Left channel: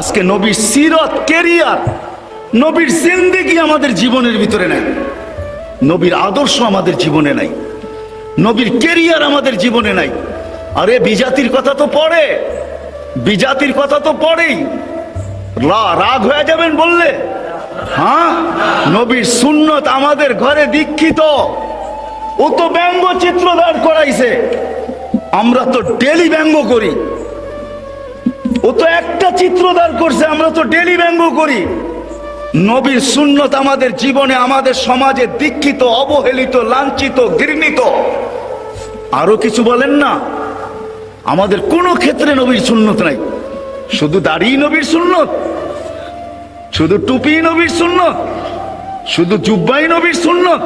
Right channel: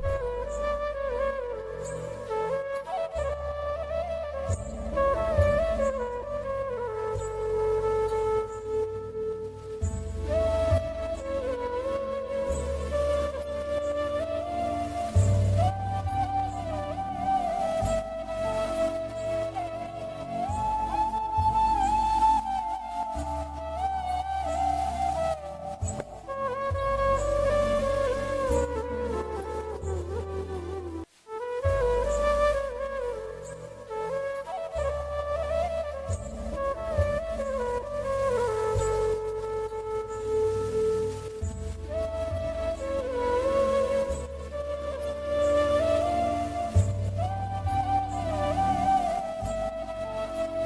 আজকে নবীর সিরত, কেরিয়ার, নবীর জিন্দেগি আমাদের জীবনের ভিতরে নাই, নবীর আদর্শ আমাদের জীবনে নাই, নবীর কেরিয়ার আমাদের জীবনে নাই। আরে বিজাতির কথা তো পড়ে, বিজাতির কথা তো পড়েই, রাগ হয়ে যাবেন বললে? হ্যাঁ, নবীর সুন্নত আমাদের ঘরে দীক্ষিত। ও তো ব্যঙ্গচিত্র দাঁড় করাইছে, আমরা তো ডেলি ব্যঙ্গ করি। ও তো একটা চিত্র দাঁড় করছে, আমরা তো ডেলি ব্যঙ্গ করি। নবীর সুন্নত আমাদের জীবনে, আমাদের সমাজে দীক্ষিত, অবহেলিত, লাঞ্ছিত, ঘৃণিত। আরো কিছু বলেন না, আমাদের কোনো ক্ষেত্রে নবীর সুন্নত নাই। শুধু দাড়ি নবীর সুন্নত, শুধু টুপি নবীর সুন্নত, শুধু জুব্বাই নবীর সুন্নত।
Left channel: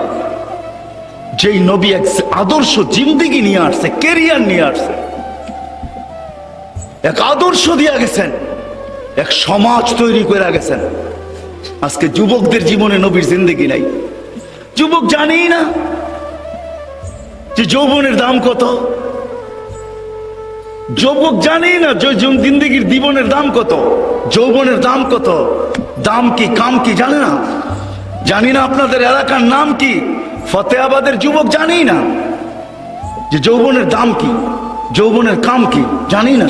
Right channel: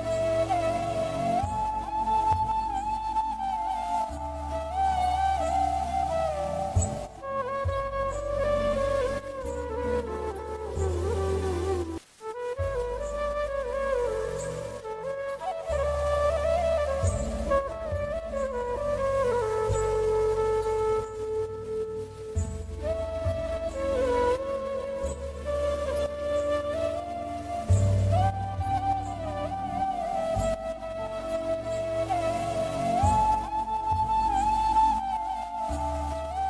যেই নবী এক আদর্শ জিন্দেগি নিয়ে আসছে, কেরিয়ার নিয়ে আসছে, এক আদর্শ দিয়ে গেছেন, এক সমাজ তৈরি করে গেছেন। আজকে যুবকদের জীবনে নবীর জিন্দেগি নাই। যুবক জানেই না যে যৌবনের দাম কত, যুবক জানেই না যে জিন্দেগির জীবনের দাম কত, যৌবনের দাম কত, দাম কি কাম কি জানে না। জানি না আপনাদের এলাকার নাম কি, ফতেহাবাদের যুবক জানেই না যে যৌবনের দাম কি, যৌবনের কাম কি, জানেই না।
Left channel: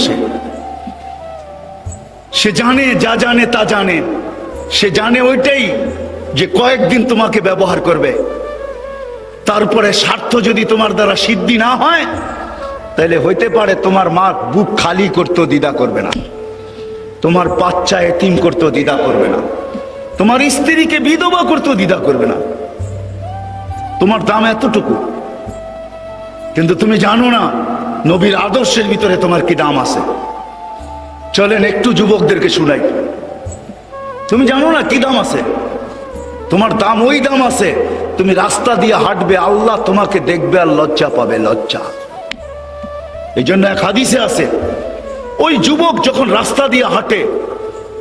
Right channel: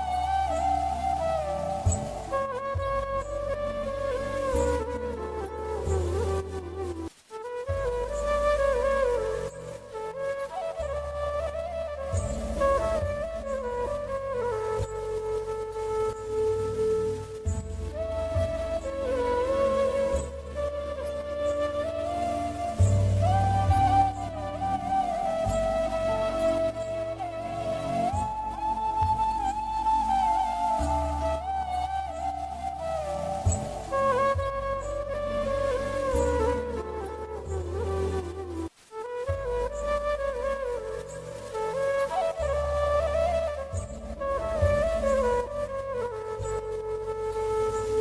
সে জানে, যা জানে তা জানে। সে জানে ওইটাই যে কয়েকদিন তোমাকে ব্যবহার করবে, তারপরে স্বার্থ যদি তোমার দ্বারা সিদ্ধি না হয়, তাহলে হইতে পারে তোমার মা বুক খালি করতেও দ্বিধা করবে না, তোমার বাচ্চা এতিম করতেও দ্বিধা করবে না, তোমার স্ত্রীকে বিধবা করতেও দ্বিধা করবে না। তোমার দাম এতটুকু, কিন্তু তুমি জানো না নবীর আদর্শের ভিতরে তোমার কি দাম আছে। চলেন একটু যুবকদেরকে শুনাই। তুমি জানো না কি দাম আছে, তোমার দাম ওই দাম আছে, তুমি রাস্তা দিয়ে হাঁটবে, আল্লাহ তোমাকে দেখবে আর লজ্জা পাবে, লজ্জা। এই জন্য এক হাদিসে আছে, ওই যুবক যখন রাস্তা দিয়ে হাঁটে,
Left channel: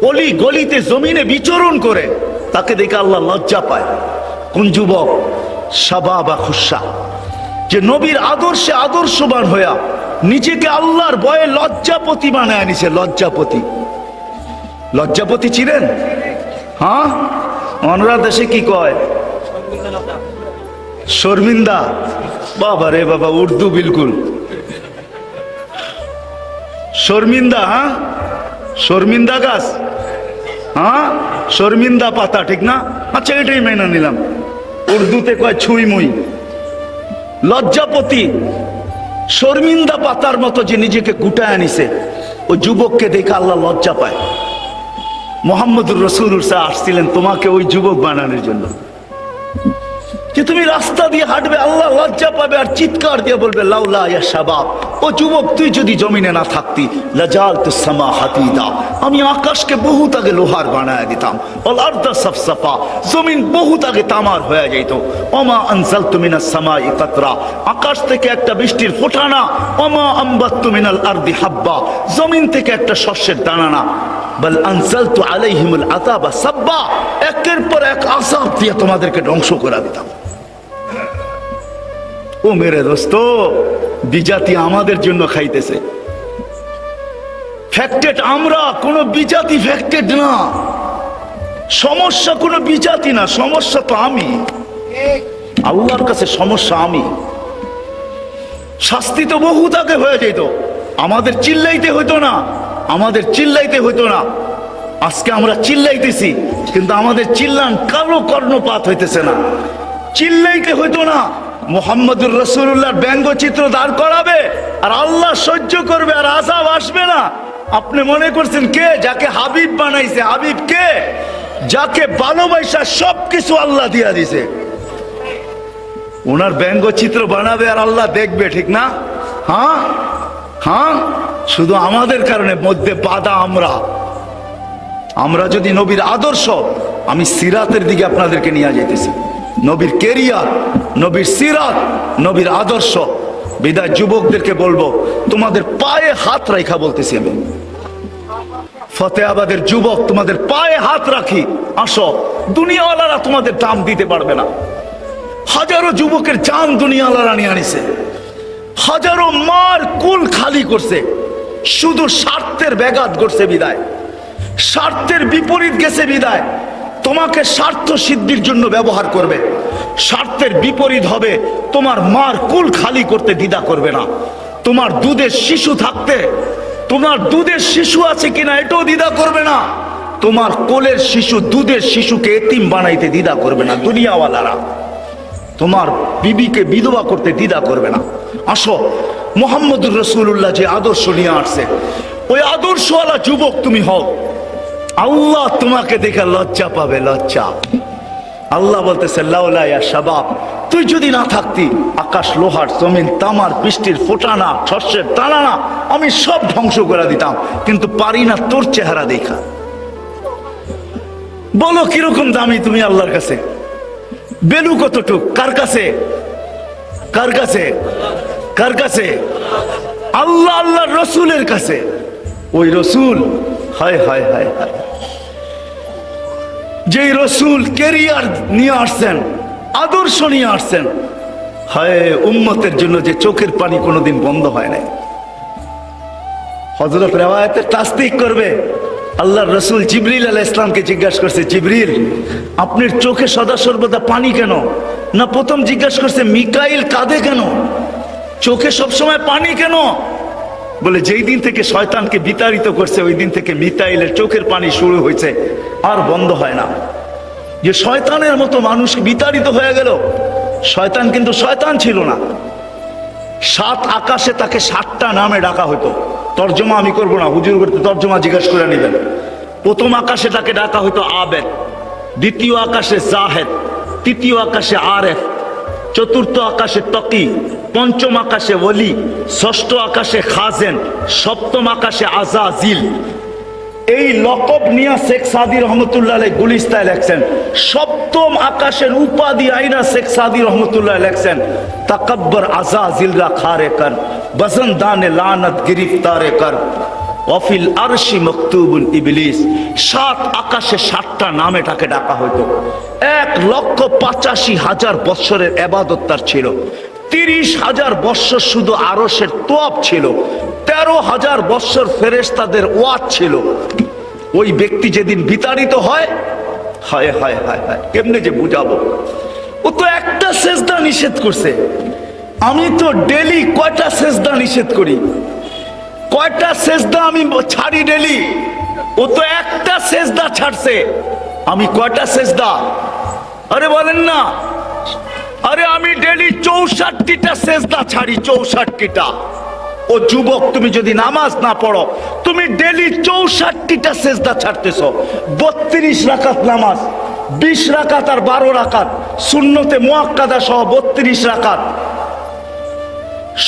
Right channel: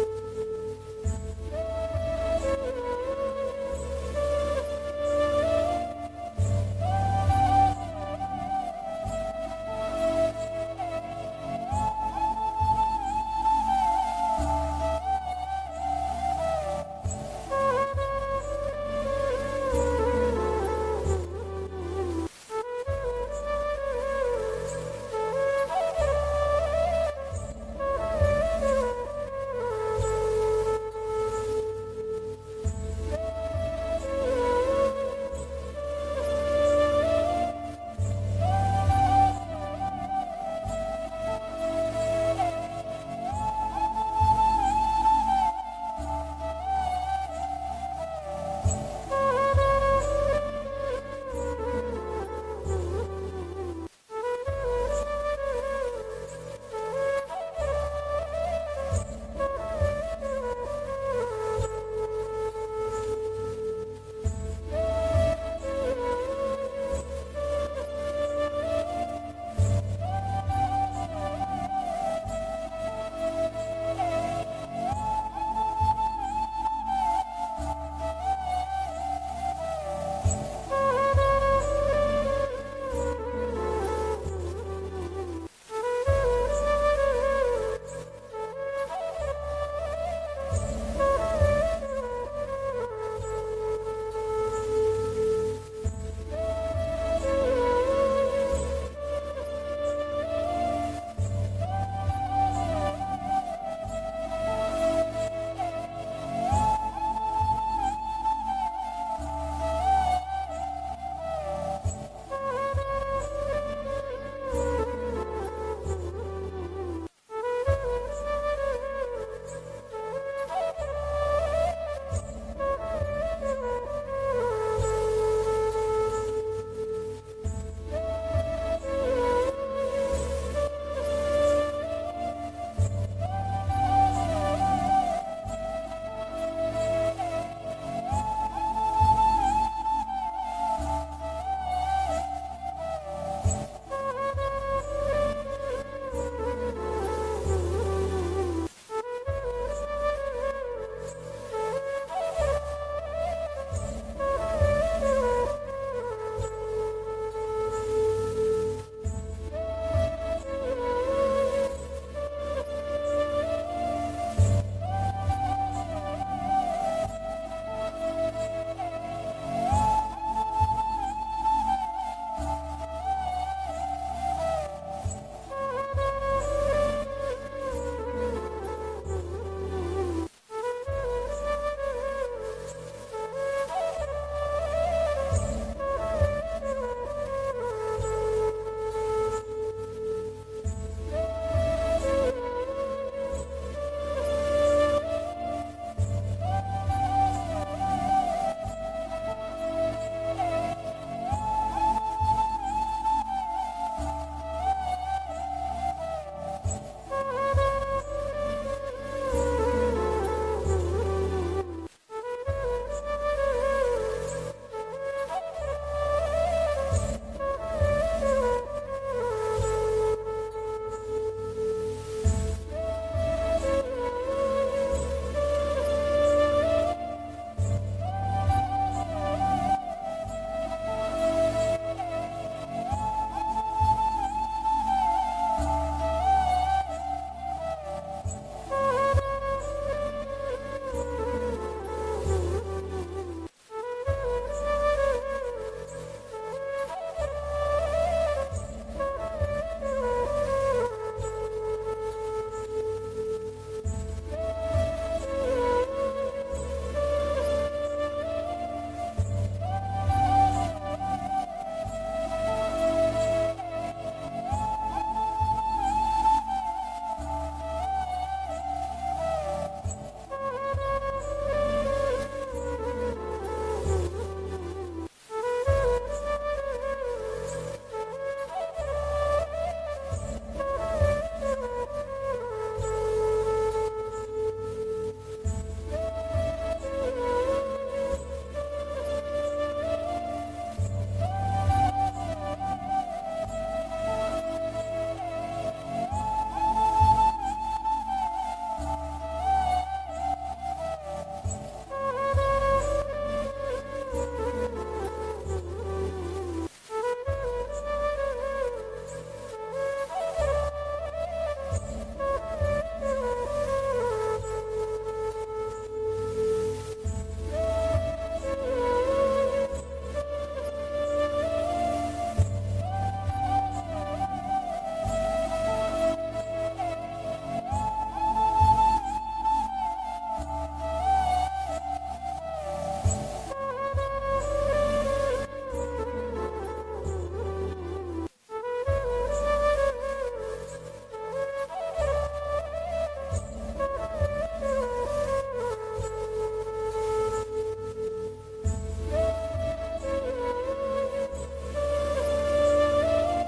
অলি গলিতে জমিনে বিচরণ করে, তাকে দেখে আল্লাহ লজ্জা পায়। কোন যুবক? শাবাবা খুশা, যে নবীর আদর্শে আদর্শবান হইয়া নিজেকে আল্লাহর ভয়ে লজ্জাপতি বানায় নিছে। লজ্জাপতি, লজ্জাপতি চিনেন? হ্যাঁ, অনরা দেশে কি কয়? শর্মিন্দা। বাবা রে বাবা, উর্দু বিলকুল শর্মিন্দা। হ্যাঁ, শর্মিন্দা গাছ, হ্যাঁ, শর্মিন্দা পাতা, ঠিক না? আচ্ছা, এটাই মেনে নিলাম। উর্দুতে কয় ছুঁই মুই। লজ্জাপতি, শর্মিন্দা পাতার মতো যে নিজেকে গুটায় আনিছে, ওই যুবককে দেখে আল্লাহ লজ্জা পায়। মুহাম্মদুর রাসূলুল্লাহ আসছিলেন তোমাকে ওই যুবক বানানোর জন্য, যে তুমি রাস্তা দিয়ে হাঁটবে, আল্লাহ লজ্জা পাবে আর চিৎকার দিয়ে বলবে লাউলা ইয়া শাবাব, ও যুবক তুই যদি জমিনে না থাকতি, লাজালতুস সামা হাতিদা, আমি আকাশকে বহুত আগে লোহার বানায় দিতাম, ওয়াল আরদা সাফসাফা, জমিন বহুত আগে তামার হয়ে যেত। ওমা আনজালতু মিনাস সামাই কাতরা, আকাশ থেকে একটা বৃষ্টির ফোঁটা না। ওমা আমবাততু মিনাল আরদি হাব্বা, জমিন থেকে একটা শস্যের দানা না। বল আনজালতু আলাইহিমুল আযাবা সাব্বা, একের পর এক আযাব দিয়ে তোমাদেরকে ধ্বংস করে দিতাম। ও মেরে দোস্ত, বিজাতি আমাদের জন্য খাইতেছে। ফ্যাক্টেড আমরা, কোন বিজাতি ফ্যাক্টেড না। সমস্যা কোন বিজাতি না, সমস্যা তো আমি। আল্লাহর কাছে সমস্যা আমি। শাস্তি তো বহুত আগে হয়ে যেত, আমাদের চিল্লাইতে হইতো না, আমাদের চিল্লাইতে হইতো না। আজকে আমরা চিল্লাইতেছি, কিন্তু আমাদের চিল্লান কারো কর্ণপাত হইতেছে না। চিল্লাইতে হইতো না, মুহাম্মদুর রাসূলুল্লাহর ব্যঙ্গচিত্র দাঁড় করাবে আর আল্লাহ সহ্য করবে আর আযাব আসবে না। আপনি মনে করছেন কে? যাকে হাবিব বানাইছে। হাবিব কে? যাকে ভালোবাসা সবকিছু আল্লাহ দিয়া দিছে। ওনার ব্যঙ্গচিত্র বানাবে আর আল্লাহ দেখবে, ঠিক না? হ্যাঁ হ্যাঁ, শুধু আমাদের কারণে মধ্যে বাধা আমরা। আমরা যদি নবীর আদর্শ, আমি সিরাতের দিকে আপনাদেরকে নিয়ে যাইতেছি, নবীর কেরিয়ার, নবীর সিরাত, নবীর আদর্শ। বিদায় যুবকদেরকে বলবো, তোমাদের পায়ে হাত রাখা বলতেছি আমি, ফতেহাবাদের যুবক, তোমাদের পায়ে হাত রাখি, আসো। দুনিয়াওয়ালারা তোমাদের দাম দিতে পারবে না। হাজারো যুবকের জান দুনিয়াওয়ালারা নিয়ে আনিছে, হাজারো মার কুল খালি করছে, শুধু স্বার্থের ব্যাঘাত করছে। বিদায় স্বার্থের বিপরীত গেছে বিদায় তোমাকে স্বার্থ সিদ্ধির জন্য ব্যবহার করবে। স্বার্থের বিপরীত হবে তোমার মার কুল খালি করতে দ্বিধা করবে না। তোমার দুধের শিশু থাকতে, তোমার দুধের শিশু আছে কিনা এটাও দ্বিধা করবে না। তোমার কোলের শিশু দুধের শিশুকে এতিম বানাইতে দ্বিধা করবে না দুনিয়াওয়ালারা। তোমার বিবিকে বিধবা করতে দ্বিধা করবে না। আসো, মুহাম্মদুর রাসূলুল্লাহ যে আদর্শ নিয়ে আসছে ওই আদর্শওয়ালা যুবক তুমি হও। আল্লাহ তোমাকে দেখে লজ্জা পাবে, লজ্জা। আল্লাহ বলতেছে লাউলা ইয়া শাবাব, তুই যদি না থাকতি আকাশ লোহার জমিন তামার বৃষ্টির ফোটানা শস্যের দানা আমি সব ধ্বংস করে দিতাম, কিন্তু পারি না তোর চেহারা দেখা। বলো কিরকম দামি তুমি আল্লাহর কাছে? বেলু কতটুক? কার কাছে? কার কাছে? কার কাছে? আল্লাহ আল্লাহর রসুলের কাছে। ওই রসুল, হায় হায় হায় হায়, যেই রসুল কেরিয়ার নিয়ে আসছেন, আদর্শ নিয়ে আসছেন, হায় উম্মতের জন্য যে চোখের পানি কোনোদিন বন্ধ হয় নাই। হযরত রিওয়ায়াতে তাসদীক করবে, আল্লাহর রসুল জিবরিল আলাইহিস সালামকে জিজ্ঞাসা করছে, জিবরিল আপনার চোখে সদা সর্বদা পানি কেন? না প্রথম জিজ্ঞাসা করছে মিকাইল কাঁদে কেন? চোখে সবসময় পানি কেন? বলে যেই দিন থেকে শয়তানকে বিতাড়িত করছে ওই দিন থেকে মিকাইলের চোখের পানি শুরু হয়েছে, আর বন্ধ হয় না। যে শয়তানের মতো মানুষ বিতাড়িত হয়ে গেল। শয়তান কিন্তু শয়তান ছিল না। 7 আকাশে তাকে 7টা নামে ডাকা হতো। তর্জমা আমি করবো না, হুজুর করতে তর্জমা জিজ্ঞাসা করে নেবেন। প্রথম আকাশে তাকে ডাকা হতো আবেদ, দ্বিতীয় আকাশে জাহেদ, তৃতীয় আকাশে আরেফ, চতুর্থ আকাশে তকি, পঞ্চম আকাশে ওলি, ষষ্ঠ আকাশে খাজেন, সপ্তম আকাশে আজাজিল। এই লকব নিয়ে শেখ সাদি রহমতুল্লাহ আলাইহি গুলিস্তায় লেখছেন। সপ্তম আকাশের উপাধি আইনা শেখ সাদি রহমতুল্লাহ লেখছেন, তাকাব্বর আজাজিল রা খারে কর, বজনদানে লানত গিরিফতারে কর, ওয়াফিল আরশি মকতুবুল ইবলিস। 7 আকাশে 7টা নামে তাকে ডাকা হতো। 1,85,000 বৎসরের ইবাদত তার ছিল। 30,000 বৎসর শুধু আরশের তোয়াব ছিল। 13,000 বৎসর ফেরেশতাদের ওয়াজ ছিল। ওই ব্যক্তি যেদিন বিতাড়িত হয়, হায় হায় হায় হায়, কেমনে যে বুঝাবো। ও তো একটা সেজদা নিষেধ করছে। আমি তো ডেলি কয়টা সেজদা নিষেধ করি, কয়টা সেজদা আমি ছাড়ি ডেলি। ও তো একটা সেজদা ছাড়ছে, আমি কয়টা সেজদা? আরে বলেন না। আরে আমি ডেলি 64টা সেজদা ছাড়ি, 64টা। ও যুবক, তুমি যদি নামাজ না পড়ো, তুমি ডেলি 64টা সেজদা ছাড়তেছ। 32 রাকাত নামাজ, 20 রাকাত আর 12 রাকাত সুন্নতে মুআক্কাদা সহ 32 রাকাত,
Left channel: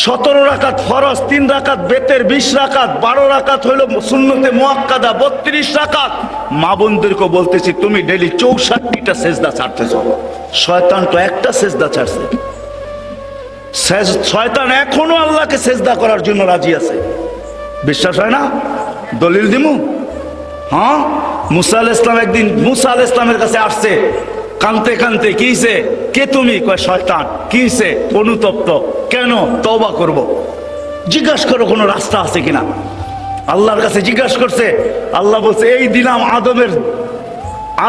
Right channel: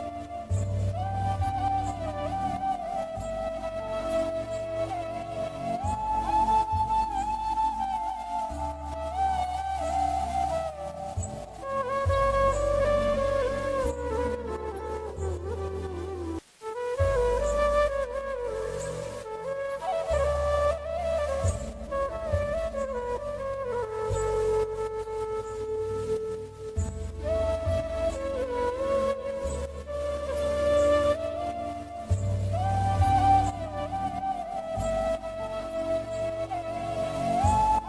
17 রাকাত ফরজ, 3 রাকাত বেতের, 20 রাকাত, 12 রাকাত হইল সুন্নতে মুআক্কাদা, 32 রাকাত। মা বোনদেরকে বলতেছি তুমি ডেলি 64টা সেজদা ছাড়তেছ। শয়তান তো একটা সেজদা ছাড়ছে। শয়তান এখনো আল্লাহকে সেজদা করার জন্য রাজি আছে। বিশ্বাস হয় না? দলিল দিমু। হ্যাঁ, মুসা আলাইহিস সালাম একদিন মুসা আলাইহিস সালামের কাছে আসছে কানতে কানতে। কিছে? কে তুমি? কয় শয়তান। কিছে? অনুতপ্ত। কেন? তওবা করব। জিজ্ঞাসা করো কোনো রাস্তা আছে কিনা। আল্লাহর কাছে জিজ্ঞাসা করছে। আল্লাহ বলছে এই দিলাম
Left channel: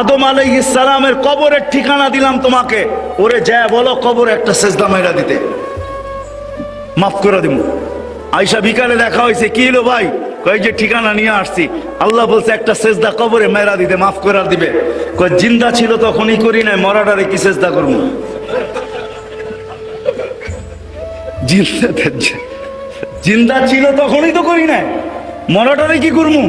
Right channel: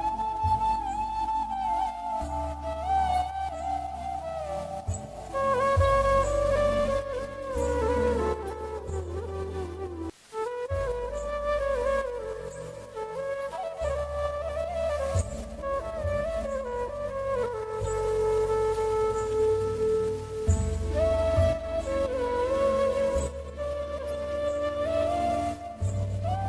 আদম আলাইহিস সালামের কবরের ঠিকানা দিলাম তোমাকে, ওরে যায় বলো কবরে একটা সেজদা মাইরা দিতে, মাফ করে দিব। আয়সা বিকালে দেখা হয়েছে, কি হলো ভাই? কই যে ঠিকানা নিয়ে আসছি। আল্লাহ বলছে একটা সেজদা কবরে মেরা দিতে, মাফ করে দিবে। কই জিন্দা ছিল তখনই করি নাই, মরাটারে কি সেজদা করবো? জিন্দা ছিল তখনই তো করি নাই, মরাটারে কি করবো?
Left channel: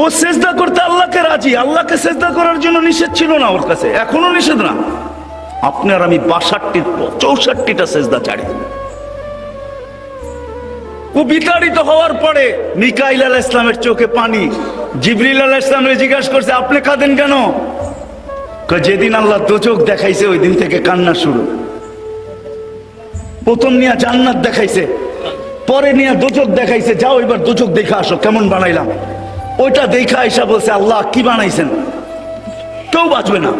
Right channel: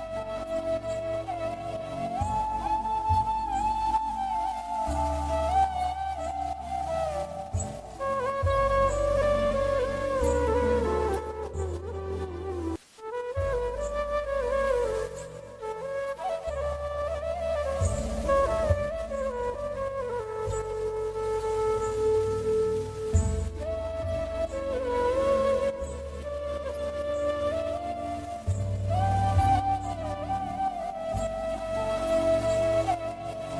ও সেজদা করতে আল্লাহকে রাজি। আল্লাহকে সেজদা করার জন্য নিষেধ ছিল না ওর কাছে, এখনো নিষেধ না। আপনার আমি 64টা সেজদা ছাড়ি। ও বিতাড়িত হওয়ার পরে মিকাইল আলাইহিস সালামের চোখে পানি। জিবরিল আলাইহিস সালামকে জিজ্ঞাসা করছে আপনি কাঁদেন কেন? যেদিন আল্লাহ দোজখ দেখাইছে ওই দিন থেকে কান্না শুরু। প্রথম নিয়ে জান্নাত দেখাইছে, পরে নিয়ে দোজখ দেখাইছে। যাও এবার দোজখ দেখে আসো কেমন বানাইলাম। ওইটা দেখা আইসা বলছে আল্লাহ কি বানাইছেন? কেউ বাঁচবে না,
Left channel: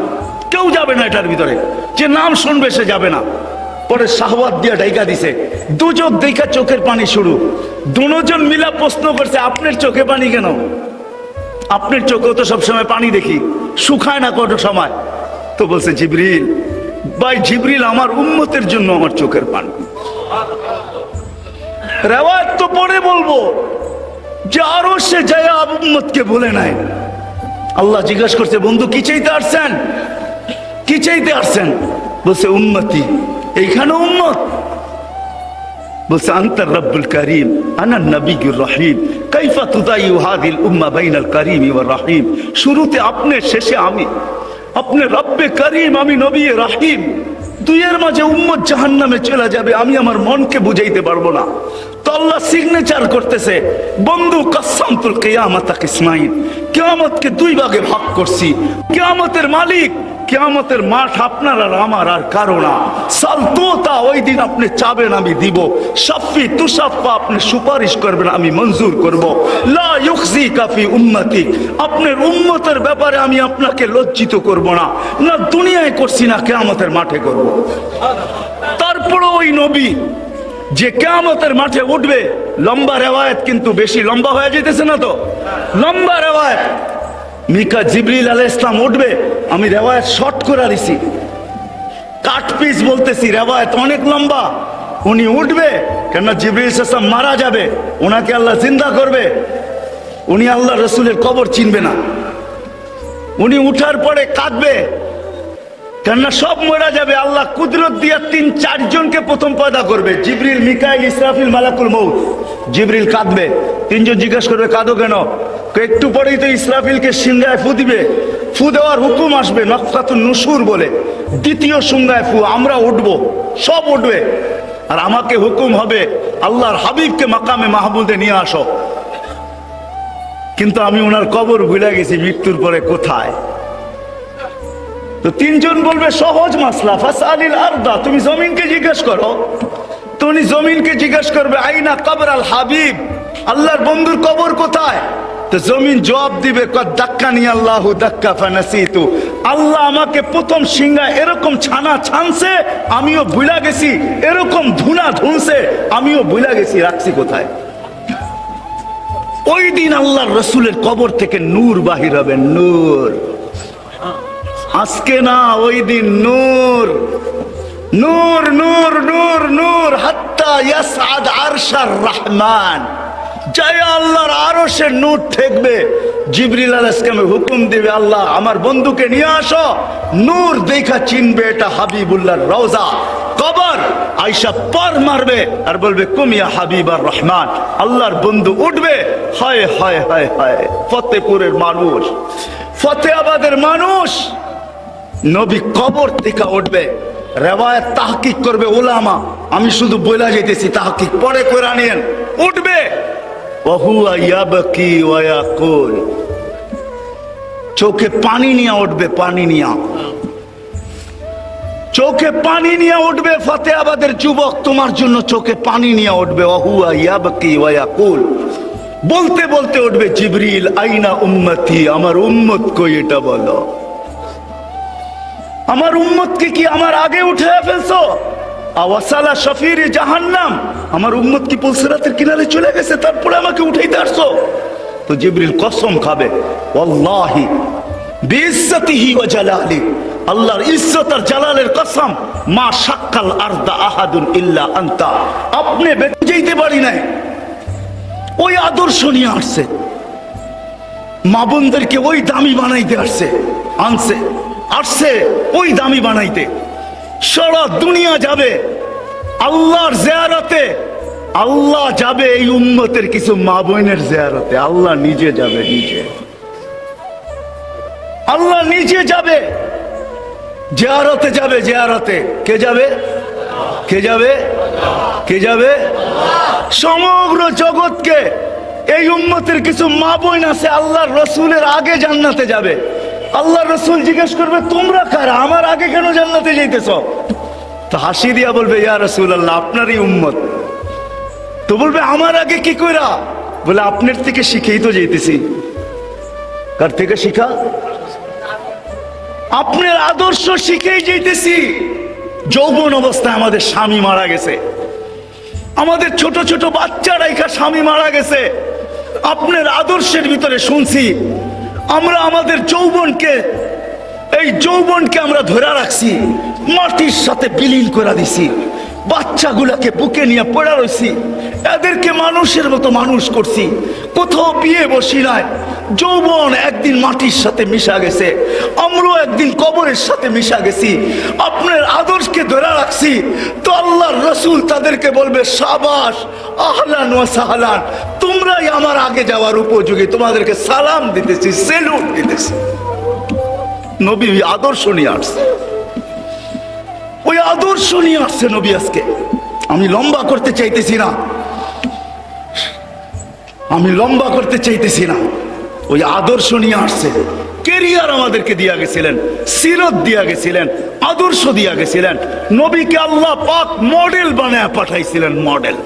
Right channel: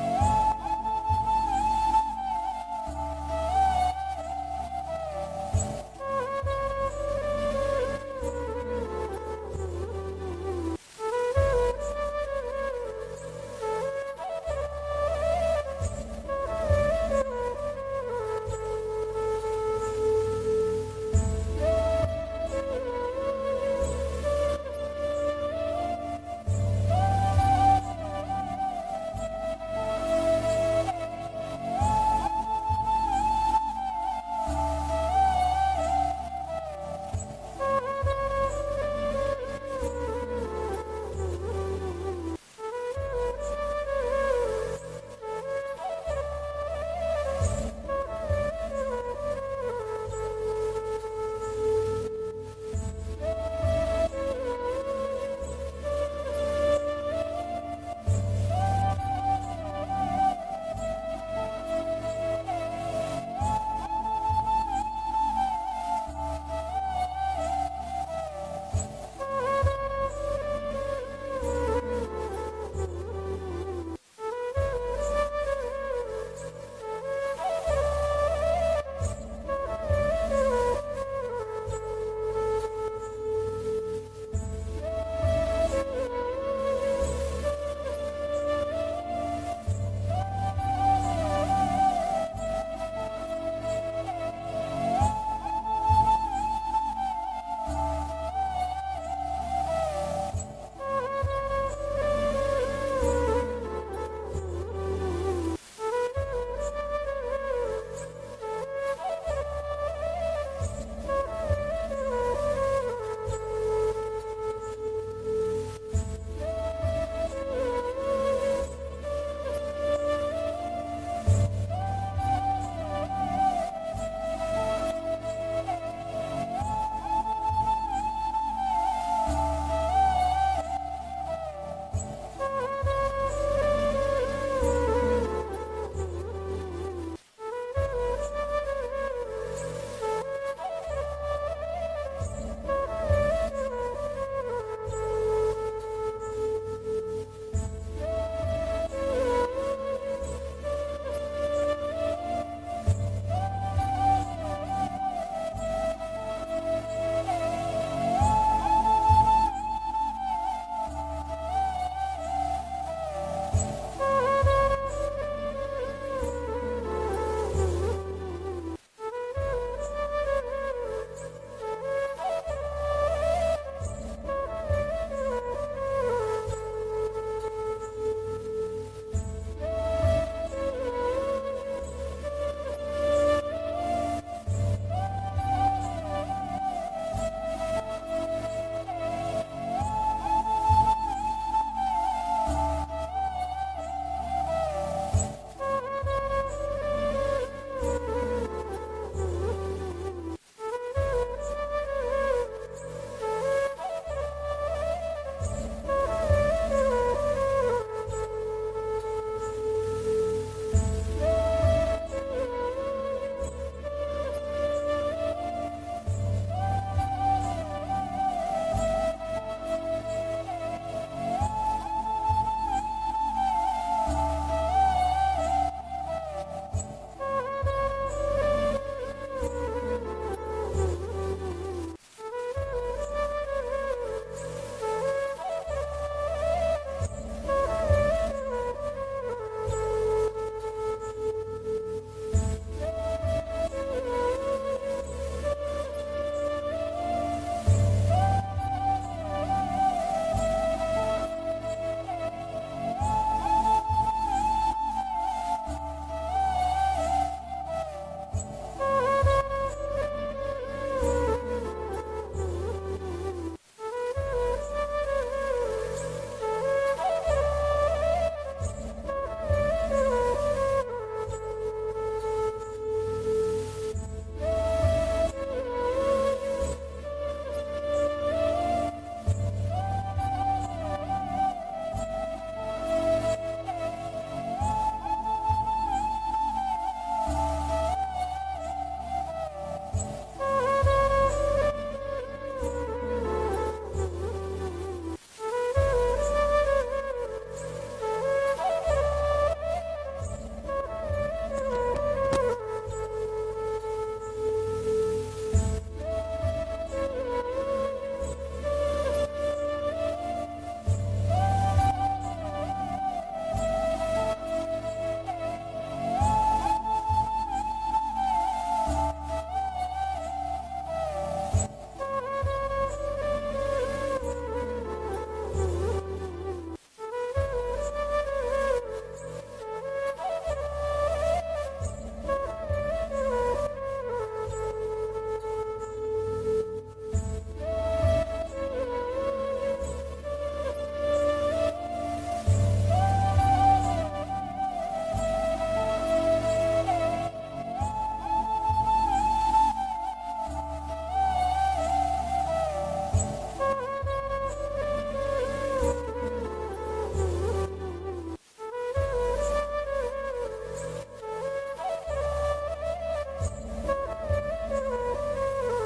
কেউ যাবে না এটার ভিতরে। যে নাম শুনবে সে যাবে না। পরে শাহওয়াত দিয়া ঢাইকা দিছে, দু চোখ দেখা চোখের পানি শুরু। দুজন মিলা প্রশ্ন করছে, আপনার চোখে পানি কেন? আপনার চোখেও তো সবসময় পানি দেখি, শুকায় না কত সময়? তো বলছে জিবরিল, ভাই জিবরিল আমার উম্মতের জন্য আমার চোখের পানি। রেওয়ায়াত তো পরে বলবো যে আরো সে যায় উম্মতকে বলে নাই। আল্লাহ জিজ্ঞাসা করছে, বন্ধু কি চাইতে আসছেন? কি চাইতে আসছেন? বলছে উম্মতি। এইখানে উম্মত বলছে আনতার রব্বুল করিম আনা নবিয়ুর রহিম কাইফা তুদাইয়ু হাযিল উম্মাহ বাইনাল করিম ওয়ার রহিম। শুরুতে আপনি, শেষে আমি। আপনি রব্বে করিম, আমি নবী রহিম। দুইয়ের মাঝে উম্মত জাহান্নামে চলে যাবে, আমি আমার মনকে বুঝাইতে পারবো না। তো আল্লাহ সিগনেচার করতেছে, বন্ধু কাসামতুল কিয়ামাতা কিসমাইন, কিয়ামতকে দুই ভাগে ভাগ করছি। কিয়ামতের মালিক, কিয়ামতের মাঠ আপনার আর আমার আর কারো না। সালতোতা, ওই দিন আপনি চাবেন আমি দিব। শাফি তুশাফা, আপনি সুপারিশ করবেন আমি মঞ্জুর করব। লা ইউখজিকা ফি উম্মতি, আপনার উম্মতের ব্যাপারে আমি আপনাকে লজ্জিত করব না, না দুনিয়ায় করছি না কিয়ামতের মাঠে করব। তারপরে ওই নবী যে কিয়ামতের মাঠে উঠবে, লম্বা রেওয়ায়েত কিন্তু বেশি লম্বা হয়ে যেতেছে না তো? লম্বা রেওয়ায়েত। মিকা জিবরিল আলাইহিস সালাম উঠবে, আমি রেওয়ায়েত শর্ট করে দিছি, কাট পিস বলতেছি, রেওয়ায়েত অনেক লম্বা। উনি উঠবে, কেন জিবরিল আলাইহিস সালাম মারা যাবে, ওনাকে আল্লাহ জিন্দা করবে। উনি আল্লাহ রসুলের কবর চিনবে না। উনি উঠার পরে কাঁদবে, কেননা সব মরা যাবে। আল্লাহ কুদরত দিয়া ৩-৪ জনকে প্রথম পয়দা করবে, জিবরিল, মিকাইল, ইসরাফিল, মালাকুল মউত। জিবরিল কাঁদবে, ৩ জন জিজ্ঞাসা করবে কাঁদো কেন? একটু পরেই তো ইসরাফিলকে সিংহায় ফু দিবে, ফু দেওয়ার হুকুম আসবে, নফখাতুন নুশুর বলে, দ্বিতীয় সিংহায় ফু, আমরা উঠবো, সব উঠবে। আর আমাকে হুকুম হবে আল্লাহর হাবিবকে মাকামে মাহমুদে নিয়ে আসো। কিন্তু আমি ওনার কবর ভুলে গেছি, মৃত্যুর পরে কোথায়। তো ৩ জন বলবে সহজ মাসলা, ফাসআলিল আরদা, তুমি জমিনকে জিজ্ঞেস করো। তো উনি জমিনকে জিজ্ঞেস করবে আইনা কবর আল হাবিব, আল্লাহর বন্ধুর কবর কোথায়? তো জমিন জবাব দিবে দাক্কানি আল্লাহু দাক্কা ফানাসিতু, আল্লাহ আমাকে প্রথম সিংহা এরকম ছানা ছানছে, আমিও ভুলা গেছি, এরকম ধুনা ধুনছে, আমিও ভুলা গেছি, রাখছি কোথায়। ওই দিন আল্লাহর রসুলের কবর থেকে নূর বাহির হবে, নূর। আজকে না, ওই দিন নূর, নূর নূর নূর নূর, হাত্তা ইয়াসআদ আরশার রহমান, জয় আল্লাহর আরশের নূর ঠেকবে। জিবরিল আলাইহিস সালাম হুকুম দিবে, আল্লাহ আমার বন্ধুকে নিয়ে আসো। নূর দেখা চিনবে এটা হাবিবুল্লাহর রওজা। কবর আয়েশা পর মারবে আর বলবে কুমিয়া হাবিবার রহমান, আল্লাহর বন্ধু উঠবে। হায় হায় হায় হায়, ফতেপুরের মানুষ, ফতেহাবাদের মানুষ, নবী কবর থেকে উঠবে। রেওয়ায়াত তাহকিক করবে উলামা, আমি শুধু বইলা যেতেছি, তাহকিক পরে করে নিয়েন। উঠবে, ওহুয়া ইয়াবকি ওয়া ইয়াকুল, চোখে পানি নিয়ে উঠবে, পানি নিয়ে, চোখে পানি নিয়ে উঠবে। ফতেহাবাদের যুবক, তোমার জন্য চোখে পানি নিয়ে উঠবে। ওহুয়া ইয়াবকি ওয়া ইয়াকুল, বলতে বলতে উঠবে জিবরিল আইনা উম্মতি, আমার উম্মত কই এটা বলো। আমার উম্মতকে কি আমার আগে উঠে ফেলছো? আওয়াসালা শফির জাহান্নাম, আমার উম্মত কি পুলসিরাতের কিনারে চলে গেছে, তারপরে আমাকে উঠাইতে আসছো? তো জিবরিল কসম খাবে, ওয়াল্লাহি বিইজ্জতিহি ওয়া জালালি, আল্লাহর ইজ্জত আর জালালের কসম, মা শাক্কাল আরদা আহাদুন ইল্লা আনতা, আপনি বেঁচে যেতে পারি নাই। ওই আদর্শ নিয়ে আসছে, মা বোনদেরকে ওই দামি বানাইতে আসছে, আনছে আসছে ওই দামি বানাইতে। সারা দুনিয়া যাবে আল্লাহর জিয়ারতে, আল্লাহ যাবে এই উম্মতের কিছু মা বোনের জিয়ারতে, আল্লাহ নিজে যাবে, নিজে আল্লাহ নিজে যাবে, জিয়ারতে যাবে, জিয়ারতে। কে যাবে? কে যাবে? কে যাবে? সমগ্র জগৎকে এই উম্মতের কিছু মা বোন আছে আল্লাহর রসুলের আগে জান্নাতে যাবে। আল্লাহ রসুল জিজ্ঞেস করবে তোমরা কারা, আমার আগে কেন জান্নাতে যাইতেছ? তো হাসি দিয়া বলবে ইয়া রাসূলুল্লাহ, আপনারই উম্মত। তো বলবে আমার আগে কি কইরা? বলে আপনার থেকে শিখেই তো যাইতেছি। কার থেকে শিখা? আপনার আদর্শ শিখেই যাইতেছি। যৌবন অবস্থায় আমাদের স্বামী মারা গেছে, আমাদের ছোট ছোট বাচ্চারা একা স্বামী মারা গেছে। আপনার আদর্শের ভিতরে শুনছি আমরা আমাদের এই যৌবনকে আমরা ধরে রাখছি, মাটির সাথে বিলীন করে দিছি, বাচ্চাগুলাকে বুকে নিয়ে পড়া রয়েছি, এদেরকে মানুষের মতো মানুষ করছি, কোথাও বিয়ে বসি নাই। যৌবন একদিন মাটির সাথে মিশা গেছে, আমরাও একদিন কবরের সাথে মিশা গেছি। আপনার আদর্শকে ধরে রাখছি তো আল্লাহর রসুল তাদেরকে বলবে সাবাস, আহলান ওয়া সাহলান, তোমরাই আমার আগে যাওয়ার উপযোগী, তোমাদেরকে সালাম দিতেছি, সেলুট দিতেছি। নবী আদর্শ নিয়ে আসছে, ওই আদর্শ নিয়ে আসছে নবী আজকে। আমি লম্বা করতে চাইতেছি না, ওই আদর্শ নিয়ে আসছে। কেরিয়ার আমাদেরকে দিয়া গেছিলেন, সিরত দিয়া গেছিলেন, আদর্শ দিয়া গেছিলেন। নবীকে আল্লাহ পাক মডেল বানায় পাঠাইছিলেন, মডেল।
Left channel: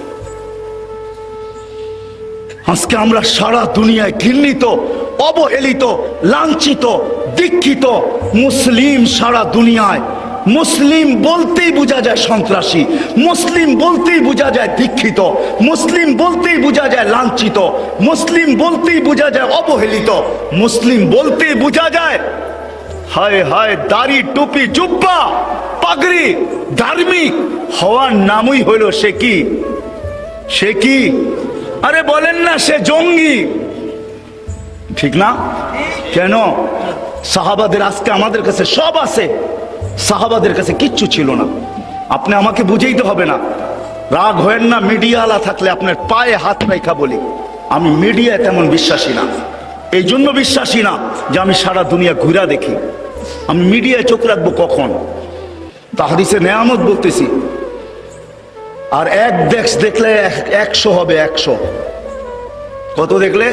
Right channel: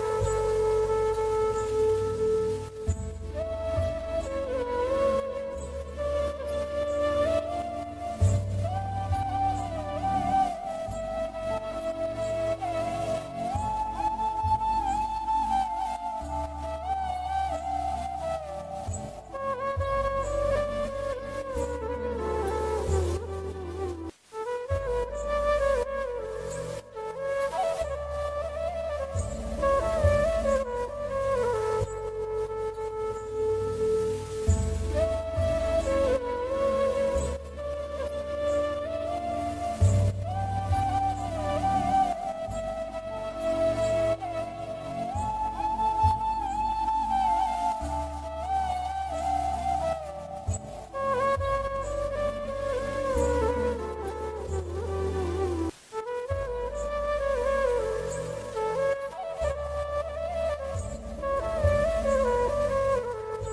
আজকে আমরা সারা দুনিয়ায় ঘৃণিত, অবহেলিত, লাঞ্ছিত, দীক্ষিত মুসলিম। সারা দুনিয়ায় মুসলিম বলতেই বোঝা যায় সন্ত্রাসী, মুসলিম বলতেই বোঝা যায় দীক্ষিত, মুসলিম বলতেই বোঝা যায় লাঞ্ছিত, মুসলিম বলতেই বোঝা যায় অবহেলিত, মুসলিম বলতেই বোঝা যায় হায় হায় দাড়ি টুপি জুব্বা পাগড়ি ধার্মিক হওয়ার নামই হইল সে কি আরে বলেন না, সে জঙ্গি, ঠিক না? কেন? সাহাবাদের আজকে আমাদের কাছে সব আছে, সাহাবাদের কাছে কিচ্ছু ছিল না। আপনি আমাকে বুঝাইতে হবে না, রাগ হয়েন না। মিডিয়া আলা থাকলে আপনার পায়ে হাত রাখা বলি, আমি মিডিয়ায় তেমন বিশ্বাসী না। এই জন্য বিশ্বাসী না যে আমি সারা দুনিয়া ঘুরা দেখি। আমি মিডিয়ায় চোখ রাখবো কখন? তাহাদিসে নেয়ামত বলতেছি। আর এক দেখলে 100 হবে, 100। কত দেখলে?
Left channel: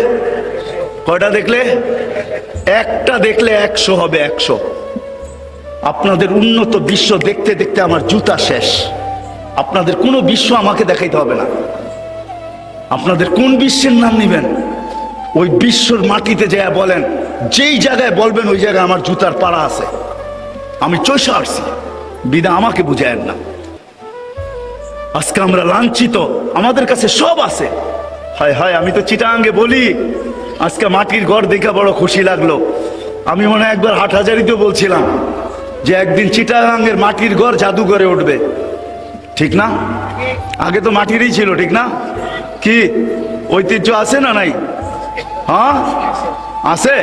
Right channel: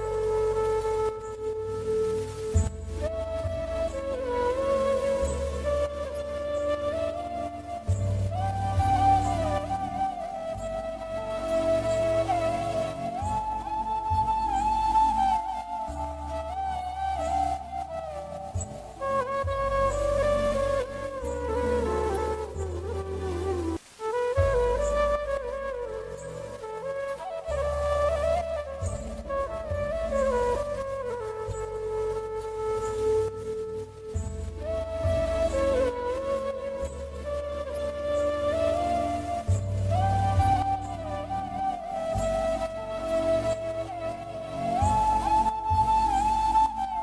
কয়টা দেখলে? একটা দেখলে 100 হবে, 100। আপনাদের উন্নত বিশ্ব দেখতে দেখতে আমার জুতা শেষ। আপনাদের কোনো বিশ্ব আমাকে দেখাইতে হবে না। আপনাদের কোন বিশ্বের নাম নিবেন, ওই বিশ্বর মাটিতে যায় বলেন, যেই জায়গায় বলবেন ওই জায়গায় আমার জুতার পাড়া আছে। আমি চৈশা আসছি, বিনা আমাকে বুঝায়েন না। আজকে আমরা লাঞ্ছিত, আমাদের কাছে সব আছে। হায় হায়, আমি তো চিটাঙ্গে বলি, আজকে মাটির ঘর দেখে বড় খুশি লাগলো। আমি মনে হয় একবার হাটহাজারিতেও বলছিলাম যে একদিন চিটাগাঙ্গের মাটির ঘর জাদুঘরে উঠবে, ঠিক না? আগে তো মাটিরই ছিল, ঠিক না? কি ঐতিহ্য আছে না নাই? হ্যাঁ আছে,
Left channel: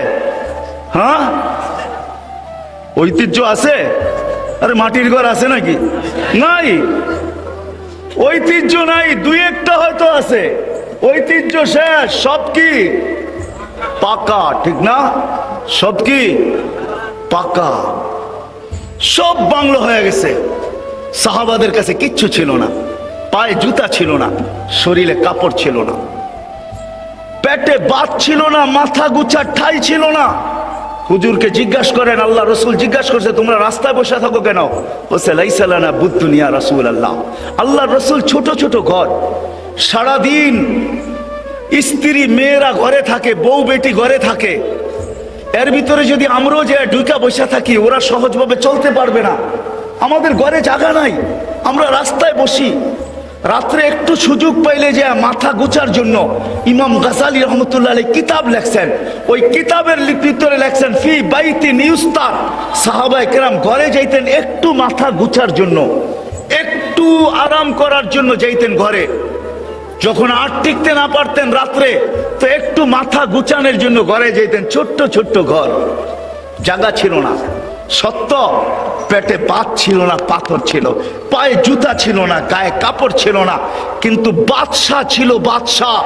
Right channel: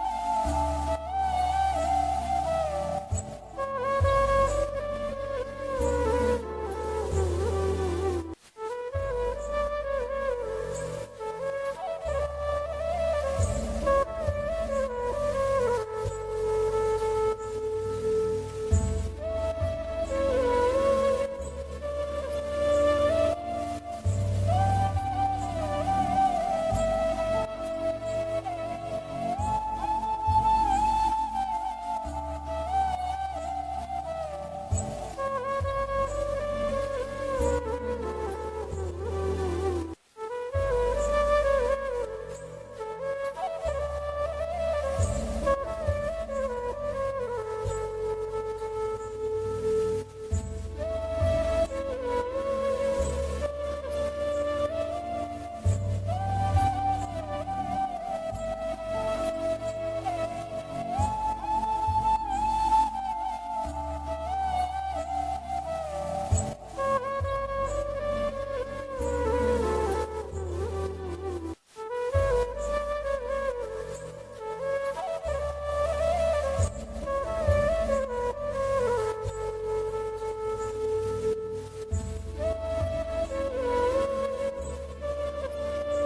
হ্যাঁ ঐতিহ্য আছে। আরে মাটির ঘর আছে নাকি? নাই, ঐতিহ্য নাই। দুই একটা হয়তো আছে, ঐতিহ্য শেষ। সব কি পাকা, ঠিক না? সব কি পাকা, সব বাংলো হয়ে গেছে। সাহাবাদের কাছে কিচ্ছু ছিল না, পায়ে জুতা ছিল না, শরীরে কাপড় ছিল না, পেটে ভাত ছিল না, মাথা গুছার ঠাই ছিল না। হুজুরকে জিজ্ঞাসা করেন, আল্লাহ রসুল জিজ্ঞাসা করছে তোমরা রাস্তায় বসে থাকো কেন? বলছে লাইসা লানা বুদ্দুনিয়া রাসূলুল্লাহ। আল্লাহ রসুল ছোট ছোট ঘর, সারাদিন স্ত্রী মেয়েরা ঘরে থাকে, বউ বেটি ঘরে থাকে। এর ভিতরে যদি আমরাও যে ঢুকা বসে থাকি, ওরা সহজভাবে চলতে পারবে না। আমাদের ঘরে জায়গা নাই, আমরা রাস্তায় বসি। রাত্রে একটু সুযোগ পাইলে যে মাথা গোছার জন্য ইমাম গাজালি রহমতুল্লাহ আলাইহি কিতাব লেখছেন। ওই কিতাবের ভিতরে লেখছেন ফি বাইতি নিউস্তা, সাহাবায়ে কেরাম ঘরে যাইতেন একটু মাথা গোছার জন্য, একটু আরাম করার জন্য যাইতেন ঘরে। যখন আর টিকতে না পারতেন রাত্রে, তো একটু মাথা গুছানোর জন্য ঘরে যেতেন। ছোট্ট ছোট্ট ঘর, জায়গা ছিল না, সত্য। পেটে ভাত ছিল না, পাথর ছিল, পায়ে জুতা ছিল না, গায়ে কাপড় ছিল না। কিন্তু বাদশাহ ছিল, বাদশাহ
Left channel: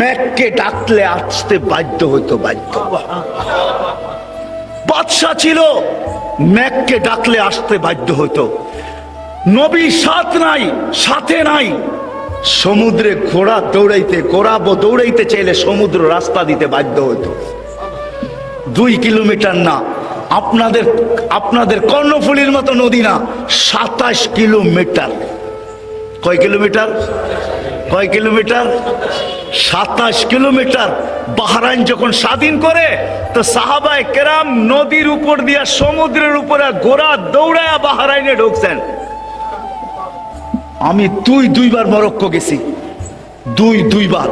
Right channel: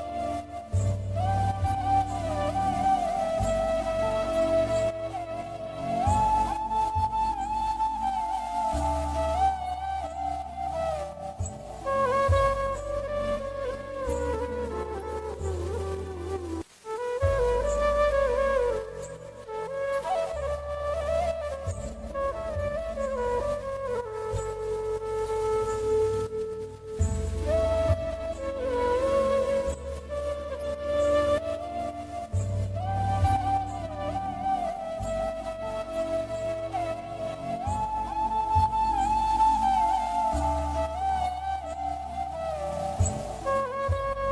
মেঘকে ডাকলে আসতে বাধ্য হইতো, বাধ্য। বাদশাহ ছিল, মেঘকে ডাকলে আসতে বাধ্য হইতো। নবী সাথে নাই। সমুদ্রে ঘোড়া দৌড়াইতে চাইলে সমুদ্র রাস্তা দিতে বাধ্য হতো। 2 কিলোমিটার না, আপনাদের কর্ণফুলীর মতো নদী না, 27 কিলোমিটার। কয় কিলোমিটার? 27 কিলোমিটার। বাহরাইন যখন স্বাধীন করে, তো সাহাবায়ে কেরাম নদীর উপর দিয়া সমুদ্রের উপরে ঘোড়া দৌড়ায়া বাহরাইনে ঢুকছেন। আমি দুইবার মরক্কো গেছি, দুইবার।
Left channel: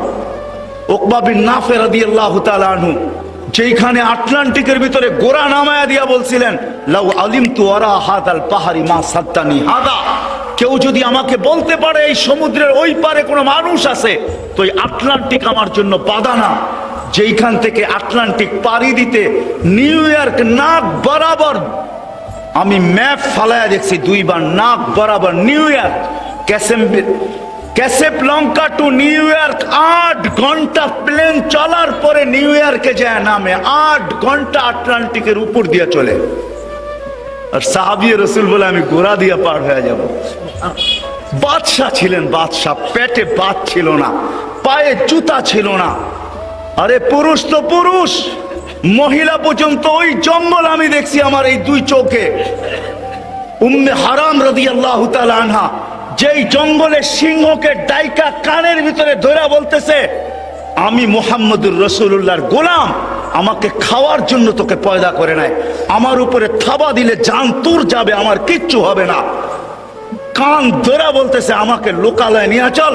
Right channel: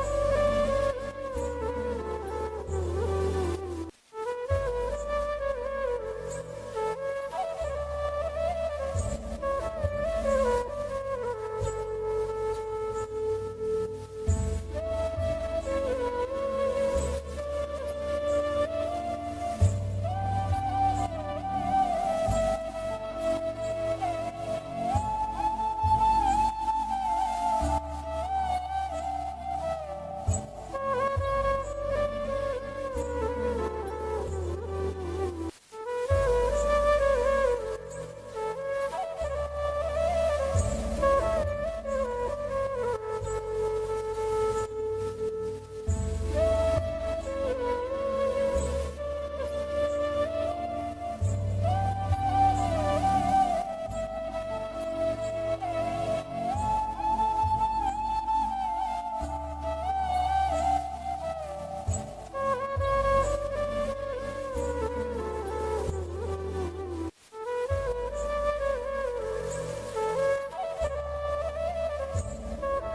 উকবা বিন নাফে রাদিয়াল্লাহু তাআলা আনহু যেখানে আটলান্টিকের ভিতরে গোরা নামায়া দিয়া বলছিলেন, লাউ আলিমতু ওয়ারা হাদাল পাহাড়ি মা সাদ্দানি হাদা, কেউ যদি আমাকে বলতে পারে এই সমুদ্রের ওই পারে কোনো মানুষ আছে, তো এই আটলান্টিক আমার জন্য বাধা না। যেইখান থেকে আটলান্টিক পাড়ি দিতে নিউ ইয়র্ক নাক বরাবর, আমি ম্যাপ ফালায়া দেখছি দুইবার, নাক বরাবর New York, Casablanca to New York 8 ঘন্টা প্লেন চলার পরে নিউ ইয়র্কে যায় নামে, 8 ঘন্টা আটলান্টিকের উপর দিয়ে চলে। আর সাহাবী রাসূল বলে আমি ঘোড়া দিয়ে পার হয়ে যাব। বাদশাহ ছিলেন, বাদশাহ, পেটে ভাত ছিল না, পায়ে জুতা ছিল না। আরে পুরুষ তো পুরুষ, মহিলা পর্যন্ত ওই জঙ্গল আমি দেখছি আমার এই দুই চোখে। উম্মে হারাম রাদিয়াল্লাহু তাআলা আনহা যেই জঙ্গলে সিংহকে ডাইকা কানের ভিতরে ধরে বলতেছে, আমি মুহাম্মদুর রাসূলুল্লাহর গোলাম, আমাকে খাওয়ার জন্য তোকে পয়দা করে নাই, আমার উপরে থাবা দিলে জান তোর যাবে, আমার কিচ্ছু হবে না। কান ধরে বলতেছে আমাকে লোকালয়ে নিয়ে চল।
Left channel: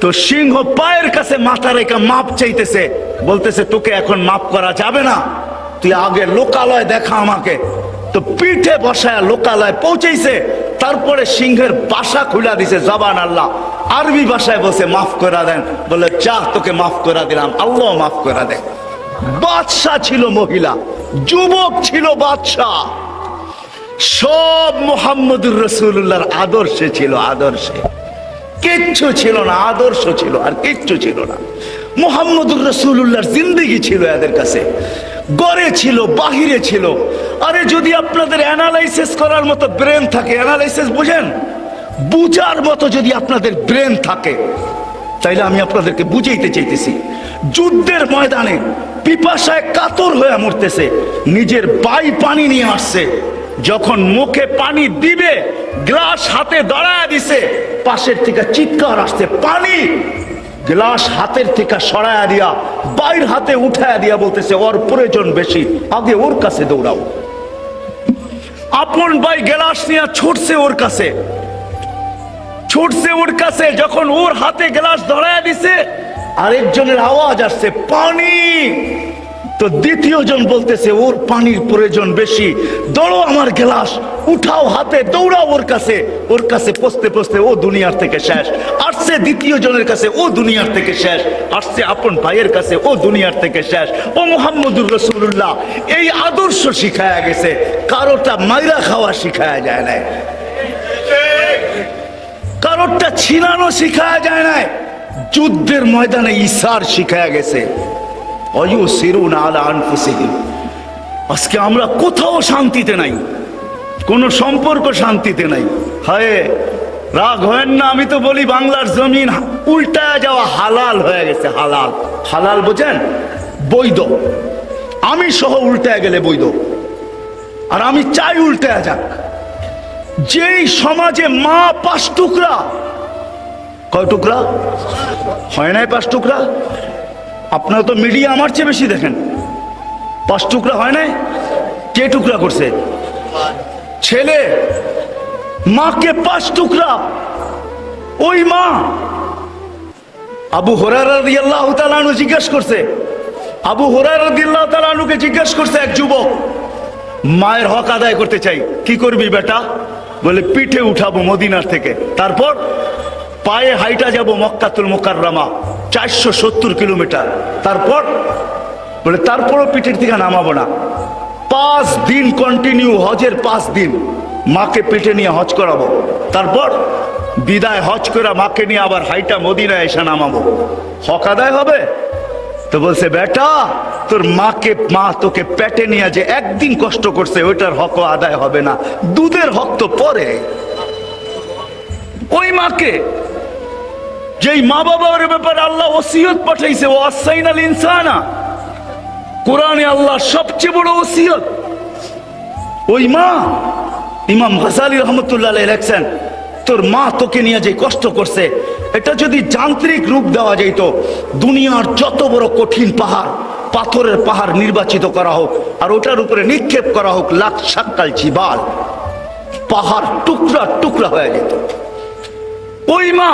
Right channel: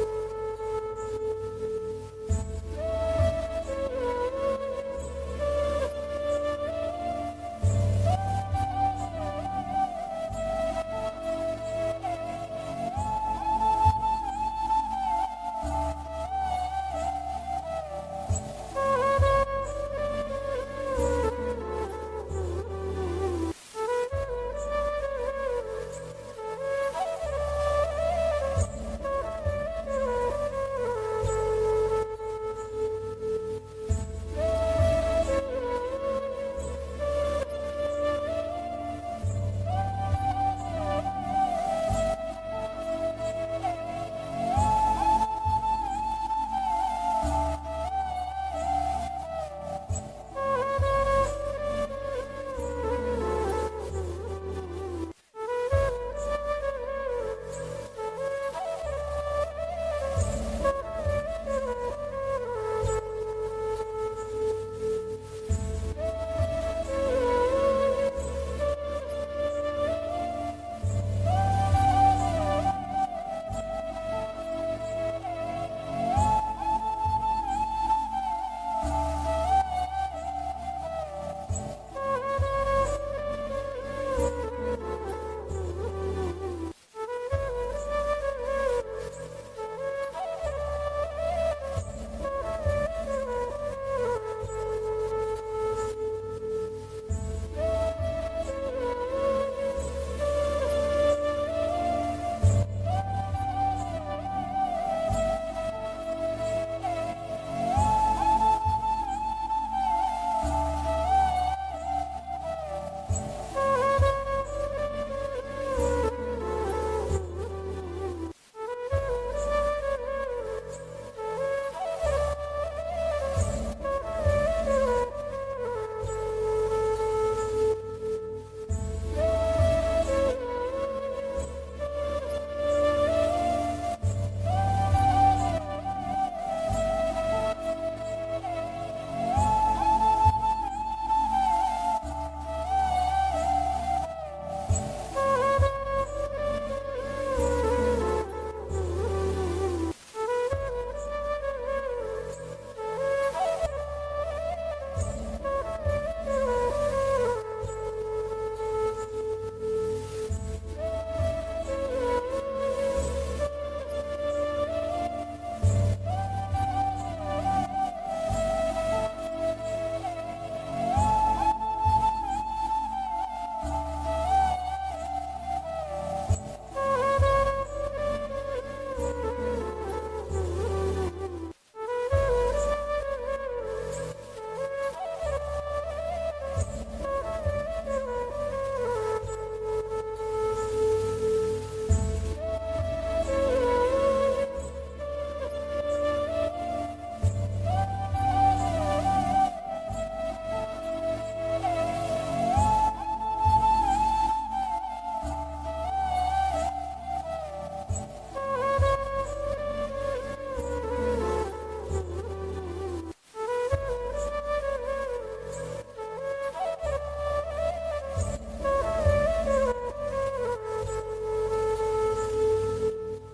তো সিংহ পায়ের কাছে মাথা রেখে মাপ চাইতেছে, বলতেছে তোকে এখন মাপ করা যাবে না, তুই আগে লোকালয় দেখা আমাকে। তো পিঠে বসায় লোকালয় পৌঁছেছে, তারপরে সিংহের বাসা খুলে দিছে, জবান আল্লাহ, আরবি ভাষায় বসে মাফ করে দেন, বলে যা তোকে মাফ করে দিলাম, আল্লাহ মাফ করে দেন। বাদশা ছিল মহিলা, যুবক ছিল বাদশা, সব মুহাম্মদুর রাসূলুল্লাহর আদর্শে ছিল, আদর্শে কিচ্ছু ছিল না, আদর্শ ছিল আর কিচ্ছু ছিল না। মুহাম্মদুর রাসূলুল্লাহর জিন্দেগি ছিল এদের কাছে, গড়ে ছিল, বাহিরে ছিল। আরে যদি আপনাদের অ্যানালাইসিস করার মতো ব্রেন থাকে, অ্যানালাইসিস বুঝেন, বুঝার মতো যদি আপনাদের ব্রেন থাকে, তাইলে আমি আপনাদেরকে বুঝাইতে চাইতেছি। যুদ্ধের ময়দানে পিপাসায় কাতর হয়ে মরতেছে, নিজের বাই পানি নিয়ে আসছে, যখন মুখে পানি দিবে গ্লাস হাতে দাঁড়ায় দিছে, পাশের থেকে চিৎকার আসছে, পানি। গ্লাস হাতের থেকে সরায়া দিয়া বাইর হাতে উঠায়া দিয়া বলতেছে, ওর প্রয়োজন বেশি, আগে ওর কাছে দৌড়াও। আপন ভাই গ্লাস নিয়ে ছুটছে ওর কাছে, ছুটছে ওর কাছে, যখন ওর হাতে গ্লাস ধরায়া দিছে, আরেকজনের আওয়াজ আসছে, পানি। তো দ্বিতীয় জন বলতেছে ওর পানির প্রয়োজন বেশি, দৌড়ো আমার গ্লাস উঠাও হাতে, দৌড়াও ওর কাছে। ওর কাছে পৌঁছতে পৌঁছতে ও দুনিয়ার থেকে শেষ। আসছে দ্বিতীয় জনের কাছে, ও দুনিয়ার থেকে শেষ। আসছে আপন ভাইয়ের কাছে, ও দুনিয়ার থেকে শেষ। ও মুহাম্মদুর রাসূলুল্লাহ এই আদর্শ শিখায়া গেছে, কারোটা মাইরা খাওয়া শিখায়া যায় না, কারোরটা ছিনানো শিখায়া যায় না, যুদ্ধের ময়দানে ইসার শিখায়া গেছে। আজকে আমরা কোথাও শান্তিতে নাই, কোন সম্পর্ক শান্তিতে নাই। হায় রাগ হয় না, আমি তো বলি বাংলার জমিন উল্টায় যাওয়া হালাল হয়ে গেছে, হালাল। হালাল বোঝেন, বৈধ। আমি সহ উল্টায় গেলে বৈধ, আর আমি চাই উল্টায় যাক। যেই সমাজে মা 5 টুকরা, কয় টুকরা হয় নাই? 5 টুকরা। আপনারা তো মিডিয়া আমার চেয়ে বেশি দেখেন। 5 টুকরা হয় নাই? কে টুকরা করছে? ছেলে। মাকে 5 টুকরা। ওই মা আবু হুরায়রা রাদিয়াল্লাহু তাআলা আনহু জিজ্ঞেস করছে, আবু হুরায়রা রাদিয়াল্লাহু তাআলা আনহুকে জিজ্ঞেস করছে এক যুবক, মায়ের হক আদায় করতে চাই, কি করবি বেটা? বলে পিঠে উঠাবো মদিনার থেকে, তারপর পায়ে হাইটা যাব মক্কাতুল মুকাররমা 470 কিলোমিটার, তারপর বলে তারপরও পিঠের থেকে নামাবো না। 5 দিন কন্টিনিউ, হজের 5 দিন মাকে পিঠে নিয়ে হজ করাবো, তারপর বিদায় হজ করে মাকে নিয়ে আবার হাইটা মদিনায় এসে নামাবো। হক আদায় হবে? তো বলছে বেটা, তোর মাকে, মা তোকে পেটে নিয়ে যে একদিন কষ্ট করছে, ওইটার হক আদায় হবে না, দুধের হক তো পরে। ওই মাকে, যেই মা বাবার ব্যাপারে আল্লাহ ওসিয়ত পাঠাইছে, ও আসাইনাল ইনসানা, কোরআনে আল্লাহ সবচেয়ে বড় ওসিয়ত। ওই মা, ইমাম গাজালি রহমতুল্লাহ আলাইহি লেখছেন, তোর মা তোকে নিয়ে যে কষ্ট করছে, এটা যদি যান্ত্রিক রূপ দেওয়া যেত, দুনিয়ার যত বড় কঠিন পাহাড়, পাথরের পাহাড় নির্বাচিত করা হোক, আর ওটার উপরে নিক্ষেপ করা হোক লাখ শাক্কাল জিবাল, পাহাড় টুকরা টুকরা হয়ে যেত। ওই মা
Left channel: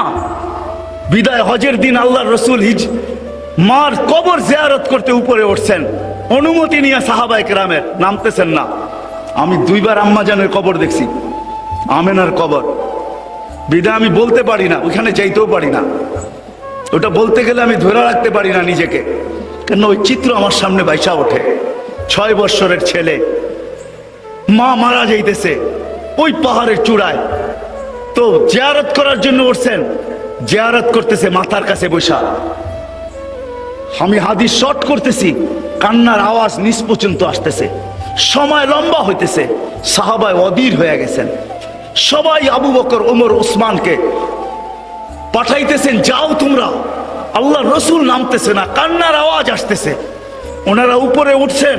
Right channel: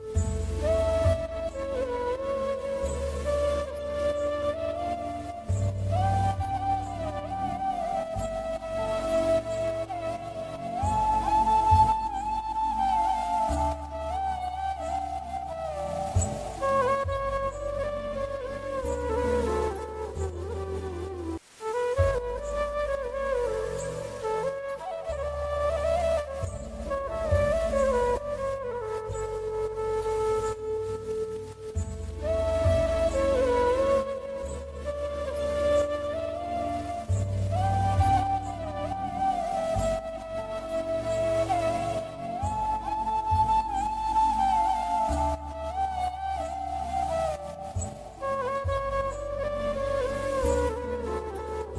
বিদায় হজের দিন আল্লাহর রসুল মার কবর জিয়ারত করতে উপরে উঠছেন, অনুমতি নিয়ে সাহাবায়ে কেরামের, নামতেছেন না। আমি 2 বার আম্মাজানের কবর দেখছি, আমেনার কবর। বিদায় আমি বলতে পারি না, ওইখানে যাইতেও পারি না। ওটা বলতে গেলে আমি ধরে রাখতে পারি না নিজেকে, কেন ওই চিত্র আমার সামনে বাইসা ওঠে। 6 বৎসরের ছেলে, মা মারা যাইতেছে ওই পাহাড়ের চূড়ায়, তো জিয়ারত করার জন্য উঠছেন, জিয়ারত করতেছে মাথার কাছে বসা। আমি হাদিস শর্ট করতেছি, কান্নার আওয়াজ নিচ পর্যন্ত আসতেছে, সময় লম্বা হইতেছে। সাহাবায় অধীর হয়ে গেছেন, সবাই আবু বকর, ওমর, ওসমানকে পাঠাইতেছেন, যাও তোমরা। আল্লাহ রসুল নামতেছে না, কান্নার আওয়াজ আসতেছে। ওনারা উপরে উঠছেন,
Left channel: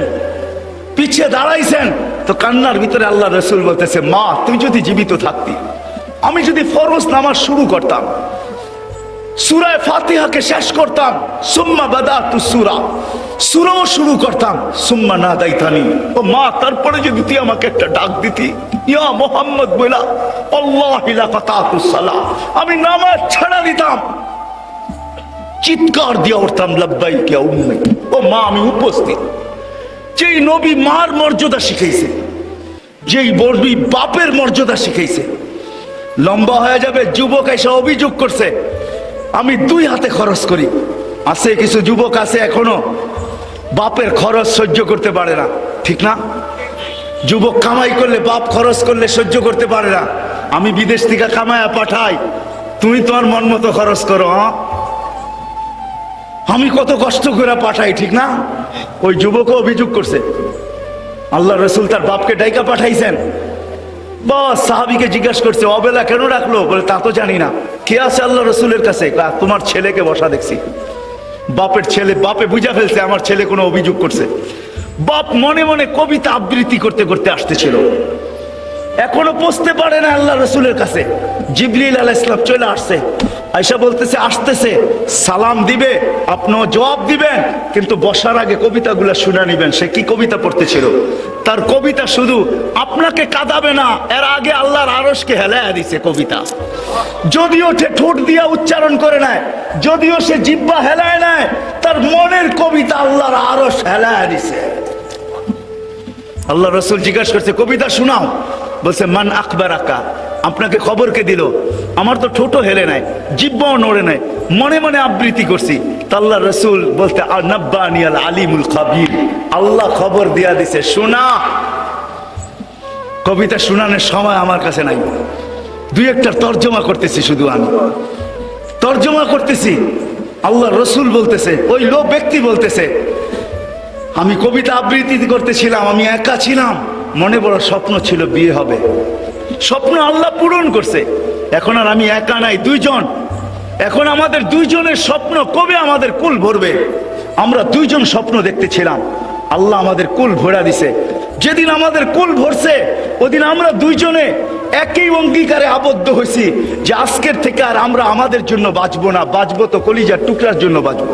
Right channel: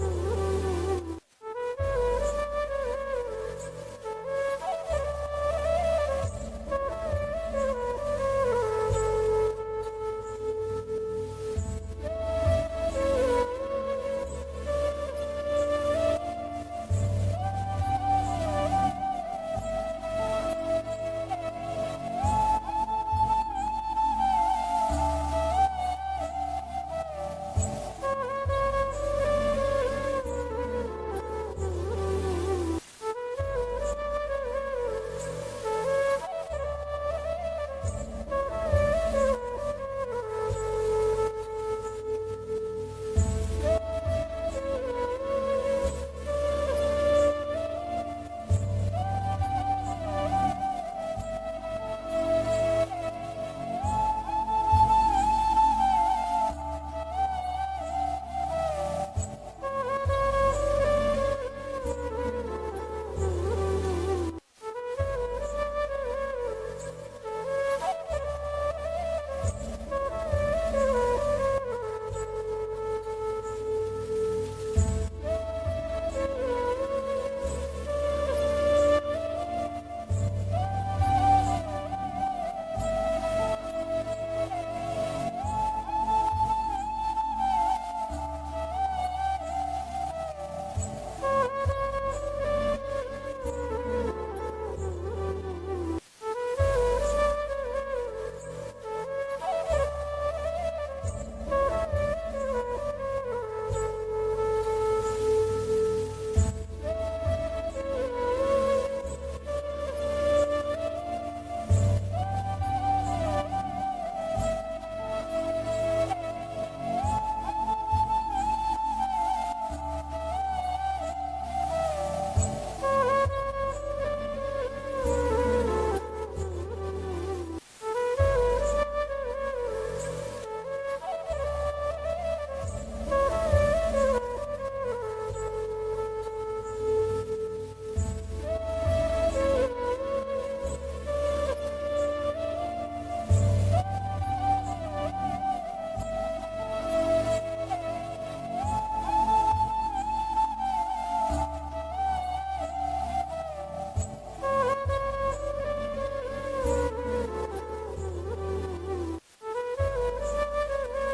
পিছিয়ে দাঁড়াইছেন, তো কান্নার ভিতরে আল্লাহ রসুল বলতেছে, মা তুই যদি জীবিত থাকতি, আমি যদি ফরজ নামাজ শুরু করতাম, সূরা ফাতিহাকে শেষ করতাম, সুম্মা বাদাতু সূরা, সূরাও শুরু করতাম, সুম্মা নাদাইতানি, ও মা তারপরে যদি তুই আমাকে একটা ডাক দিতি, ইয়া মুহাম্মদ বলা, আল্লাহি লা ফাতাতুস সালাহ, আমি নামাজ ছাড়া দিতাম, চিৎকার দিয়ে উঠতাম, লাব্বাইক ইয়া উম্মি, ও মা আমি উপস্থিত। যেই নবী মার মর্যাদা শিখাইছে, যেই নবী বাপের মর্যাদা শিখাইছে। লম্বা হয়ে যাবে, যুবক এসে অভিযোগ করছে, আমি 2 হাতে খরচ করি। আছে কিছু যুবক আছে এখনো বাপের খরচ সহ্য করতে পারে না, ঠিক না? যুবক কামাই করলে, বাপ খরচ করলে সহ্য করতে পারে না। আমি বিদেশ থেকে কামায়া পাঠাই, তুমি তোমার মন মতো খরচ করো। আমি কত কষ্ট করে পাঠাই, ঠিক না? ওই যুবকও অভিযোগ করছে, আল্লাহ রসুল তার বাপকে ডাইকা পাঠাইছেন। বাস সাহাবীকে জিজ্ঞাসা করছে, অবেলা কেন রাখলো? বলে তা তো জানি না। কে আছে আল্লাহ রসুলের কাছে? তোমার ছেলেকে বসা দেখছি। বাপের ছেলে, বাপে বুঝা ফেলছে আমার ছেলে কোনো অভিযোগ করছে। বাপ মনে মনে কবিতা আবৃত্তি করতে করতে আসতেছিল, এখনো পৌঁছতে পারে না আল্লাহ রসুলের কাছে। জিবরিল আলাইহিস সালাম চলে আসছে, আয়েশা বলতেছে আসতেছে, সালাম দিবে, আপনিও জবাব দিবেন, কিন্তু বসার আগে কবিতাগুলো শুনে নিবেন। সে কি কবিতা পড়তেছিল? তার কবিতা শুধু আপনাকে কাঁদাবে না, এর আগে আল্লাহর আরশকে হেলায়া দিছে কবিতা। যদিও সে ঠোঁট দিয়া উচ্চারণ করে নেয়, যদিও সে জিহ্বা হেলায় নেয়, তার মনের কবিতা আল্লাহর আরশ হেলায়া দিছে। আল্লাহ রসুল জিজ্ঞাসা করছে, কবিতা শোনাও। বলছে, মান আকবরাকা, আপনাকে খবর কে দিল? আমার তো ঠোঁটও হেলে নাই, জিহ্বাও নড়ে নাই, মনে মনে আবৃত্তি করছি। আল্লাহ রসুল বলতে, নাব্বানি আল আলিমুল খাবীর, আল্লাহ খবর দিয়া দিছে, শোনা। কবিতা শোনানোর সময় আমার কাছে নাই, 2-1টার তর্জমা করতেছি, শুধু আমি তর্জমা করতেছি। আল্লাহ রসুল বলতেছে, ওই লোক ব্যক্তি বলতেছে, আমি কবিতা আবৃত্তি করতেছিলাম, আমি একা ছিলাম, মনে বড় স্বপ্ন ছিল বিয়ে হবে, স্বপ্ন আল্লাহ পূরণ করছে। এখন আর আমি একা নাই, 2 জন। এখন আমাদের 2 জনের স্বপ্ন কবে আমাদের কুল ভরবে? আমরা 2 জন স্বপ্ন দেখতেছিলাম, আল্লাহ আমাদের কুল ভরা দিছে। যেদিন আমাদের কুল ভরছে, ওদিন আমরা 2 জনে একই অঙ্গীকারে আবদ্ধ হয়েছি যে আজকের থেকে আর আমরা আমাদের জন্য বাঁচবো না, বাঁচবো তো কলিজার টুকরার জন্য বাঁচবো।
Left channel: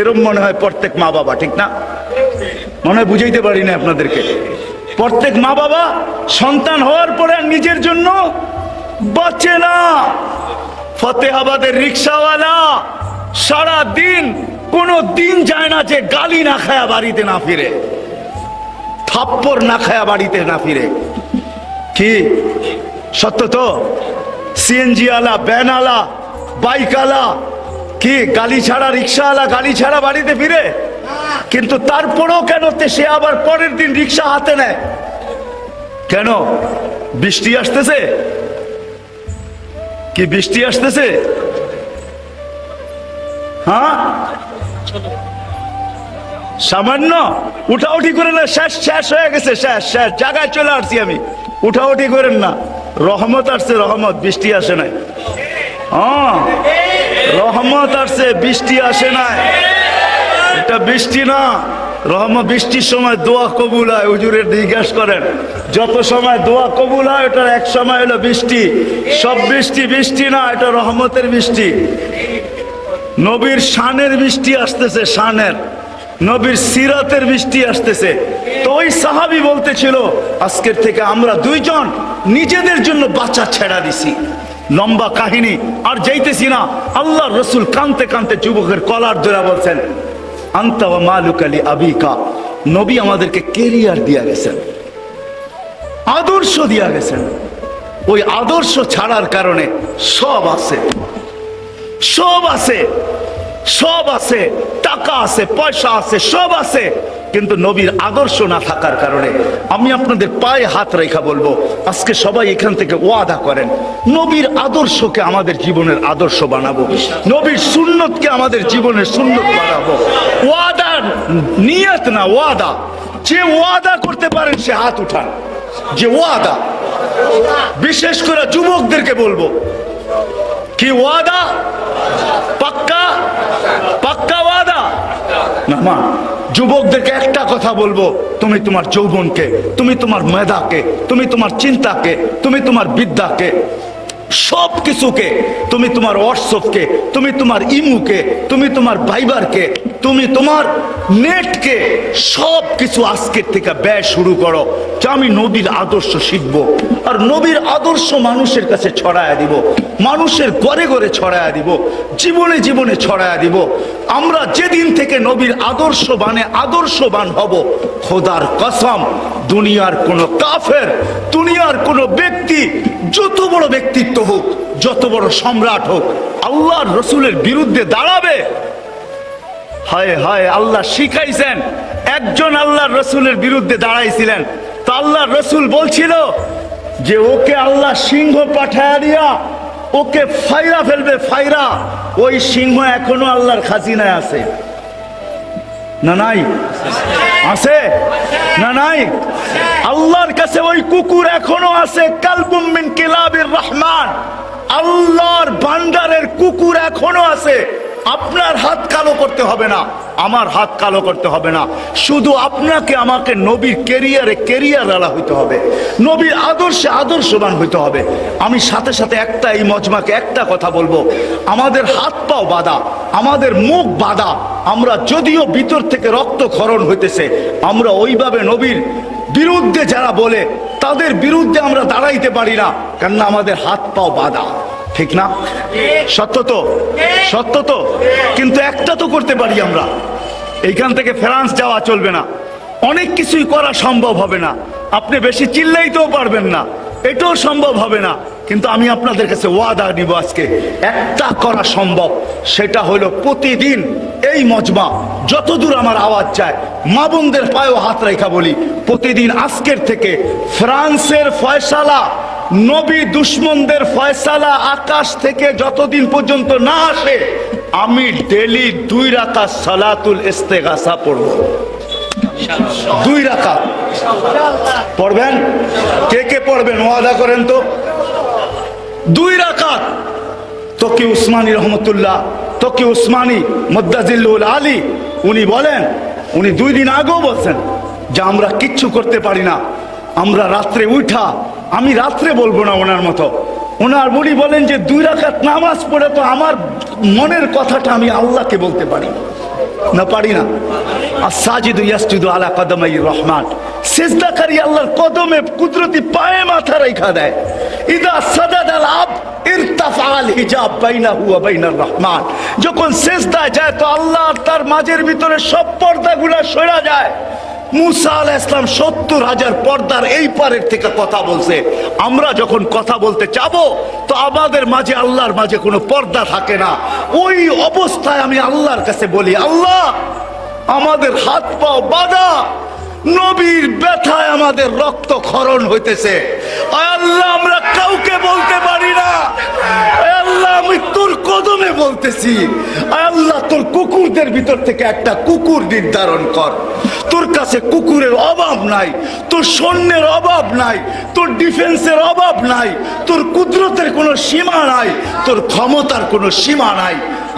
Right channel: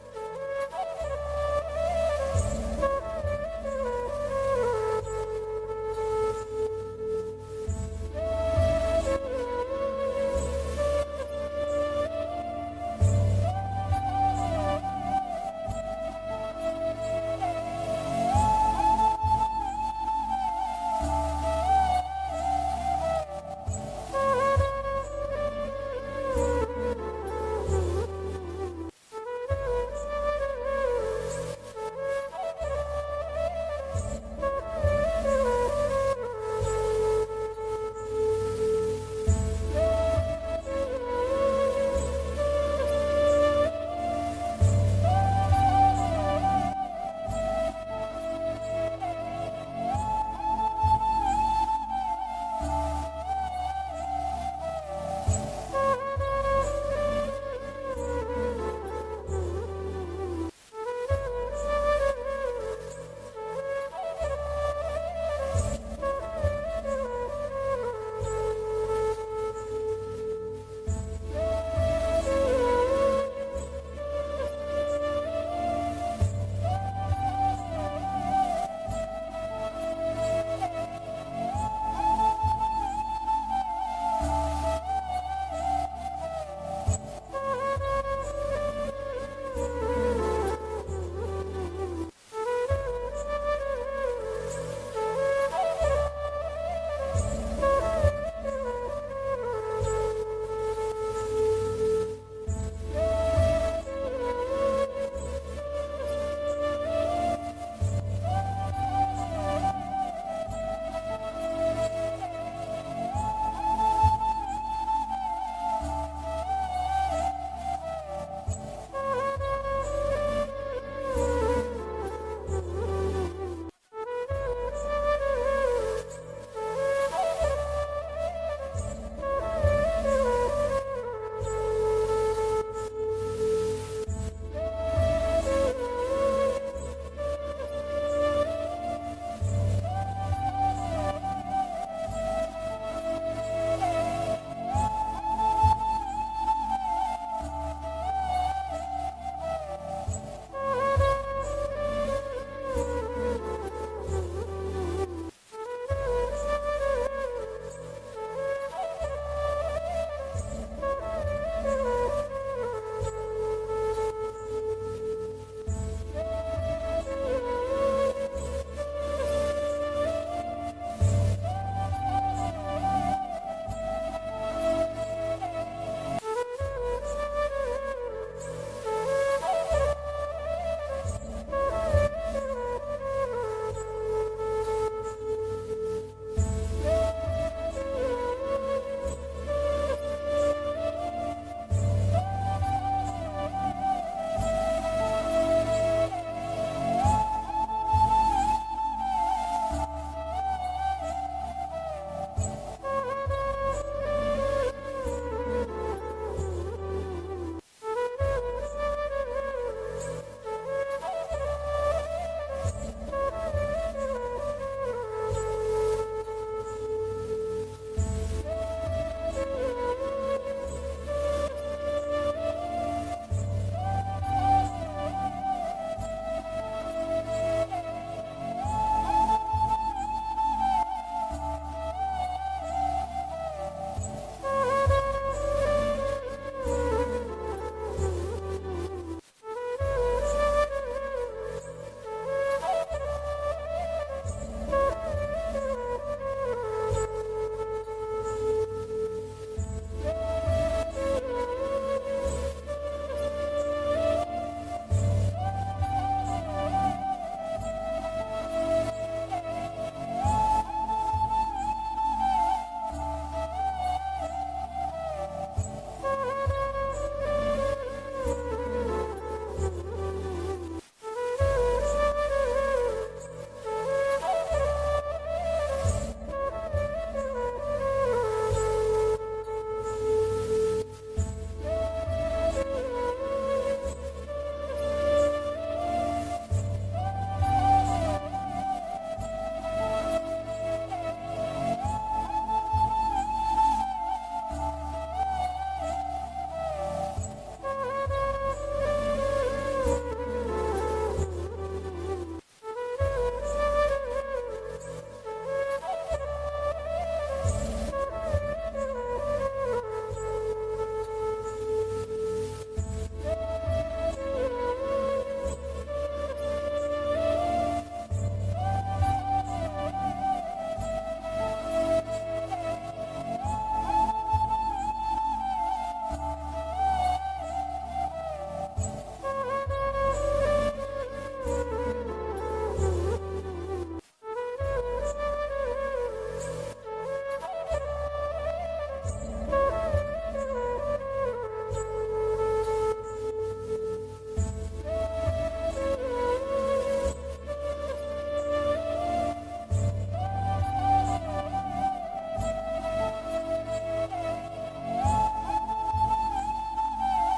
এরম মনে হয় প্রত্যেক মা বাবা, ঠিক না? মনে হয় বুঝাইতে পারি না আপনাদেরকে। প্রত্যেক মা বাবা সন্তান হওয়ার পরে নিজের জন্য বাঁচে না। ফতেহাবাদের রিক্সাওয়ালা সারা দিন, কোনো দিন যায় না যে গালি না খায়া বাড়িতে না ফিরে, থাপ্পড় না খায়া বাড়িতে না ফিরে। কি সত্য তো? সিএনজি আলা, ভ্যান আলা, বাইক আলা, কি গালি ছাড়া, রিক্সাওয়ালা গালি ছাড়া বাড়িতে ফিরে? কিন্তু তারপরেও কেন সে আবার পরের দিন রিক্সা হাতে নেয়? কেন? বৃষ্টি আসতেছে, কি বৃষ্টি আসতেছে? হ্যাঁ, সামান্য উঠাউঠি করে না, শেষ শেষ হয়ে গেছে, শেষ শেষ জায়গায় চলে আসছি আমি। উঠাউঠি করেন না, রহমত আসছে, রহমত, বৃষ্টি আসে নাই। হ্যাঁ, রহমত আসছে, বৃষ্টি আসে নাই। এটা বৃষ্টি না, রহমত। বৃষ্টির সময় দোয়া কবুল হয়, হুজুরের জিজ্ঞাসা করেন, যত সময় দোয়া কবুল হয় ওটার এক সময় হলো বৃষ্টি। সব বৃষ্টি বৃষ্টি না, এটা রহমতের বৃষ্টি। নবীর শানের বৃষ্টি আসতেছে, শানের, নবীর সিরাতের বৃষ্টি আসতেছে। তো ওই সাহাবী বলতেছিল, আজকের থেকে আমরা 2 জন নিজেদের জন্য বাচ্চা ছেড়া দিছি। লম্বা কাহিনী আর যাইতেছি না। আল্লাহ রসুল কানতে কানতে যুবকের কলার ধরে বলছেন, আনতা ওয়া মালুকা লি আবিকা। নবী আমাদেরকে কেরিয়ার দিয়া গেছেন, আদর্শ দিয়া গেছেন। ওই আদর্শ ছাড়ার কারণে সব আছে, সব আছে, সব আছে, টাকা আছে, পয়সা আছে, সব আছে, কিন্তু নবীর আদর্শ না থাকার কারণে। আমি আপনাদের পায়ে হাত রেখা বলবো, আজকে সবাই এখান থেকে ওয়াদা করেন, নবীর আদর্শকে আমাদের জীবনের আদর্শ বানাবো, নবীর সুন্নতকে আমাদের জীবনের সুন্নত বানাবো। ওয়াদা, নিয়ত না, ওয়াদা। যে ওয়াদা করতে পারেন সে হাত উঠান। যে ওয়াদা, বিশেষ করে যুবকদেরকে বলবো, কি ওয়াদা? পাক্কা, পাক্কা ওয়াদা না? মা যুবকদেরকে একটা কথা বলবো, তুমি তোমার যৌবনকে, তুমি তোমার মেধাকে, তুমি তোমার চিন্তাকে, তুমি তোমার বিদ্যাকে, সব কিছুকে, তুমি তোমার হোয়াটসঅ্যাপকে, তুমি তোমার ইমুকে, তুমি তোমার ভাইবারকে, তুমি তোমার নেটকে, সব কিছু আজকের থেকে ব্যয় শুরু করো যে আমি নবীর আদর্শ শিখবো। আর নবীর আদর্শ মানুষের কাছে ছড়ায়া দিব, মানুষের ঘরে ঘরে ছড়ায়া দিব, জীবনে জীবনে ছড়ায়া দিব। আমরা যেদিন থেকে নবীর আদর্শবান হব, খোদার কসম, দুনিয়ার কোন কাফের, দুনিয়ার কোন ব্যক্তি, যত বড় ব্যক্তিত্ব হোক, যত বড় সম্রাট হোক, আল্লাহর রসুলের বিরুদ্ধে দাঁড়াবে। হায় হায়, আল্লাহ শিখাইছেন, একজন আল্লাহর রসুলের বিরুদ্ধে দাঁড়াইছিলেন, তো আল্লাহর রসুল বলছিল যে ওকে আল্লাহ সিংহ পাঠায়া দিয়া ওকে ফাইরা ফেলবে, ফাইরা। ওই সিংহ এখনো আল্লাহর খাজিনায় আছে না নাই? আছে না নাই? আল্লাহর কাছে ওই কুকুর এখনো আছে, কালবুম মিন কিলাবির রহমান, আল্লাহর ভান্ডারের কুকুর এখনো আছে। আপনার হাত কালো করতে হবে না, আমার হাত কালো করতে হবে না, শুধু আপনাকে আমাকে নবীর কেরিয়ার হইতে হবে, নবীর আদর্শে আদর্শবান হইতে হবে। আমি সাথে সাথে এই মজমাকে একটা কথা বলবো, আমাদের হাত পাও বাঁধা, আমাদের মুখ বাঁধা, আমরা যদিও ভিতর থেকে রক্তক্ষরণ হইতেছে, আমরা ওইভাবে নবীর বিরুদ্ধে যারা বলে তাদের বিরুদ্ধে আমরা দাঁড়াইতে পারি না, কেননা আমাদের হাত পাও বাঁধা। ঠিক না? সত্য তো, সত্য তো। কিন্তু একটা তো করতে পারি আমরা, এইখান থেকে ফ্রান্স যাওয়া চলবে না, অনেক কিছুই করা সম্ভব হবে না, আপনি বেশি চিল্লাইতেও পারবেন না, এটাও সম্ভব হবে না। কিন্তু আমি আপনাদের কাছে ওয়াদা নিব, আজকে একটা করা সম্ভব, সেটা হলো প্রতিদিন এই মজমা, যতদূর আমার আওয়াজ যায়, মা বোনদের পায়েও হাত রেখা বলি, প্রতিদিন আজকের থেকে ফ্রান্সের ফয়সালা, নবী দুশ্মনদের ফয়সালা আকাশ থেকে যতদিন পর্যন্ত না আসে, আমি ডেলি 2 রাকাত সালাতুল ইস্তেগাসা পড়ব। 2 রাকাত পড়বেন? কে কে পড়বেন ওয়াদা করেন তো? 2 রাকাত। তকি উসমানী রহমতুল্লাহ, তকি উসমানী মুদ্দাজিল্লুল আলী, উনি বলেন, উনি 2 দিন আগেও বলছেন যে আমরা কিচ্ছু করতে পারি না, আমরা রাত্রে উঠা, আমি রাত্রে বলবো না ওনার মতো, ওনার উনি বলেন যে 2 রাকাত নামাজ পড়ে তো আমার মনের কথাটা আমি আল্লাহকে বলতে পারি না, পারি না। আস-সাজিদু ইয়াসজুদু আলা কদমাইর রহমান, সিজদাকারী আল্লাহর কদমে কুদরতি পায়ে মাথা রাখা দেয়। ইদা সাজাদাল আবদ ইরতাফাল হিজাব বাইনাহু ওয়া বাইনার রহমান, যখন সিজদায় যায় তো আল্লাহ আর তার মাঝের ভিতরে সব পর্দাগুলো সরে যায়। মুসা আলাইহিস সালাম 70,000 পর্দার এই পারের থেকে কথা বলছে। আমরা যখন কথা বলতে যাবো তো আমাদের মাঝে আল্লাহর মাঝে কোনো পর্দা থাকে না। ওই অবস্থায় আমি আল্লাহর কাছে বলি, আল্লাহ আমাদের হাত পাও বাঁধা, নবীর ব্যথায় আমাদের রক্ত ক্ষরণ হইতেছে, আল্লাহ আমরা কাউকে বলতে পারি না, আল্লাহ আমি তোর কদমে বলতেছি, আল্লাহ তোর কুকুরদের ভিতর থেকে একটা কুকুর নির্ধারণ কর। তোর কাছে কুকুরের অভাব নাই, তোর সৈন্যের অভাব নাই, তোর ডিফেন্সের অভাব নাই, তোর কুদরতের কোনো সীমা নাই, তোর ক্ষমতার কোনো সীমা নাই।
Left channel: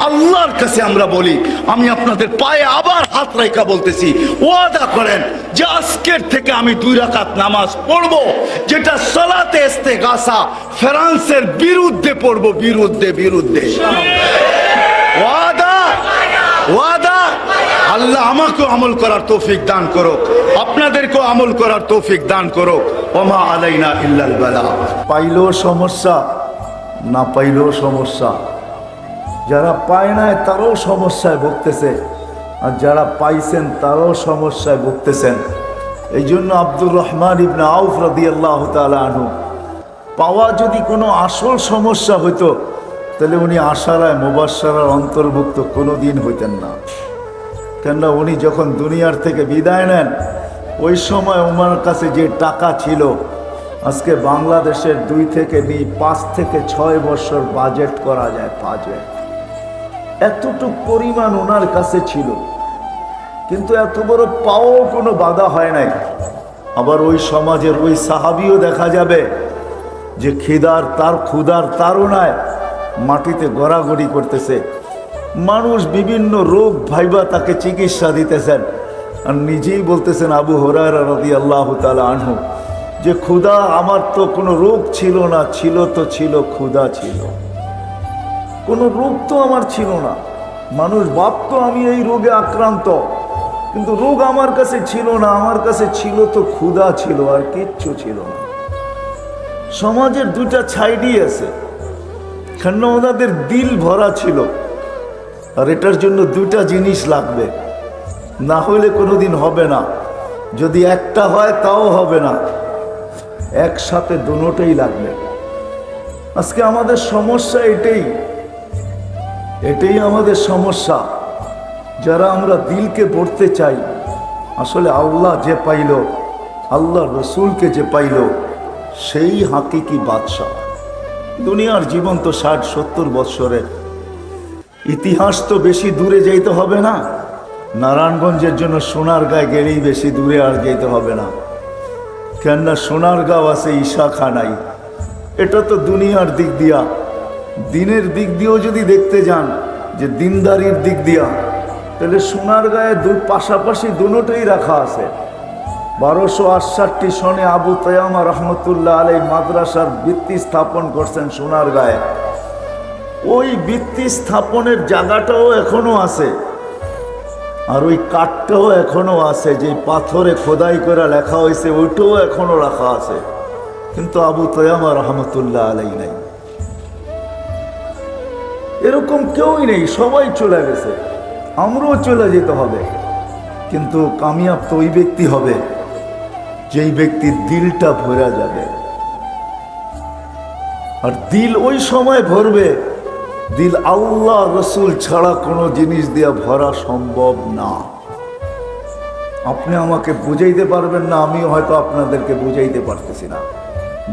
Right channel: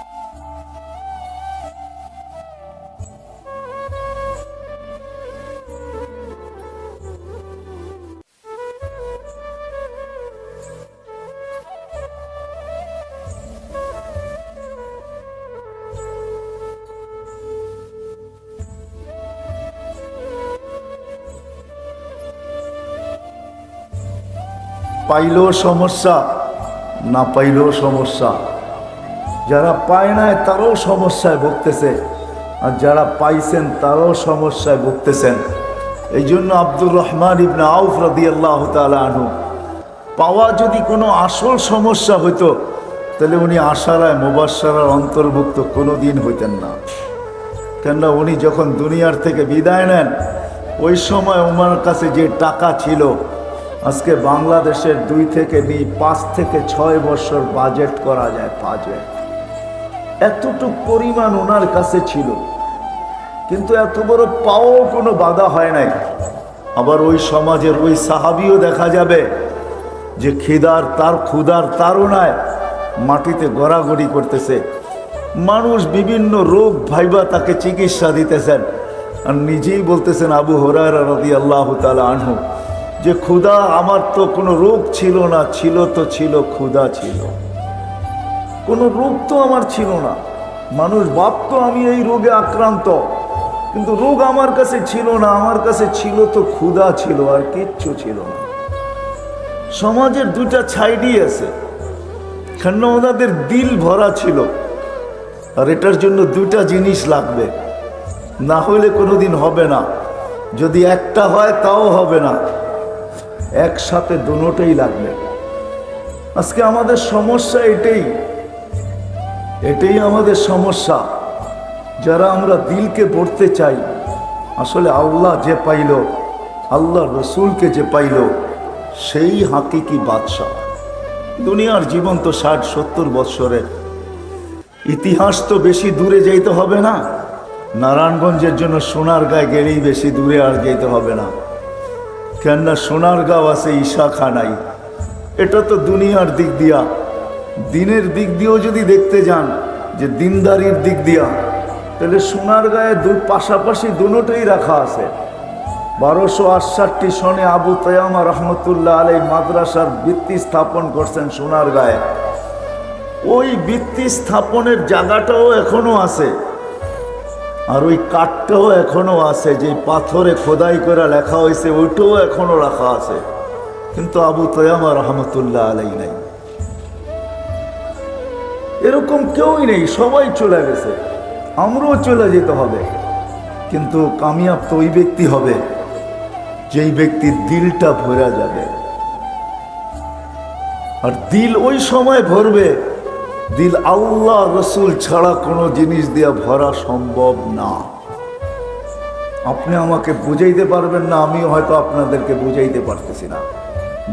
আল্লাহর কাছে আমরা বলি, আমি আপনাদের পায়ে আবার হাত রাখা বলতেছি, ওয়াদা করেন যে আজকের থেকে আমি 2 রাকাত নামাজ পড়বো, যেটা সালাতে ইস্তেগাসা, ফ্রান্সের বিরুদ্ধে পড়বো, বিরুদ্ধে বিরুদ্ধে। ওয়াদা, ওয়াদা। আল্লাহ আমাকেও আমল করার তৌফিক দান করো, আপনাদেরকেও আমল করার তৌফিক দান করো। ওমা আলাইনা ইল্লাল বালাগ। পাইলেও সমস্যা, না পাইলেও সমস্যা। যারা পায় নাই তারাও সমস্যায় ভুগতেছে, আর যারা পাইছেন তারাও সমস্যায় ভুগতেছেন। এই জন্য আব্দুর রহমান ইবনে আউফ রাদিয়াল্লাহু তাআলা আনহু, পাওয়া যদি কোনো আসল সমস্যা হইতো তাহলে উনি আশারায় মুবাশশারার অন্তর্ভুক্ত কোনো দিন হইতেন না। কেননা উনি যখন দুনিয়ার থেকে বিদায় নেন, ওই সময় ওনার কাছে যে টাকা ছিল, আজকে বাংলাদেশের 2 থেকে 5 থেকে 6 বছর বাজেট করা যায়। বাজেট এতটুক পরিমাণ ওনার কাছে ছিল, কিন্তু এত বড় পাওয়াও কোনো বাধা হয় নাই। আবার ওই সমাজের ওই সাহাবিও দেখা যাবে যে ক্ষুধার তাড়নায় মাটিতে গড়াগড়ি করতেছে, মানুষ বিভিন্ন রোগ ভাইবা তাকে চিকিৎসা দিতেছেন, আর নিজেই বলতেছেন আবু হুরায়রা রাদিয়াল্লাহু তাআলা আনহু যে ক্ষুধা, আমার তো কোনো রোগ ছিল না, ছিল তো ছিল ক্ষুধা ছিল, কোনো রোগ তো আমার ছিল না। মানুষ ভাবতো আমি এই রোগে আক্রান্ত, কিন্তু রোগ আমার কাছে ছিল না, আমার কাছে ছিল তো ক্ষুধা ছিল, আর কিচ্ছু ছিল না। সমাজের 2টা ছাইডই আছে, কেন ওনাদের দিল ভরা ছিল, আর এটার জন্য 2টা জিনিস লাগবে, না হলে কোনোদিন হবে না। যদি একটা হয় তাও হবে না, একসাথে দুটোই লাগবে। আজকে আমাদের সমস্যা এটাই আমাদের সমস্যা। যারা আমরা দিলকে পড়তে চাই, আসলে আল্লাহ যে পাইল, আল্লাহ রসুলকে যে পাইল, সেই হাকিকি বাদশাহ। দুনিয়ার জীবন তো 60-70 বৎসরের, ইতিহাস তো বেশি দূরে যাইতে হবে না। নারায়ণগঞ্জের জন্য সোনারগাঁয়ে গেলেই বেশি দূরে আর যেতে হবে না, কেননা সোনারগাঁও আছে ঈশাখানাই। এটা তো দুনিয়ার দিক দিয়া। দিনের দিক দিয়েও যদি দেখতে যান, যে দিনদারির দিক দিয়া, তাহলে সোনারগাঁয়ে পাশাপাশি দুটোই রাখা আছে। 1268 সনে আবু তায়ামা রহমতুল্লাহ আলাইহি মাদ্রাসার ভিত্তি স্থাপন করছেন সোনারগাঁয়ে। ওই ভিত্তি স্থাপনের জায়গাটাও এখনো আছে, আর ওই কাঠটাও এখনো আছে, যে পাথরে খোদাই করে লেখা হয়েছে, ওইটাও এখনো রাখা আছে, কিন্তু আবু তায়ামা রহমতুল্লাহ আলাইহি নাই। এরকম কেউই নেই, সবাই চলে গেছে, আমরাও চলে যেতে হবে। কিন্তু কামিয়াব তো ওই ব্যক্তি হবে যেই ব্যক্তির দিলটা ভরা যাবে। আর দিল ওই সময় ভরবে, দিল আল্লাহ রসুল ছাড়া কোনো জিনিস দিয়া ভরা সম্ভব না। আপনি আমাকে বুঝাইতে পারবেন না, আমিও হয়তো আপনাদেরকে বুঝাইতে পারতেছি না।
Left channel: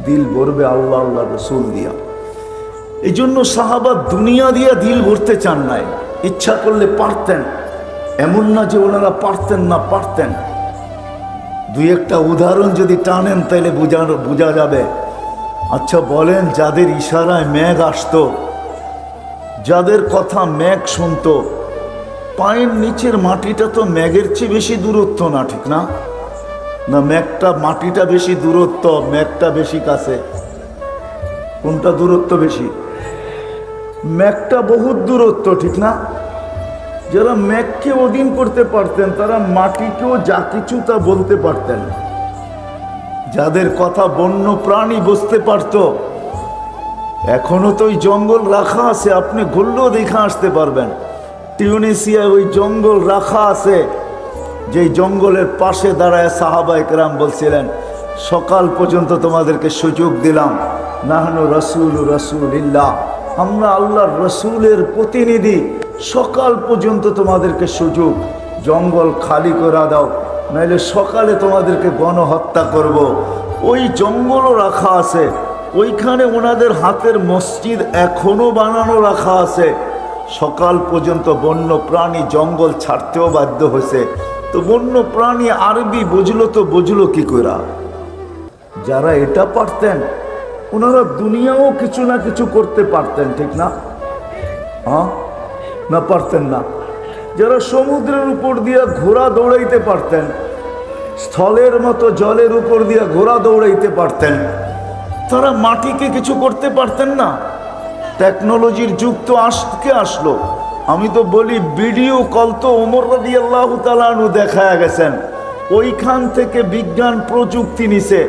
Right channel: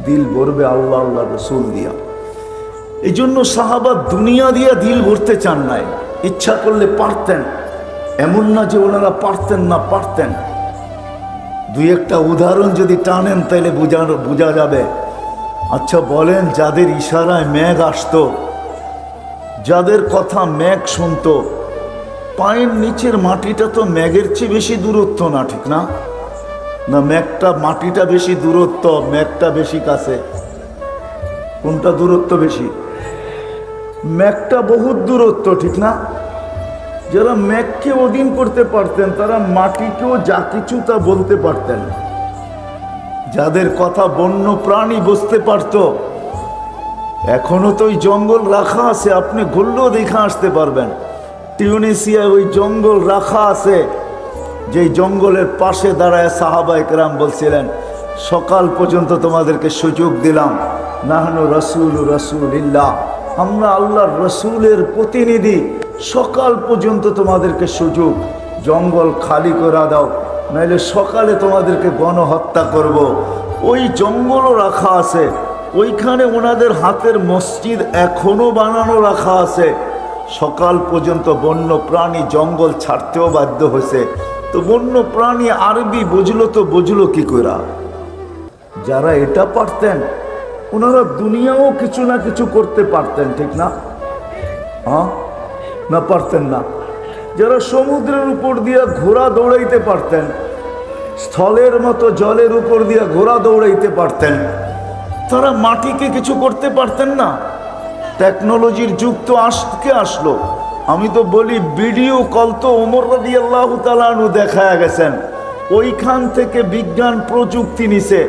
দিল ভরবে আল্লাহ রসুল দিয়া। এই জন্য সাহাবা দুনিয়া দিয়া দিল ভরতে চান নাই, ইচ্ছা করলে পারতেন, এমন না যে ওনারা পারতেন না, পারতেন। 2-1টা উদাহরণ যদি টানেন তাহলে বোঝা যাবে। আচ্ছা বলেন, যাদের ইশারায় মেঘ আসতো, যাদের কথা মেঘ শুনতো, পায়ের নিচের মাটিটা তো মেঘের চেয়ে বেশি দূরত্ব না, ঠিক না? না মাটিটা বেশি দূরত্ব, মেঘটা বেশি কাছে? কোনটা দূরত্ব বেশি? মেঘটা বহুত দূরত্ব, ঠিক না? যারা মেঘকে অধীন করতে পারতেন, তারা মাটিকেও যা কিছু তা বলতে পারতেন। যাদের কথা বন্য প্রাণী বুঝতে পারত, এখনো তো ওই জঙ্গল রাখা আছে, আপনি ঘুরলেও দেখে আসতে পারবেন। টিউনিসিয়ায় ওই জঙ্গল রাখা আছে, যেই জঙ্গলের পাশে দাঁড়ায় সাহাবায়ে কেরাম বলছিলেন, সকাল পর্যন্ত তোমাদেরকে সুযোগ দিলাম, নাহনু রাসূলুল্লাহ, আমরা আল্লাহর রসুলের প্রতিনিধি, সকাল পর্যন্ত তোমাদেরকে সুযোগ, জঙ্গল খালি করে দাও, নাইলে সকালে তোমাদেরকে গণহত্যা করব। ওই জঙ্গলও রাখা আছে, ওইখানে ওনাদের হাতের মসজিদ এখনো বানানো রাখা আছে। সকাল পর্যন্ত বন্য প্রাণী জঙ্গল ছাড়তেও বাধ্য হয়েছে। তো বন্য প্রাণী আরবি বুঝলো কি করে? যারা এটা পারতেন, ওনারা দুনিয়াও কিছু না কিছু করতে পারতেন, ঠিক না? না পারতেন না? যারা সমুদ্রের উপর দিয়ে ঘোড়া দৌড়াইতে পারতেন, স্থলের মতো জলের উপর দিয়ে ঘোড়া দৌড়াইতে পারতেন, তারা মাটিকে কিছু করতে পারতেন না? টেকনোলজির যুগ তো আজকে আসলো। আমি তো বলি, ভিডিও কল তো ওমর রাদিয়াল্লাহু তাআলা আনহু দেখায়া গেছেন, ওইখান থেকে বিজ্ঞান প্রযুক্তি নিছে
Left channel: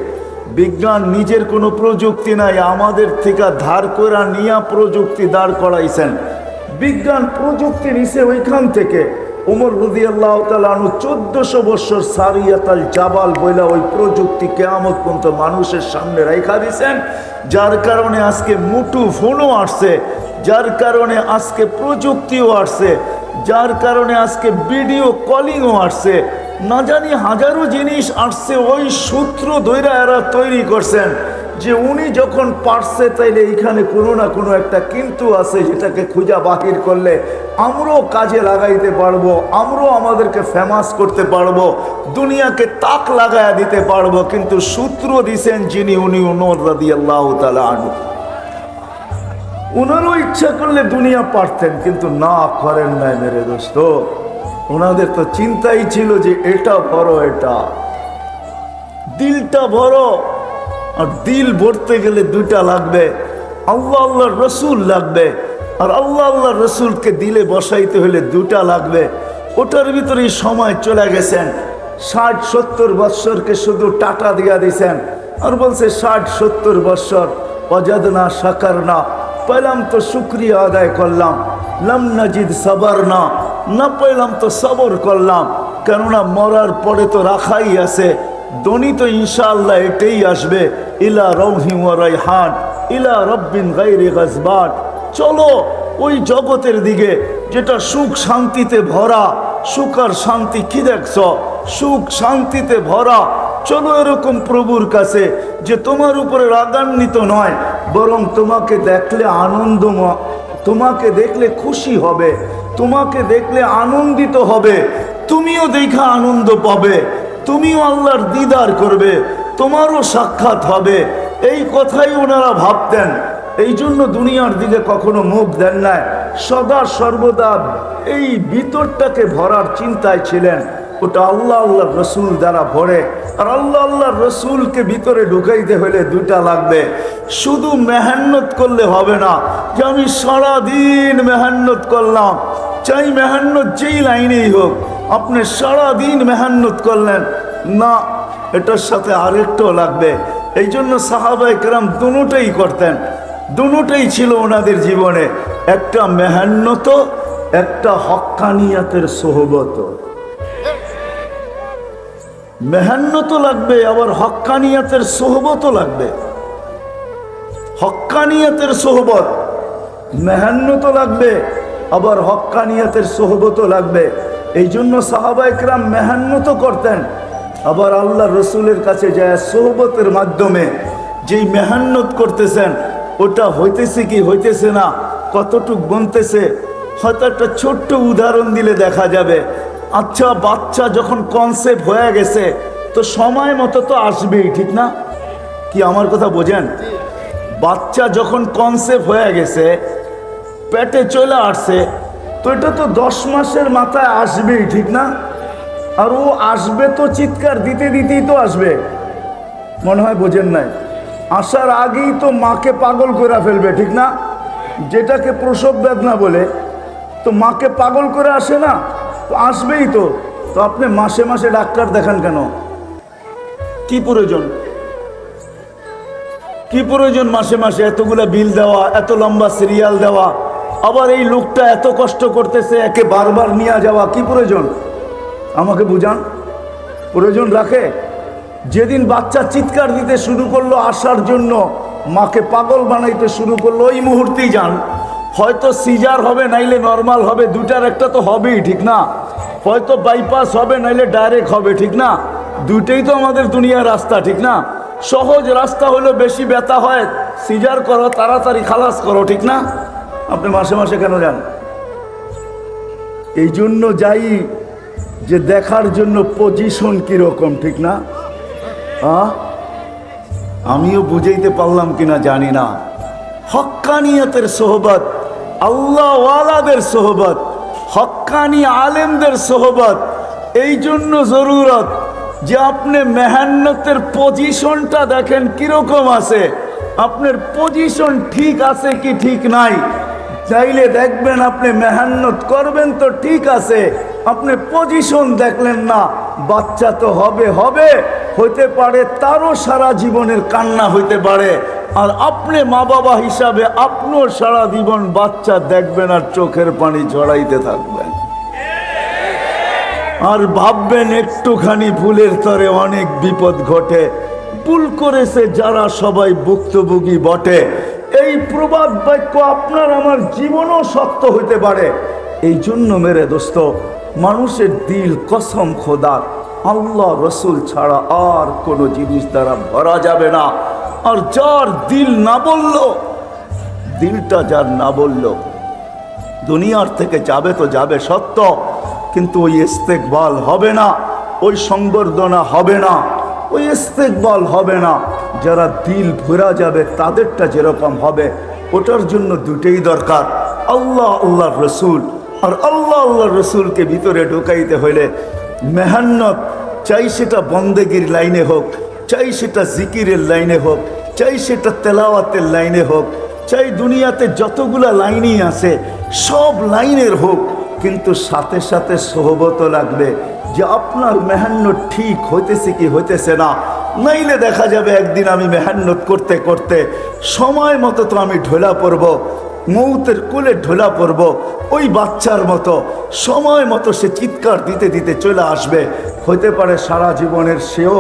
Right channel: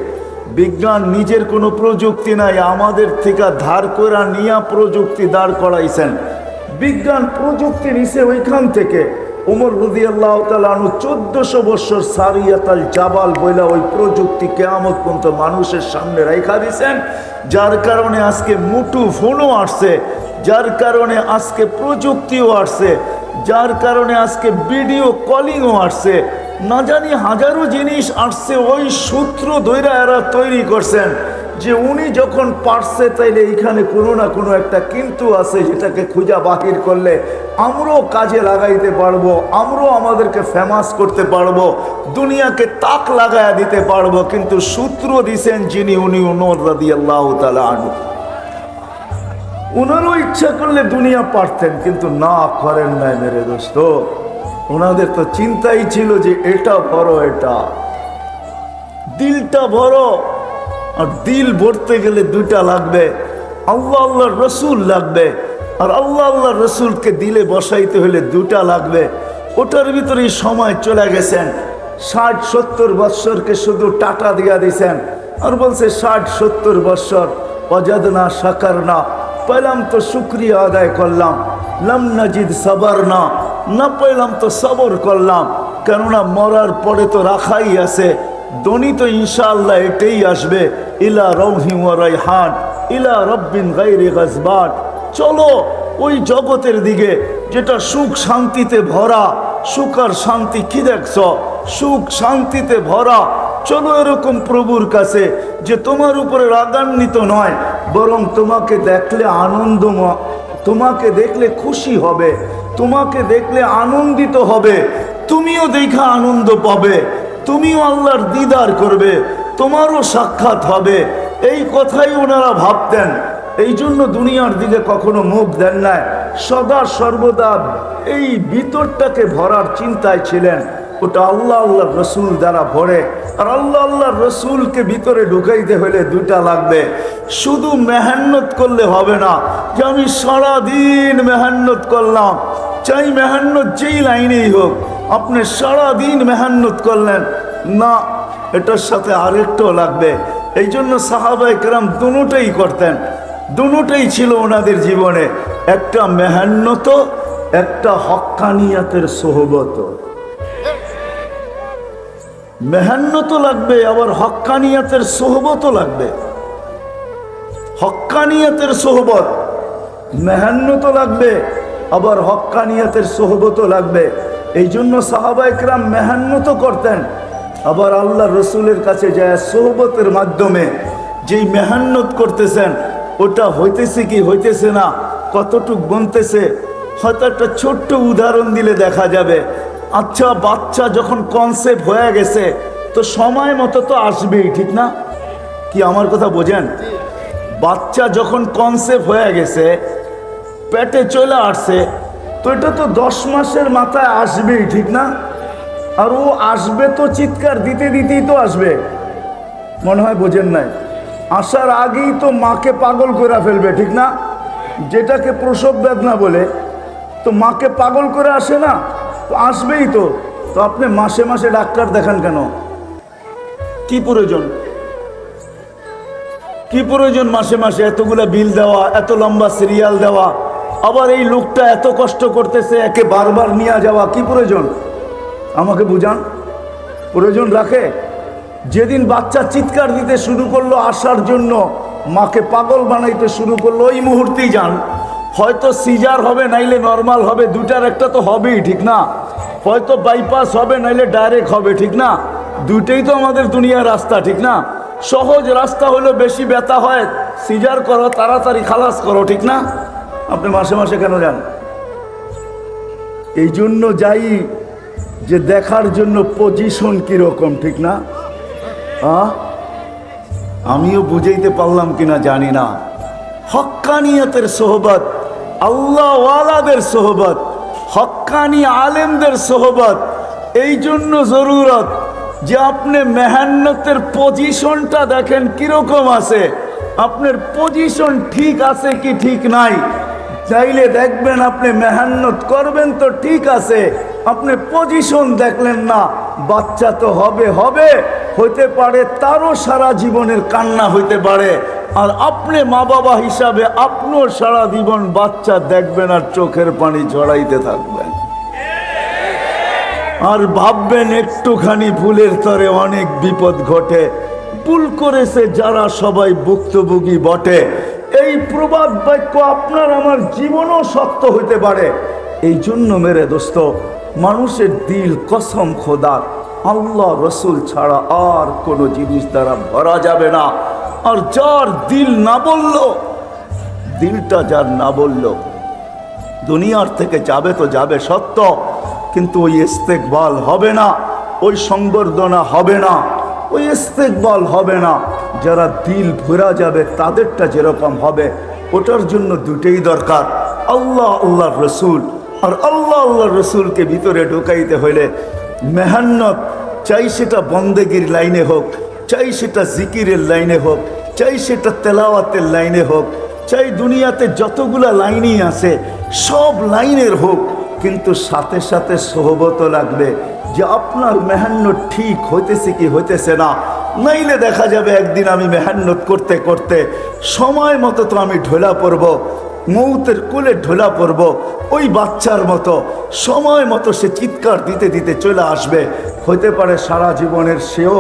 বিজ্ঞান নিজের কোনো প্রযুক্তি নাই, আমাদের থেকে ধার করে নিয়ে প্রযুক্তি দাঁড় করাইছেন। বিজ্ঞান প্রযুক্তি নিছে ওইখান থেকে। ওমর রাদিয়াল্লাহু তাআলা আনহু 1400 বছর সারিয়াতাল জাবাল বইলা ওই প্রযুক্তি কিয়ামত পর্যন্ত মানুষের সামনে রাইখা দিয়েছেন, যার কারণে আজকে মুঠো ফোনও আসছে, যার কারণে আজকে প্রযুক্তিও আসছে, যার কারণে আজকে ভিডিও কলিংও আসছে, না জানি হাজারো জিনিস আসছে। ওই সূত্র ধইরা এরা তৈরি করছেন যে উনি যখন পারছে তাইলে এইখানে কোনো না কোনো একটা কিন্তু আছে, যেটাকে খুঁজা বাহির করলে আমরাও কাজে লাগাইতে পারবো, আমরাও আমাদেরকে ফেমাস করতে পারবো, দুনিয়াকে তাক লাগায়া দিতে পারবো। কিন্তু সূত্র দিছেন যিনি, উনি ওমর রাদিয়াল্লাহু তাআলা আনহু। ওনারও ইচ্ছা করলে দুনিয়া পারতেন, কিন্তু না করেন নাই মেরে দোস্ত। ওনাদের তো চিন্তাই ছিল যে এটা বড়, এটা দিলটা বড়, আর দিল ভরতে গেলে দুইটা লাগবে, আল্লাহ আল্লাহর রসুল লাগবে, আর আল্লাহ আল্লাহর রসুলকে দিলে বসাইতে হলে দুটা লাগবে। ওটার ভিতরে সময় চলে গেছেন। 60-70 বৎসরকে শুধু টাটা দিয়া দিছেন, আর বলছে 60-70 বৎসর ওয়াজাদনা শাকারনা, পেলাম তো শুকরিয়া আদায় করলাম, লাম নাজিদ সাবারনা, না পেলাম তো সবর করলাম। কেননা মরার পরে তো রাখাই আছে, দনি তো ইনশাআল্লাহ এটাই আসবে, ইলা রৌহি ওয়া রাইহান ইলা রব্বিন গায়রি গাজবান। চলো ওই জগতের দিকে যেটা সুখ শান্তিতে ভরা। সুখ আর শান্তি কি দেখছ? সুখ শান্তিতে ভরা। চলো এরকম প্রভুর কাছে যে তোমার উপরে রাগান্বিত নয়, বরং তোমাকে দেখলে আনন্দময়, তোমাকে দেখলে খুশি হবে, তোমাকে দেখলে আনন্দিত হবে, তুমিও দেখা আনন্দ পাবে, তুমিও আল্লাহর দিদার করবে, তোমারও সাক্ষাৎ হবে। এই কথাই ওনারা ভাবতেন। এই জন্য দুনিয়ার দিকে কখনো মুখ দেন নাই, সদা সর্বদা এই ভিতরটাকে ভরার চিন্তায় ছিলেন। ওটা আল্লাহ আল্লাহর রসুল দ্বারা ভরে। আর আল্লাহ আল্লাহর রসুলকে ভিতরে ঢুকাইতে হলে দুইটা লাগবে। শুধু মেহান্নত করলে হবে না যে আমি সারাদিন মেহান্নত করলাম, চাই মেহান্নত যেই লাইনেই হোক, আপনি সারাদিন মেহান্নত করলেন না, এটার সাথে আরেকটাও লাগবে। এই জন্য সাহাবায়ে কেরাম দুটোই করতেন, দুটোই ছিল ওনাদের জীবনে, একটা মেহান্নত, একটা হক্কানিয়াতের সোহবত। মেহান্নত লাগবে, আবার হক্কানিয়াতের সোহবতও লাগবে। হক্কানিয়াতের সোহবত, মেহান্নত লাগবে, আবার হক্কানিয়াতের সোহবতও লাগবে। এই জন্য সাহাবায়ে কেরাম মেহান্নত করতেন, আবার আল্লাহ রসুলের কাছে যায় সোহবতের মাধ্যমে। যেই মেহান্নত করতেছেন ওটা হইতেছে কি হইতেছে না, কতটুক বনতেছে, হয়তো একটা ছোট্ট উদাহরণ দিলে দেখা যাবে। আচ্ছা, বাচ্চা যখন কনসেপ্ট হয়ে গেছে তো সময় মতো তো আসবেই, ঠিক না? কি আমার কথা বোঝেন? বাচ্চা যখন কনসেপ্ট হয়ে গেছে, পেটে চলে আসছে, তো এটা তো 10 মাসের মাথায় আসবেই, ঠিক না? আর ও আসবে তো চিৎকার দিতে দিতেই তো আসবে, মনে হয় বোঝেন নাই। আসার আগেই তো মাকে পাগল করে ফেলবে, ঠিক না? যেটাকে প্রসব বেদনা বলে, তো মাকে পাগল করে আসে না, তো আসবেই তো। তো আপনি মাসে মাসে ডাক্তার দেখান কেন? কি প্রয়োজন? কি প্রয়োজন মাসে মাসে এতগুলা বিল দেওয়া, এত লম্বা সিরিয়াল দেওয়া, আবার এই লোকটা এত কষ্ট করতেছে, একে বারবার নিয়ে যাওয়া, কি প্রয়োজন? আমাকে বুঝান, প্রয়োজন রাখে? যেদিন বাচ্চা চিৎকার দিতে শুরু করলো আসার জন্য, মাকে পাগল বানাইতে শুরু করলো, ওই মুহূর্তেই যান। হয়তো সিজার হবে, নাইলে নর্মাল হবে, দুটার একটা তো হবেই, ঠিক না? হয়তো বাইপাস হবে, নাইলে ডাইরেক্ট হবে, ঠিক না? দুইটাই তো আমাদের দুনিয়ার রাস্তা, ঠিক না? সহজ রাস্তা হলো বেশি ব্যথা হয়, সিজার করো, তাড়াতাড়ি খালাস করো, ঠিক না? আপনি মাসে মাসে কেন যান? এই জন্য যাই যে দেখার জন্য পজিশন কিরকম, ঠিক না? আমিও বুঝাইতে পারলাম কিনা জানি না। হক্কানিয়াতের সোহবত, আল্লাহ ওয়ালাদের সোহবত, হক্কানি আলেমদের সোহবত, এই জন্য জরুরত যে আপনি মেহান্নতের পজিশনটা দেখেন কিরকম আছে, আপনার পজিশন ঠিক আছে কি ঠিক নাই। চাইলে দেখবেন আপনি মেহান্নত করবেন তো ঠিক আছে, আপনি পজিশন দেখলেন না, বাচ্চা তো হবে হবে, হইতে পারে তারও সারা জীবনের কান্না হইতে পারে, আর আপনি মা বাবা হিসাবে আপনার সারা জীবন বাচ্চা দেখবেন আর চোখের পানি ঝরাইতে থাকবেন, আর ভাববেন একটুখানি ভুলের তরে অনেক বিপদ ঘটে। ভুল করেছে যারা সবাই ভুক্তভোগী বটে। এই প্রবাদ বাক্য আপনার আমার জীবনও সত্য হইতে পারে। এই জন্য মেরে দোস্ত, মানুষের দিল কসম খোদার আল্লাহ রসুল ছাড়া আর কোনো জিনিস দ্বারা ভরা যাবে না। আর যার দিল না বলল, দিলটা যার না বলল, দুনিয়ার থেকে যাবে তো যাবে সত্য, কিন্তু ওই ইস্তেকবাল হবে না, ওই সংবর্ধনা হবে না, ওই ইস্তেকবাল হবে না। যারা দিল ভরা যাবে তাদেরটা যেরকম হবে, ওটার জন্য দুটেই দরকার, আল্লাহ আল্লাহর রসুল। আর আল্লাহ আল্লাহর রসুলকে ভিতরে ঢুকাইতে হইলে মেহান্নত, চাই সেটা বন্দেগীর লাইনে হোক, চাই সেটা জিকিরের লাইনে হোক, চাই সেটা তেলাওয়াতের লাইনে হোক, চাই দুনিয়াতে যতগুলা লাইনই আছে সব লাইনের হোক, কিন্তু সাথে সাথে সোহবতও লাগবে যে আপনার মেহান্নত ঠিক হইতেছে কি হইতেছে না। নাইলে দেখা যাবে একদিন আমি মেহান্নত করতে করতে সময় মতো তো আমি ঢোলা পড়ব, মৌতের কোলে ঢোলা পড়ব, ওই বাচ্চার মতো সময় মতো সে চিৎকার দিতে দিতে চলে আসবে। হইতে পারে সারা জীবনের সেও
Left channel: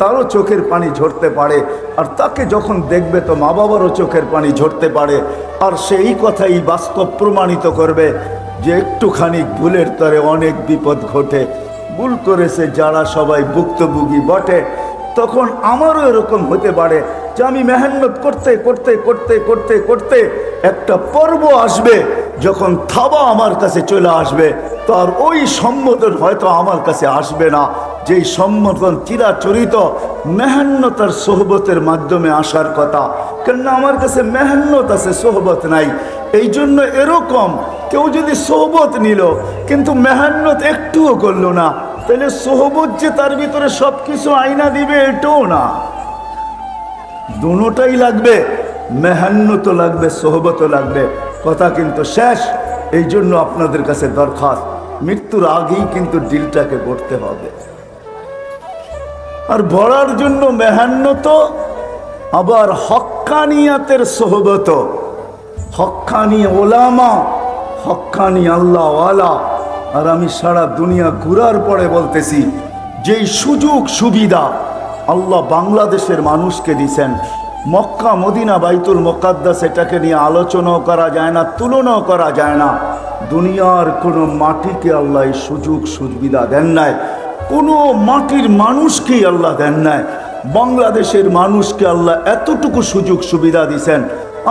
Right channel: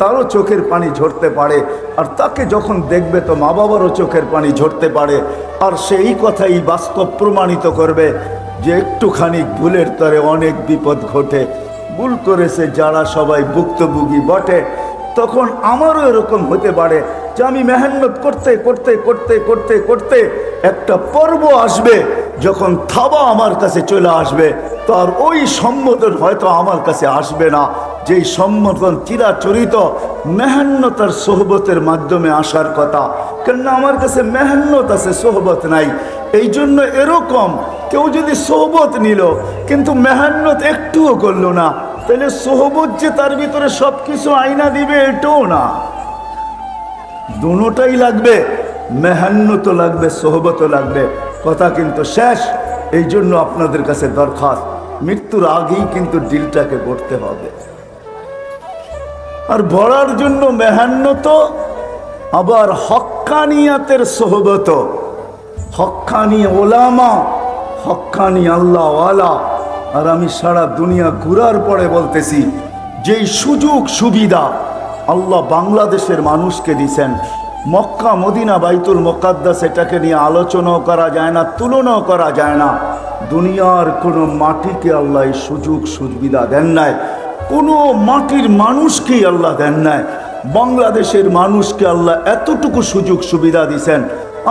তারও চোখের পানি ঝরতে পারে, আর তাকে যখন দেখবে তো মা বাবারও চোখের পানি ঝরতে পারে। আর সেই কথাই বাস্তব প্রমাণিত করবে যে একটুখানি ভুলের তরে অনেক বিপদ ঘটে। ভুল করেছে যারা সবাই ভুক্তভোগী বটে। তখন আমারও এরকম হতে পারে যে আমি মেহনত করতে করতে করতে করতে করতে একটা পর্ব আসবে, যখন থাবা আমার কাছে চলে আসবে, তো আর ওই সম্বোধন হয়তো আমার কাছে আসবে না, যেই সম্বোধন চিরাচরিত মেহনত আর সোহবতের মাধ্যমে আসার কথা। কেননা আমার কাছে মেহনত আছে, সোহবত নাই। এই জন্য এরকম কেউ যদি সোহবত নিল কিন্তু মেহনত একটুও করলো না, তাহলে সোহবত যে তার ভিতরে সব কিছু আইনা দিবে এটাও না। দুটোটাই লাগবে, মেহনতও লাগবে, সোহবতও লাগবে। কথা কিন্তু শেষ। এই জন্য আপনাদের কাছে দরখাস্ত, মৃত্যুর আগেই কিন্তু দিলটাকে গড়তে হবে। আর ভরার জন্য মেহনত, আবার হক্কানিয়াতের সোহবত, হক্কানি ওলামা, হক্কানি আল্লাহওয়ালা। আর আমি সারা দুনিয়া ঘুরার পরে বলতেছি, যেই সুযোগ সুবিধা আল্লাহ বাংলাদেশের মানুষকে দিছেন, মক্কা মদিনা বাইতুল মুকাদ্দাস, এটাকে নিয়ে আলোচনাও করা যায় না, তুলনাও করা যায় না। দুনিয়ার কোনো মাটিকে আল্লাহ এই সুযোগ সুবিধা দেন নাই, কোনো মাটির মানুষকেই আল্লাহ দেন নাই। বাংলাদেশের মানুষকে আল্লাহ এতটুকু সুযোগ সুবিধা দিছেন।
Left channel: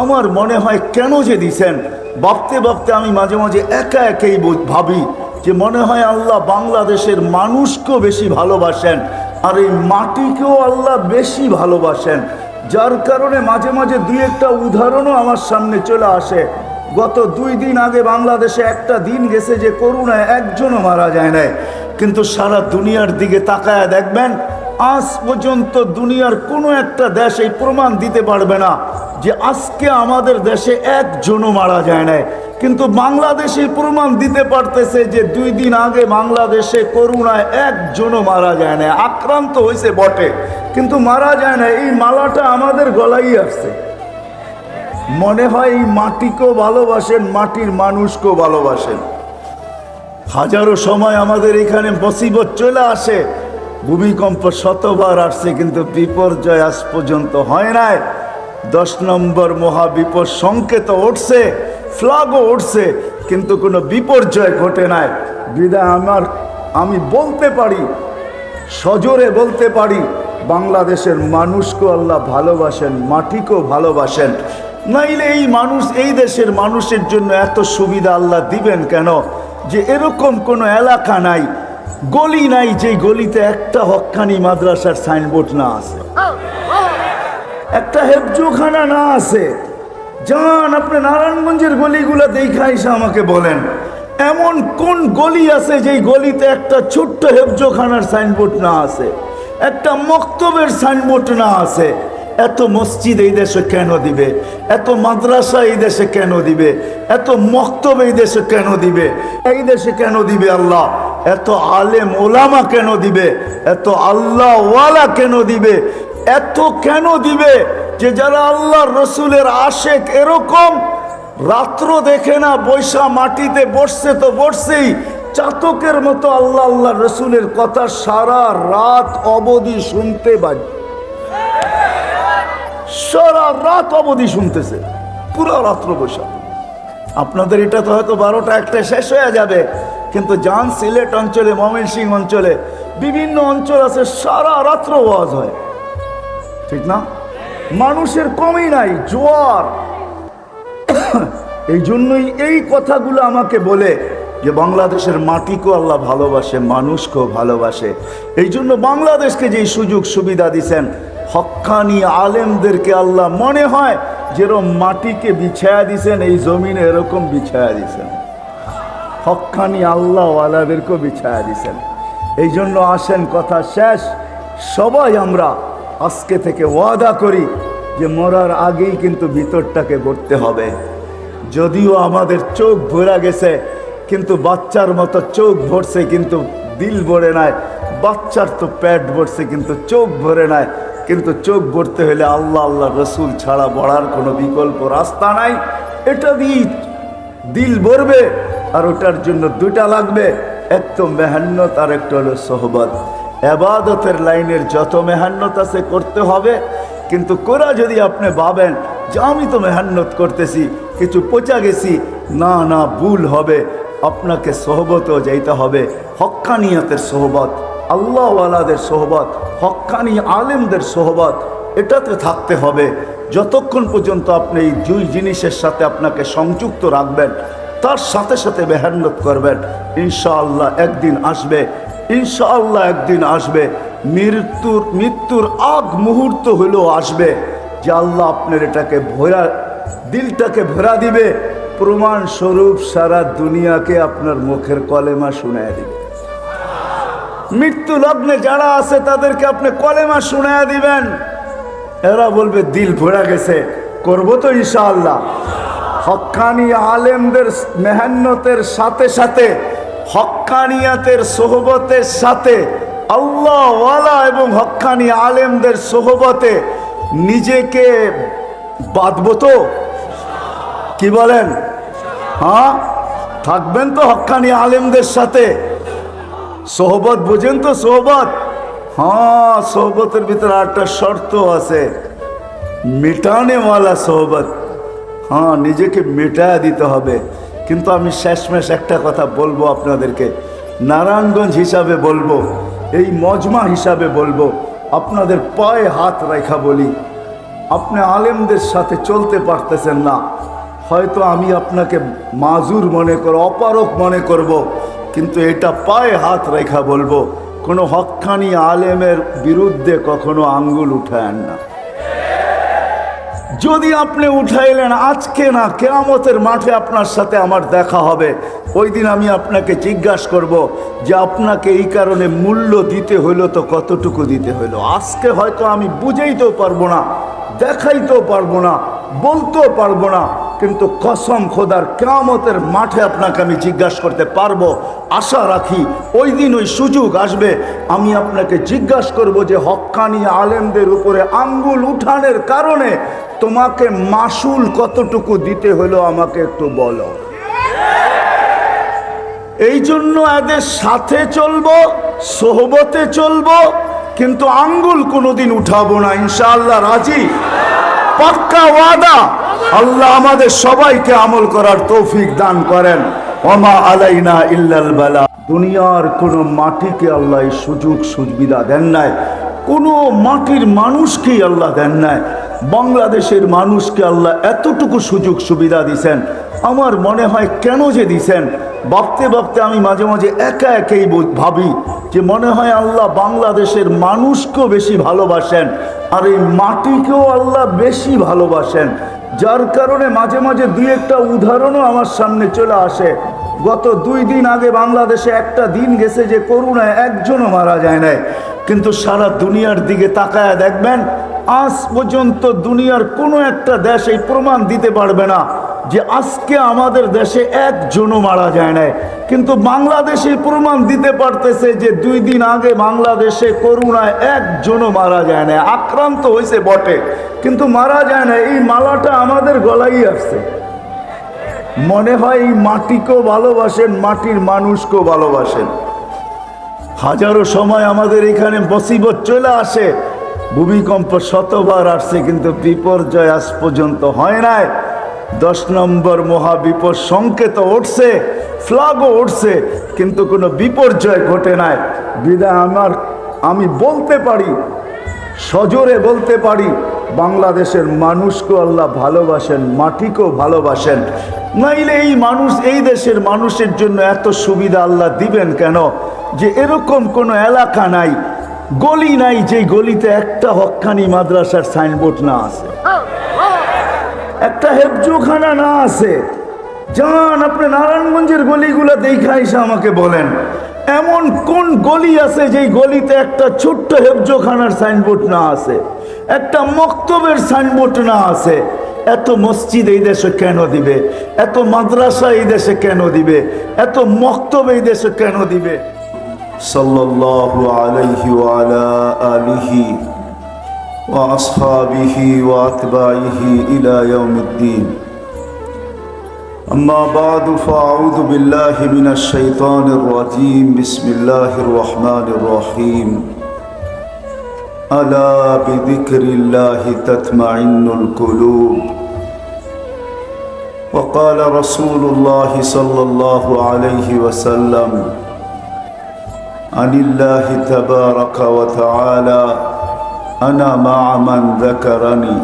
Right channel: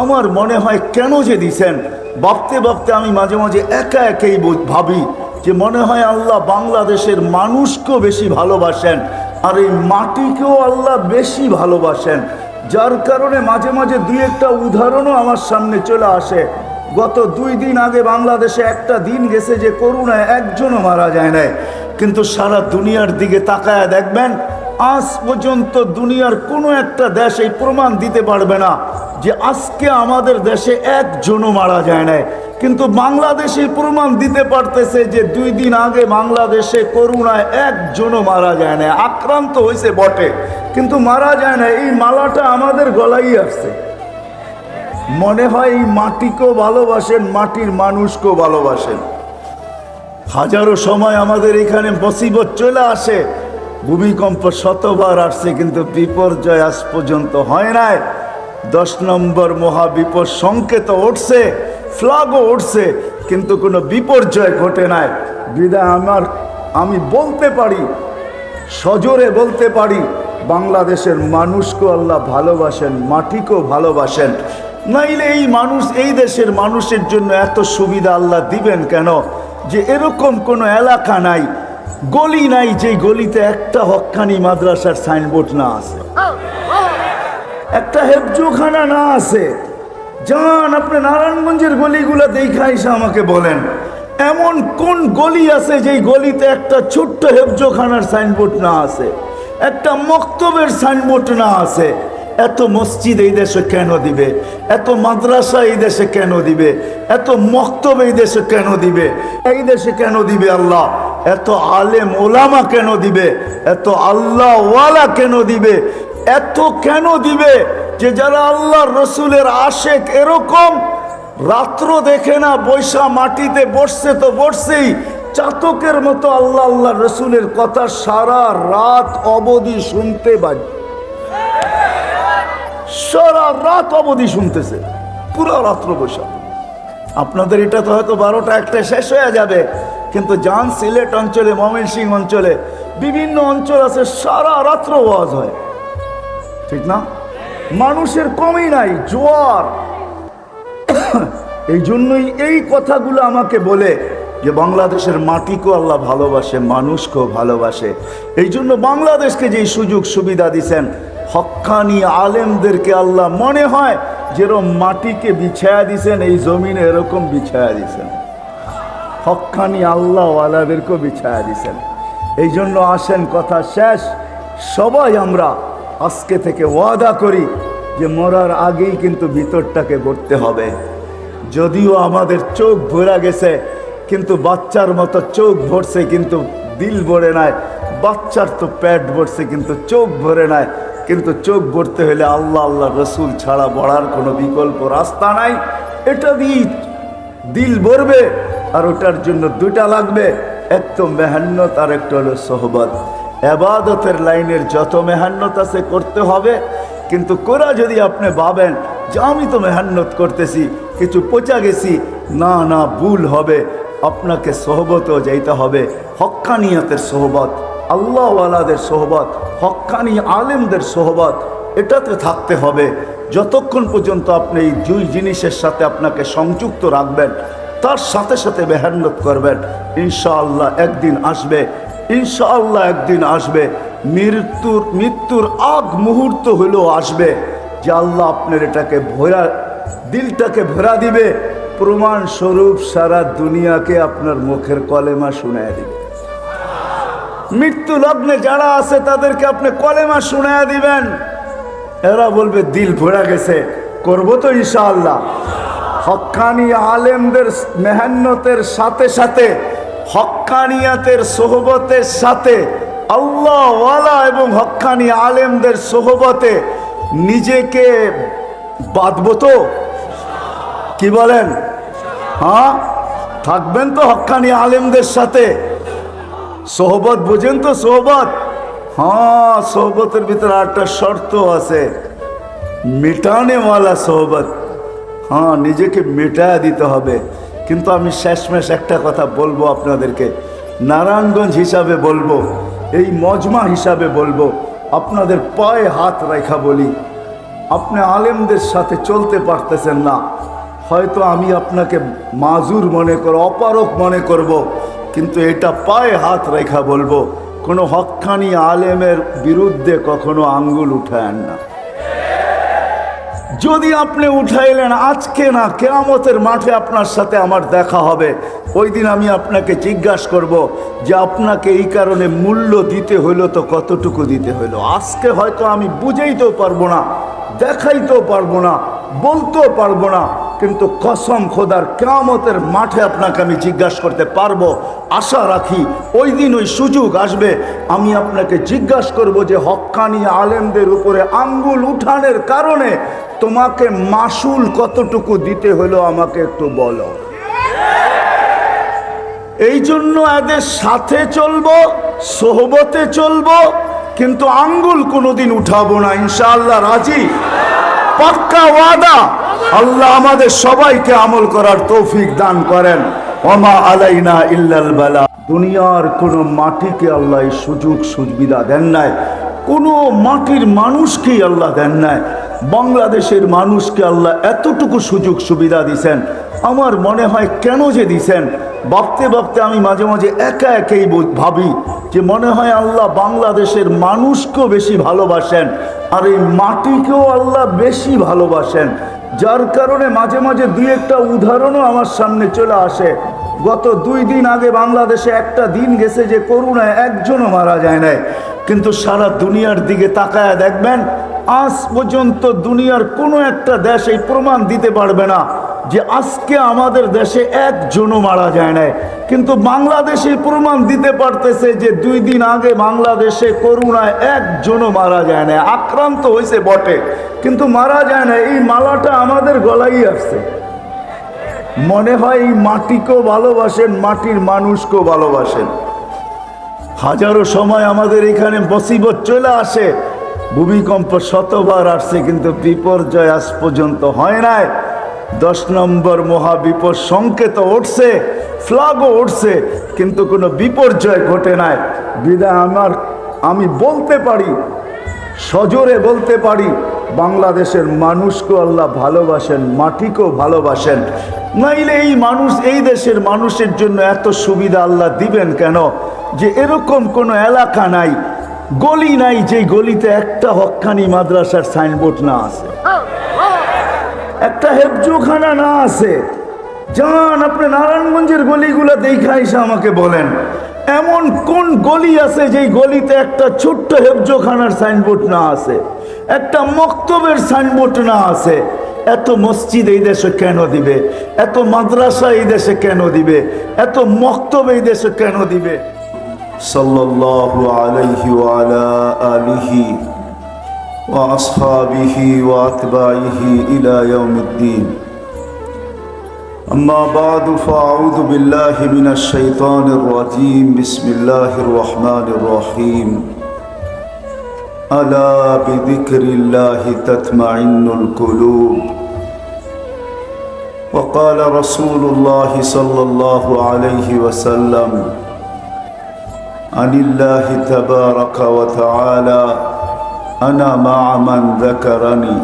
আমার মনে হয় কেন যে দিছেন, ভাবতে ভাবতে আমি মাঝে মাঝে একা একাই ভাবি যে মনে হয় আল্লাহ বাংলাদেশের মানুষকেও বেশি ভালোবাসেন, আর এই মাটিকেও আল্লাহ বেশি ভালোবাসেন। যার কারণে মাঝে মাঝে দুই একটা উদাহরণও আমার সামনে চলে আসে। গত 2 দিন আগে বাংলাদেশে একটা দিন গেছে যে করোনায় একজনও মারা যায় নাই, কিন্তু সারা দুনিয়ার দিকে তাকায় দেখবেন আজ পর্যন্ত দুনিয়ার কোনো একটা দেশ এই প্রমাণ দিতে পারবে না যে আজকে আমাদের দেশে একজনও মারা যায় নাই। কিন্তু বাংলাদেশে প্রমাণ দিতে পারতেছে যে 2 দিন আগে বাংলাদেশে করোনায় একজনও মারা যায় না। আক্রান্ত হয়েছে বটে, কিন্তু মারা যায় না। এই মালাটা আমাদের গলায় আসছে। মনে হয় এই মাটিকেও ভালোবাসেন, মাটির মানুষকেও ভালোবাসেন। হাজারো সময় আমাদের এখানে মুসিবত চলে আসে, ভূমিকম্প শতবার আসছে, কিন্তু বিপর্যয় আজ পর্যন্ত হয় নাই। 10 নম্বর মহাবিপদ সংকেত উঠছে, ফ্ল্যাগও উঠছে, কিন্তু কোনো বিপর্যয় ঘটে নাই। বিদায় আমি বলতে পারি, সজোরে বলতে পারি, বাংলাদেশের মানুষকেও আল্লাহ ভালোবাসেন, মাটিকেও ভালোবাসেন। নাইলে এই মানুষ, এই দেশের মানুষের জন্য এত সুবিধা আল্লাহ দিবেন কেন? যে এরকম কোনো এলাকা নাই, গলি নাই, যেই গলিতে একটা হক্কানি মাদ্রাসার সাইনবোর্ড না আছে, একটা হেফজোখানা না আছে। যান আপনি নারায়ণগঞ্জের গলিগুলো দেখা এসে আমাকে বলেন, এমন কোন গলি আছে যেই গলিতে একটা ছোট্ট হেফজোখানার সাইনবোর্ড না আছে, একটা মক্তবের সাইনবোর্ড না আছে। এত মসজিদ এই দেশে কেন দিবে, এত মাদ্রাসা এই দেশে কেন দিবে, এত মক্তব এই দেশে কেন দিবে, এই দেশে কেন দিবে আল্লাহ, এত আলেম ওলামা কেন দিবে, এত আল্লাহ ওয়ালা কেন দিবে, এত কেন দিবে যে যারা আল্লাহ রসুলের আশেক এরকম রাত্র দেখে না, বৈশা মাটিতে বসছে তো বসছেই, চাতকের মতো আল্লাহ আল্লাহ রসুলের কথা সারা রাত অবধি শুনতে বাজে, সারা রাত অবধি শুনতেছে, পুরো রাত্র বৈশা। আপনাদের এটা তো হয়তো 12টা 1টা শেষ হয়ে যাবে, কিন্তু যান সিলেট অঞ্চলে, ময়মনসিংহ অঞ্চলে, বিভিন্ন অঞ্চল আছে সারা রাত্র ওয়াজ হয়, ঠিক না? মানুষের কমই নাই, জোয়ার। এই জন্যই এই কথাগুলো আমাকে বলে যে বাংলাদেশের মাটিকেও আল্লাহ ভালোবাসে, মানুষকেও ভালোবাসে। এই জন্য বাংলাদেশকে যেই সুযোগ সুবিধা দিছেন, হক্কানি আলেমদেরকে আল্লাহ মনে হয় যেরকম মাটিকে বিছায়া দিছেন, এই জমিনে এরকম বিছায়া দিছেন, হক্কানি আল্লাহ ওয়ালাদেরকেও বিছায়া দিছেন। এই জন্য আসেন, কথা শেষ, সবাই আমরা আজকে থেকে ওয়াদা করি যে মরার আগেই কিন্তু ভিতরটাকে ভরতে হবে। যদিও আমাদের চোখ ভরা গেছে, কিন্তু বাচ্চার মতো চোখ ভরছে কিন্তু দিল ভরে নাই, বাচ্চার তো পেট ভরছে কিন্তু চোখ ভরে নাই। কিন্তু চোখ ভরতে হলে আল্লাহ আল্লাহ রসুল ছাড়া বড়ার কোনো বিকল্প রাস্তা নাই। এটা দিয়ে দিল ভরবে, আর ওটার জন্য দুটা লাগবে, এক তো মেহান্নত আর একটা হলো সোহবত। এবাদতের লাইনের যত মেহান্নত আছে করতে হবে, কিন্তু কোরা যদি আপনি ভাবেন যে আমি তো মেহান্নত করতেছি, কিছু পচা গেছি, না না, ভুল হবে। আপনাকে সোহবতও যাইতে হবে, হক্কানিয়াতের সোহবত, আল্লাহওয়ালাদের সোহবত, হক্কানি আলেমদের সোহবত, এটাতে থাকতে হবে। যতক্ষণ পর্যন্ত আপনি এই দুই জিনিসের সাথে আপনাকে সংযুক্ত রাখবেন, তার সাথে সাথে মেহান্নত করবেন, ইনশাআল্লাহ একদিন আসবে, ইনশাআল্লাহ একদিন আসবে। মৃত্যুর আগ মুহূর্ত হলেও আসবে যে আল্লাহ আপনার এটাকে ভরা, দিলটাকে ভরা দিবে। প্রমাণ স্বরূপ সারা দুনিয়াকে আপনার মুখের কলেমা শুনায় দিবে। মৃত্যু লগ্নে যারা আছে তাদেরকে আপনি কলেমা শুনায় দিবেন, এরা বলবে দিল ভরা গেছে, করবো তো ইনশাআল্লাহ। হক্কানি আলেমদের মেহান্নতের সাথে সাথে, হক্কানিয়াতের সোহবতের সাথে, আল্লাহ ওয়ালা এবং হক্কানি আলেমদের সোহবতে নিজেকে বাঁধবো তো? কি বলেন? হ্যাঁ, থাকবেন তো হক্কানি আলেমদের সাথে? সোহবত বুঝেন তো? সোহবত, হ্যাঁ, সোহবতের ভিতরে একটা শর্ত আছে, মেটানেওয়ালা সোহবত। হ্যাঁ, নিজেকে মেটায়া দিতে হবে। কিন্তু আমি শেষমেশ একটা কথা বলবো আপনাদেরকে, নারায়ণগঞ্জ হিসাবে বলবো, এই মজমা হিসাবে বলবো, আপনাদের পায়ে হাত রেখা বলি, আপনি আলেমদের সাথে চলতে পারতেছেন না, হয়তো আমি আপনাকে মাজুর মনে করব, অপারক মনে করব, কিন্তু এটা পায়ে হাত রেখা বলবো, কোনো হক্কানি আলেমের বিরুদ্ধে কখনো আঙ্গুল উঠায়েন না। যদি আপনি উঠাইলেন, আজকে না, কিয়ামতের মাঠে আপনার সাথে আমার দেখা হবে, ওই দিন আমি আপনাকে জিজ্ঞাসা করব যে আপনাকে এই কারণে মূল্য দিতে হইলো তো কতটুকু দিতে হইলো। আজকে হয়তো আমি বুঝাইতেও পারবো না, দেখাইতেও পারবো না, বলতেও পারবো না, কিন্তু কসম খোদার কিয়ামতের মাঠে আপনাকে আমি জিজ্ঞাসা করতে পারবো। আশা রাখি ওই দিন ওই সুযোগ আসবে, আমি আপনাকে জিজ্ঞাসা করব যে হক্কানি আলেমদের উপরে আঙ্গুল উঠানের কারণে তোমাকে মাসুল কতটুকু দিতে হলো আমাকে একটু বলো। এই জন্য এদের সাথে চলবো, সোহবতে চলবো, কিন্তু আঙ্গুল কোনোদিন উঠাবো না, ইনশাআল্লাহ। রাজি? পাক্কা ওয়াদা। আল্লাহ আমাদের সবাইকে আমল করার তৌফিক দান করেন। ওমা আলাইনা ইল্লাল বালা। দুনিয়ার কোন মাটিকে আল্লাহ এই সুযোগ সুবিধা দেন নাই, কোনো মাটির মানুষকেই আল্লাহ দেন নাই। বাংলাদেশের মানুষকে আল্লাহ এতটুকু সুযোগ সুবিধা দিছেন, আমার মনে হয় কেন যে দিছেন, ভাবতে ভাবতে আমি মাঝে মাঝে একা একাই ভাবি যে মনে হয় আল্লাহ বাংলাদেশের মানুষকেও বেশি ভালোবাসেন, আর এই মাটিকেও আল্লাহ বেশি ভালোবাসেন। যার কারণে মাঝে মাঝে দুই একটা উদাহরণও আমার সামনে চলে আসে। গত 2 দিন আগে বাংলাদেশে একটা দিন গেছে যে করোনায় একজনও মারা যায় নাই, কিন্তু সারা দুনিয়ার দিকে তাকায়া দেখবেন আজ পর্যন্ত দুনিয়ার কোনো একটা দেশ এই প্রমাণ দিতে পারবে না যে আজকে আমাদের দেশে একজনও মারা যায় নাই। কিন্তু বাংলাদেশে প্রমাণ দিতে পারতেছে যে 2 দিন আগে বাংলাদেশে করোনায় একজনও মারা যায় না। আক্রান্ত হয়েছে বটে, কিন্তু মারা যায় না। এই মালাটা আমাদের গলায় আসছে। মনে হয় এই মাটিকেও ভালোবাসেন, মাটির মানুষকেও ভালোবাসেন। হাজারো সময় আমাদের এখানে মুসিবত চলে আসে, ভূমিকম্প শতবার আসছে, কিন্তু বিপর্যয় আজ পর্যন্ত হয় নাই। 10 নম্বর মহাবিপদ সংকেত উঠছে, ফ্ল্যাগও উঠছে, কিন্তু কোনো বিপর্যয় ঘটে নাই। বিদায় আমি বলতে পারি, সজোরে বলতে পারি, বাংলাদেশের মানুষকেও আল্লাহ ভালোবাসেন, মাটিকেও ভালোবাসেন। নাইলে এই মানুষ, এই দেশের মানুষের জন্য এত সুবিধা আল্লাহ দিবেন কেন? যে এরকম কোনো এলাকা নাই, গলি নাই, যে গলিতে একটা হক্কানি মাদ্রাসার সাইনবোর্ড না আছে, একটা হেফজোখানা না আছে। যান আপনি নারায়ণগঞ্জের গলিগুলো দেখা এসে আমাকে বলেন, এমন কোন গলি আছে যেই গলিতে একটা ছোট্ট হেফজোখানার সাইনবোর্ড না আছে, একটা মক্তবের সাইনবোর্ড না আছে? এত মসজিদ এই দেশে কেন দিবে? এত মাদ্রাসা এই দেশে কেন দিবে? এত মক্তব এই দেশে কেন দিবে? সাল্লাল্লাহু আলাইহি ওয়া আলা আলিহি ওয়া আসহাবিহি ওয়া আতবাইহি ইলা ইয়াউমিদ্দিন। أما بعد فأعوذ بالله من الشيطان الرجيم بسم الله الرحمن الرحيم ألا بذكر الله تطمئن القلوب وقال رسول الله صلى الله عليه وسلم عن الله تبارك وتعالى أنا مع من ذكرني।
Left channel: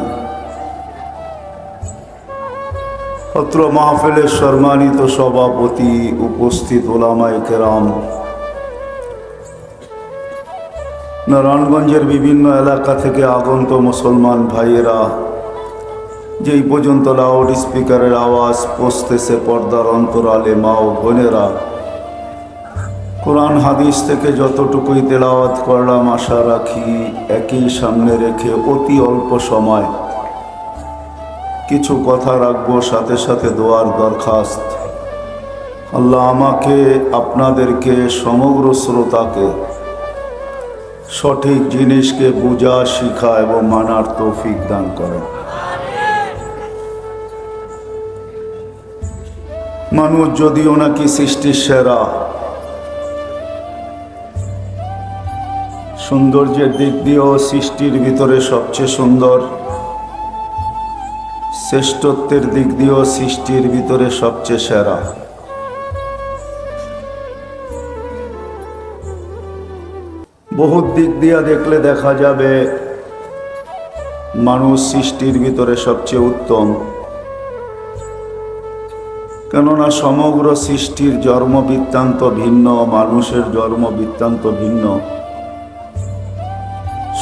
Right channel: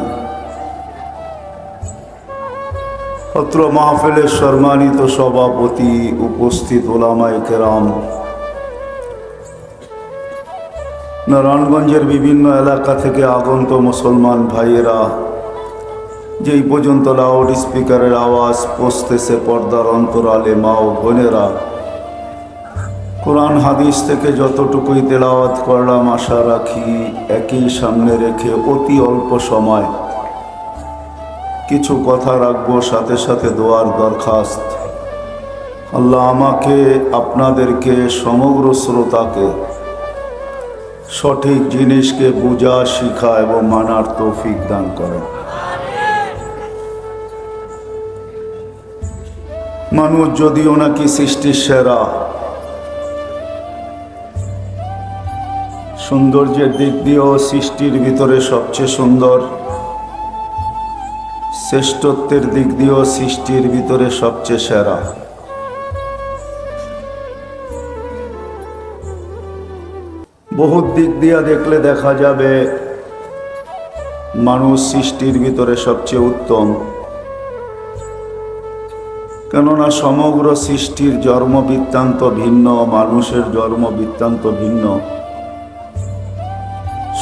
অত্র মাহফিলের সম্মানিত সভাপতি, উপস্থিত ওলামায়ে কেরাম, নারায়ণগঞ্জের বিভিন্ন এলাকা থেকে আগত মুসলমান ভাইয়েরা, যেই পর্যন্ত লাউড স্পিকারের আওয়াজ পৌঁছতেছে পর্দার অন্তরালে মা ও বোনেরা, কোরআন হাদিস থেকে যতটুকুই তেলাওয়াত করলাম আশা রাখি একই সামনে রেখে অতি অল্প সময় কিছু কথা রাখবো, সাথে সাথে দোয়ার দরখাস্ত। আল্লাহ আমাকে, আপনাদেরকে, সমগ্র শ্রোতাকে সঠিক জিনিসকে বুঝা, শিখা এবং মানার তৌফিক দান করেন। মানুষ যদিও নাকি সৃষ্টির সেরা, সৌন্দর্যের দিক দিয়েও সৃষ্টির ভিতরে সবচেয়ে সুন্দর, শ্রেষ্ঠত্বের দিক দিয়েও সৃষ্টির ভিতরে সবচেয়ে সেরা। বহুত দিক দিয়া দেখলে দেখা যাবে মানুষ সৃষ্টির ভিতরে সবচেয়ে উত্তম। কেননা সমগ্র সৃষ্টির জন্ম বৃত্তান্ত ভিন্ন, মানুষের জন্ম বৃত্তান্ত ভিন্ন।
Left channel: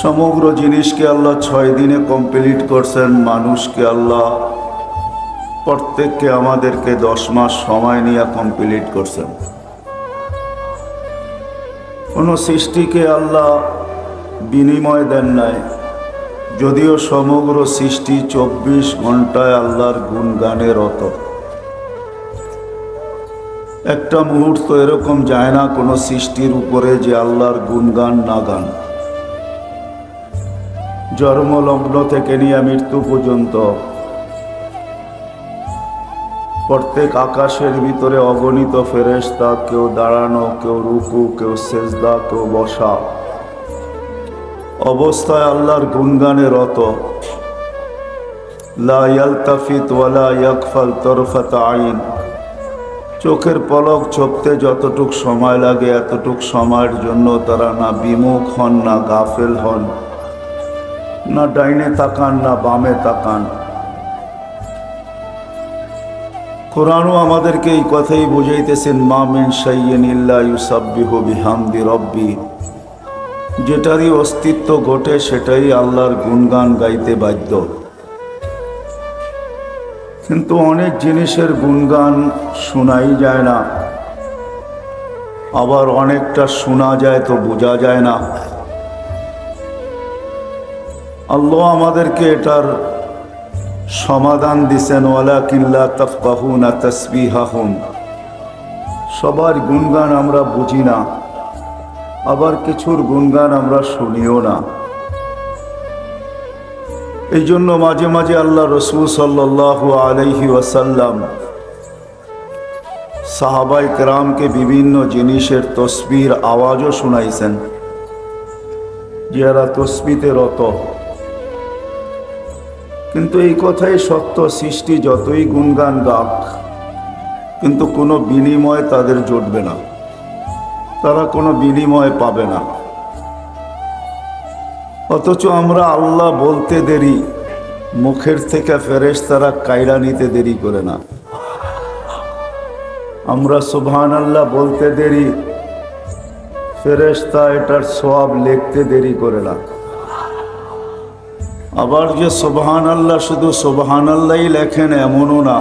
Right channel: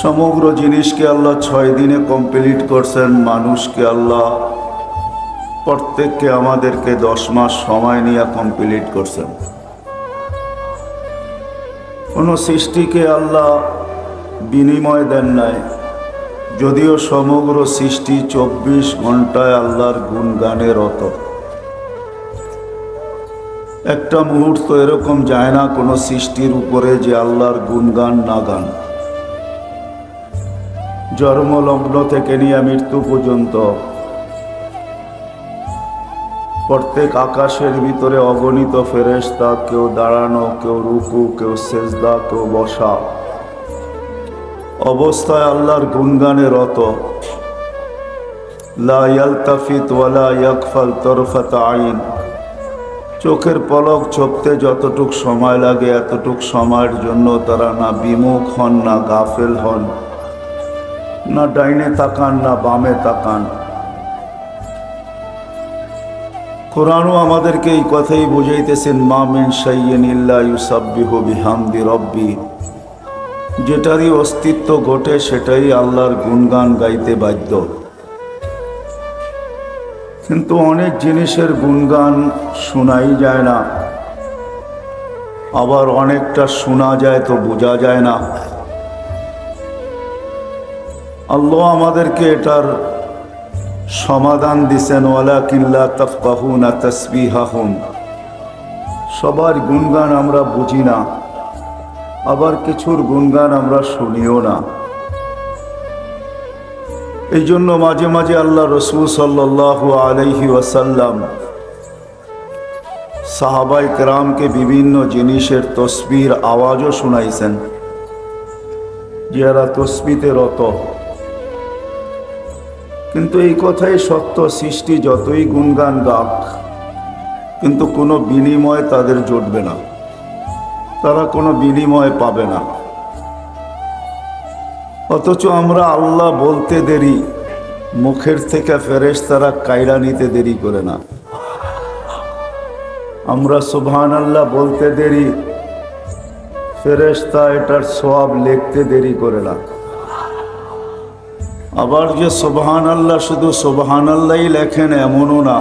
সমগ্র জিনিসকে আল্লাহ 6 দিনে কমপ্লিট করছেন, মানুষকে আল্লাহ প্রত্যেককে আমাদেরকে 10 মাস সময় নিয়ে কমপ্লিট করছেন। কোন সৃষ্টিকে আল্লাহ বিনিময় দেন নাই, যদিও সমগ্র সৃষ্টি 24 ঘন্টায় আল্লাহর গুণগানে রত। একটা মুহূর্ত এরকম যায় না কোনো সৃষ্টির উপরে যে আল্লাহর গুণগান না গান। জন্মলগ্ন থেকে নিয়ে মৃত্যু পর্যন্ত প্রত্যেক আকাশের ভিতরে অগণিত ফেরেশতা, কেউ দাঁড়ানো, কেউ রুকু, কেউ সেজদা, কেউ বসা অবস্থায় আল্লাহর গুণগানে রত। লা ইয়ালতাফিত ওয়ালা ইয়াগফাল তরফাত আইন। চোখের পলক ঝপতে যতটুক সময় লাগে এতটুক সময়ের জন্য তারা না বিমুখ হন, না গাফেল হন, না ডাইনে তাকান, না বামে তাকান। কোরআনও আমাদেরকে এই কথাই বুঝাইতেছেন, মা মিন শাইইন ইল্লা ইউসাব্বিহু বিহামদি রাব্বি। যেটারই অস্তিত্ব ঘটে সেটাই আল্লাহর গুণগান গাইতে বাধ্য। কিন্তু অনেক জিনিসের গুণগান শোনাই যায় না, আবার অনেকটা শোনা যায় তো বোঝা যায় না। আল্লাহ আমাদেরকে এটার সমাধান দিছেন, ওয়ালাকিন লা তাফকাহুনা তাসবিহাহুম। সবার গুণগান আমরা বুঝি না, আবার কিছুর গুণগান আমরা শুনিও না। এই জন্য মাঝে মাঝে আল্লাহ রসূল সাল্লাল্লাহু আলাইহি ওয়াসাল্লাম সাহাবায়ে কেরামকে বিভিন্ন জিনিসের তসবির আওয়াজও শুনাইছেন, যারা তসবিতে রত। কিন্তু এই কথাই সত্য, সৃষ্টি যতই গুণগান গাক, কিন্তু কোনো বিনিময় তাদের জুটবে না, তারা কোনো বিনিময় পাবে না। অথচ আমরা আল্লাহ বলতে দেরি, মুখের থেকে ফেরেশতারা কায়রা নিতে দেরি করে না। আমরা সুবহানাল্লাহ বলতে দেরি, ফেরেশতা এটার সওয়াব লিখতে দেরি করে না। আবার যে সুবহানাল্লাহ শুধু সুবহানাল্লাহই লেখেন এমনও না।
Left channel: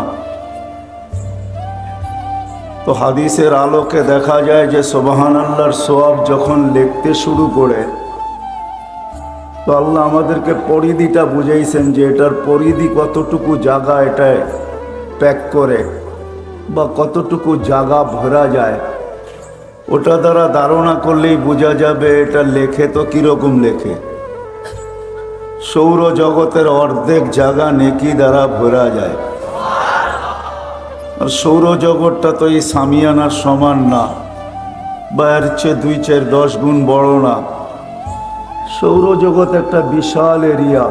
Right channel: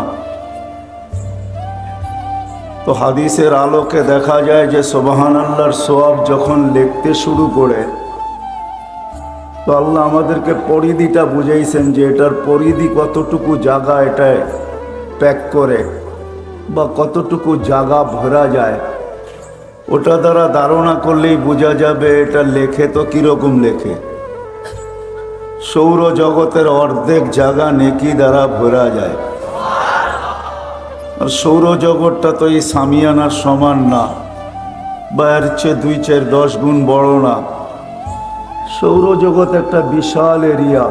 তো হাদিসের আলোকে দেখা যায় যে সুবহানাল্লাহর সওয়াব যখন লিখতে শুরু করে, তো আল্লাহ আমাদেরকে পরিধিটা বুঝাইছেন যে এটার পরিধি কতটুকু জায়গা এটায় প্যাক করে বা কতটুকু জায়গা ভরা যায়, ওটা দ্বারা ধারণা করলেই বোঝা যাবে এটা লেখে তো কিরকম লেখে। সৌরজগতের অর্ধেক জায়গা নেকি দ্বারা ভরা যায়। আর সৌরজগৎটা তো এই সামিয়ানার সমান না, বা এর চেয়ে 2-4-10 গুণ বড় না। সৌরজগৎ একটা বিশাল এরিয়া,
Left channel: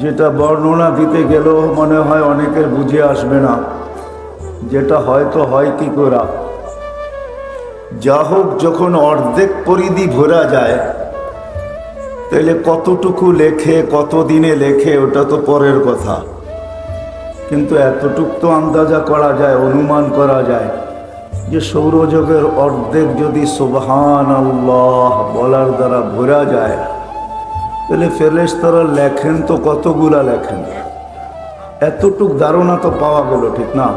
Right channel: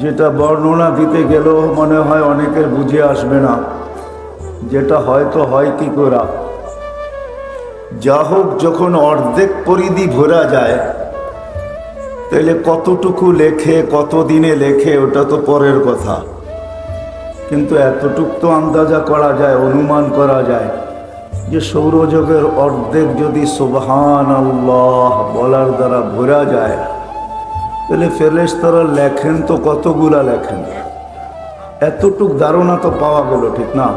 যেটা বর্ণনা দিতে গেলেও মনে হয় অনেকের বুঝে আসবে না, যেটা হয়তো হয় কি করা। যা হোক, যখন অর্ধেক পরিধি ভরা যায়, তাহলে কতটুকু লেখে, কতদিনে লেখে, ওটা তো পরের কথা। কিন্তু এতটুকু তো আন্দাজা করা যায়, অনুমান করা যায় যে সৌরজগতের অর্ধেক যদি সুবহানাল্লাহ বলার দ্বারা ভরা যায়, তাহলে ফেরেশতারা লেখেন তো কতগুলা লেখেন। এতটুক ধারণা তো পাওয়া গেল, ঠিক না?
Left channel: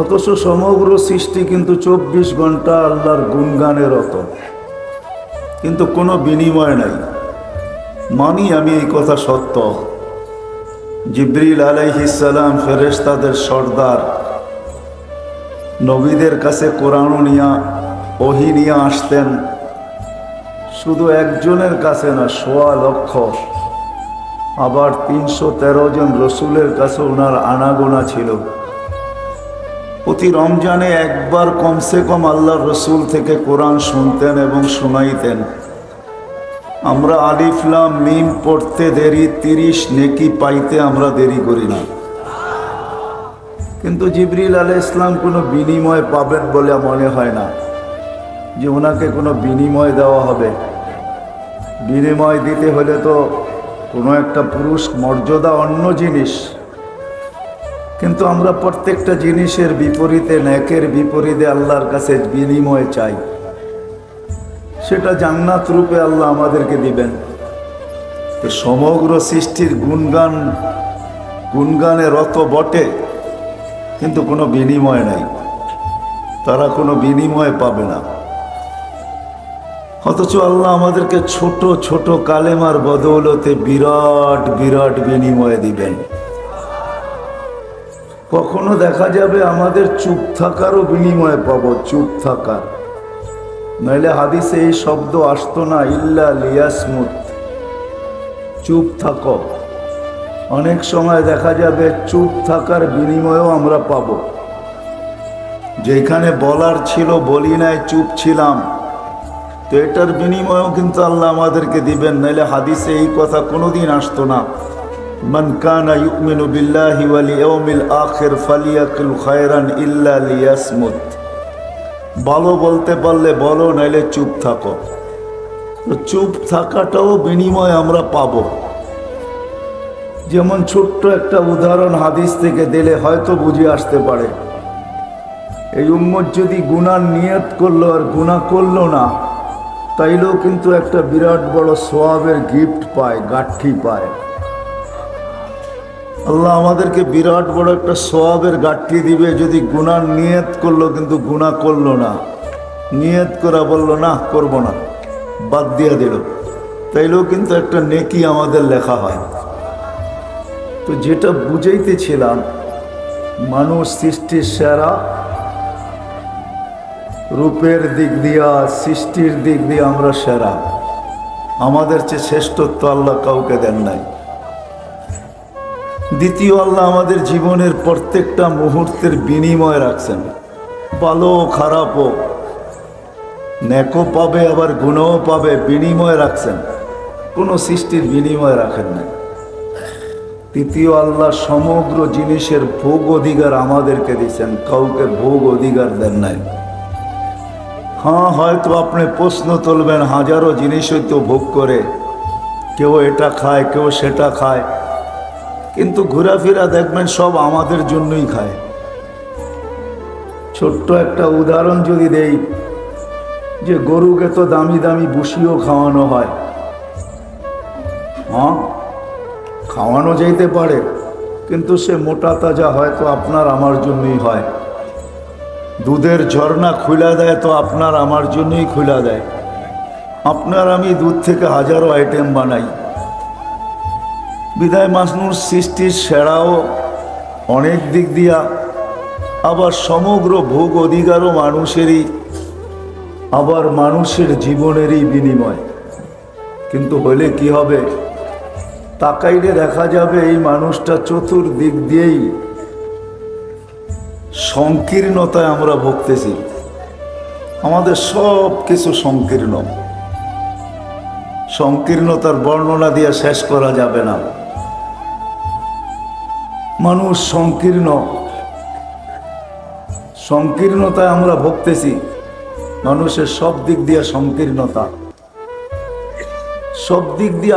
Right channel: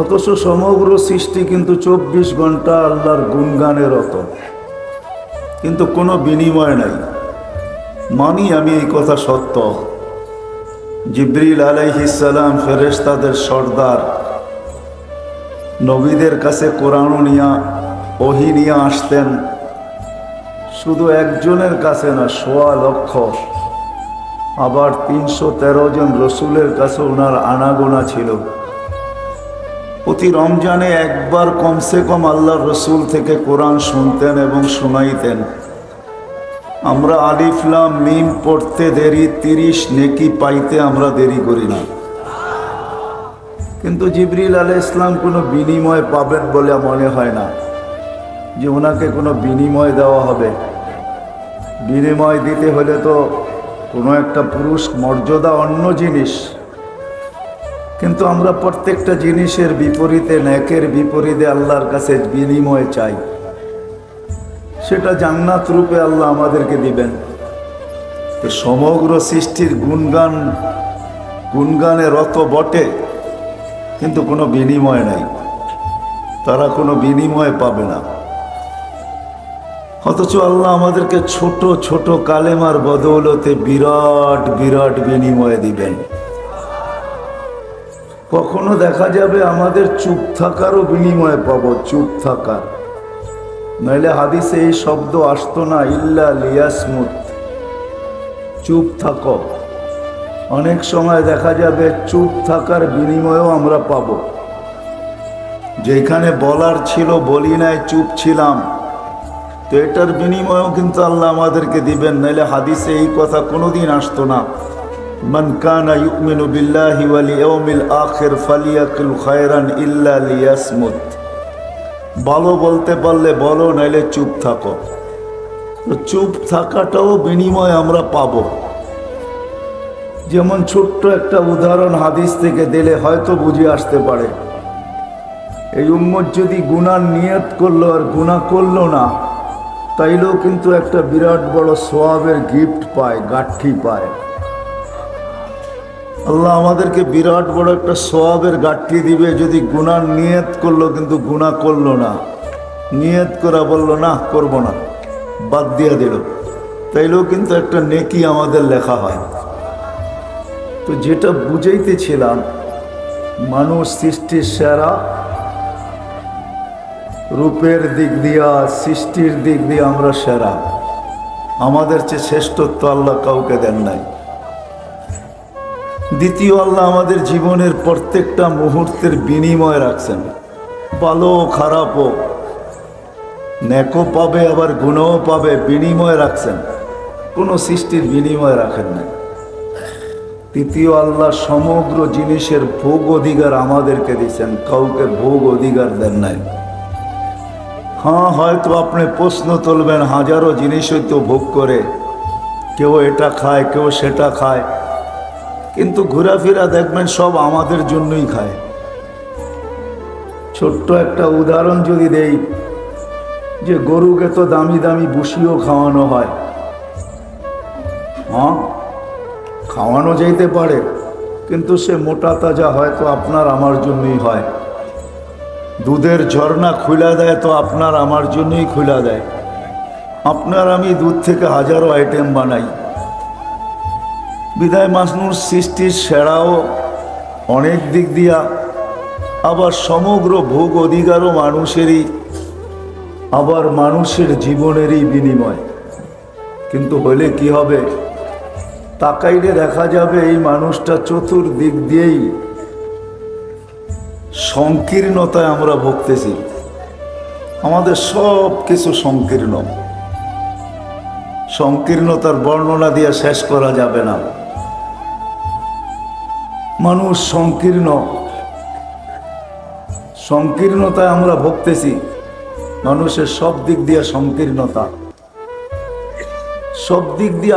অথচ সমগ্র সৃষ্টি কিন্তু 24 ঘন্টা আল্লাহর গুণগানে রত, কিন্তু কোনো বিনিময় নাই। মানি আমি এই কথা সত্য। জিবরিল আলাইহিস সালাম ফেরেশতাদের সর্দার, নবীদের কাছে কোরআন নিয়া ওহী নিয়ে আসতেন। শুধু একজনের কাছে না, 1.25 লক্ষ। আবার 313 জন রসুলের কাছে ওনার আনাগোনা ছিল। প্রতি রমজানে একবার কমসে কম আল্লাহর রসুল থেকে কোরআন শুনতেন এবং শোনাইতেন। আমরা আলিফ লাম মিম পড়তে দেরি, 30 নেকি পাইতে আমরা দেরি করি না। কিন্তু জিবরিল আলাইহিস সালাম কোনো বিনিময় পাবেন বলে মনে হয় না, যে ওনাকে কোনো বিনিময় দেওয়া হবে। বিনিময় দিতে হলে তো কোনো একটা পুরুষ মর্যাদা, অন্য জিনিস। কিন্তু আমরা প্রত্যেকটা জিনিসের বিপরীতে, নেকের বিপরীতে আল্লাহর কাছে বিনিময় চাই। সেটা জান্নাত রূপে আল্লাহ আমাদেরকে দিবেন। তো সমগ্র সৃষ্টির গুণগানে রত বটে, কিন্তু কোনো বিনিময় নাই, তারা কোনো বিনিময় পাবে না। অথচ আল্লাহ আমাদেরকে ছোট ছোট কালেমার বদৌলতে বিরাট বিরাট বিনিময় দিবেন। কখনো দেখা যাবে আমাদের চুপ থাকারও বিনিময় পাবো, চুপ থাকার। নইলে হাদিসে এই শব্দ আসতো না, ইল্লা লিয়াসমুত, চুপ থাকো। অনেক সময় দেখা যাবে চুপ থাকার বিনিময়ও আমরা পাবো। যেখানে বলার ছিল বলি নাই, চুপ ছিলাম, তো এটার বিনিময়ও কিন্তু আল্লাহ আমাদেরকে দিবেন। নাইলে হাদিসে এই কথা কোনোদিন আসতো না, মান কানা ইউমিনু বিল্লাহি ওয়াল ইয়াউমিল আখির ফালিয়াকুল খায়রান ইল্লা লিয়াসমুত। ভালো বলতে পারলে বলো, নাইলে চুপ থাকো। তো চুপ থাকাটাও বিনিময় আমরা পাবো। যেমন ছোট্ট একটা উদাহরণ হাদিস থেকে দিলে হয়তো বুঝে আসতে পারে। এই উম্মত যদি গুনার নিয়ত করলো আর গুনাহ করলো না, তাইলেও কিন্তু একটা বিরাট বড় সওয়াবের গিফট পায়, গাঠি পায়। আল্লাহ আমাদেরকে বিরাট বড় একটা সওয়াবের গাঠি দিবে যদি গুনার নিয়ত করলো কিন্তু গুনাহ করলো না। নিয়ত করা বললো না করবো না, বাদ দিয়ে দিল, তাইলেও কিন্তু একটা নেকি আমাদের লেখা হয়। তো যেটা বুঝাইতেছিলাম, মানুষ সৃষ্টির সেরা, রূপের দিক দিয়া সৃষ্টির দিক দিয়ে আমরা সেরা, আমাদের চেয়ে শ্রেষ্ঠত্ব আল্লাহ কাউকে দেন নাই। দ্বিতীয়, আল্লাহ আমাদের জীবনের প্রত্যেকটা মুহূর্তের বিনিময় রাখছেন, ভালো খারাপও, নেকও পাবে আবার গুণও পাবে, বিনিময় রাখছেন, কোনো সৃষ্টির বিনিময় রাখেন নাই। তৃতীয়, আল্লাহ সমগ্র জিনিসের ভোগ অধিকার আমাদেরকে দিয়েছেন, কাউকে ভোগ অধিকার দেন নাই। হ্যাঁ, হয়তো আপনি প্রশ্ন তুলবেন, হাজারো জিনিসই তো ভোগ করে, কেউ এটা খায়, কেউ সেটা খায়, কিন্তু ঘোরাফেরা দেখবেন সব আমাদের জন্যই খায়। ছোট্ট একটা উদাহরণ যদি দেই, যে গরুকে তো দামি দামি ভুসিও খাওয়ানো হয়, হ্যাঁ খাওয়ানো যাইতে পারে, কিন্তু সে মোটা তাজা হয়তো আপনার আমার জন্যই হয়। দুধের ঝর্ণা খুলে দেয় তো আপনার আমার জন্যই খুলে দেয়। আপনার আমি দুধ থেকে হাজারো আইটেম বানাই। বিদায় মানুষ সৃষ্টির সেরাও অনেক দিক দিয়া, আবার সমগ্র ভোগ অধিকারও মানুষেরই, আবার মানুষের জীবনেরই বিনিময়। কিন্তু হলে কি হবে, তাকাইলে দেখা যাবে এই মানুষটা চতুর্দিক দিয়েই সংকীর্ণতায় আমরা ভুগতেছি। আমাদের সব কিছু সংকীর্ণ, সংকীর্ণতার বর্ণনা দিয়ে শেষ করা যাবে না। মানুষ সংকীর্ণ, সংকীর্ণতায় আমরা ভুগতেছি। মানুষের সব দিক দিয়ে সংকীর্ণতা, সব দিক দিয়ে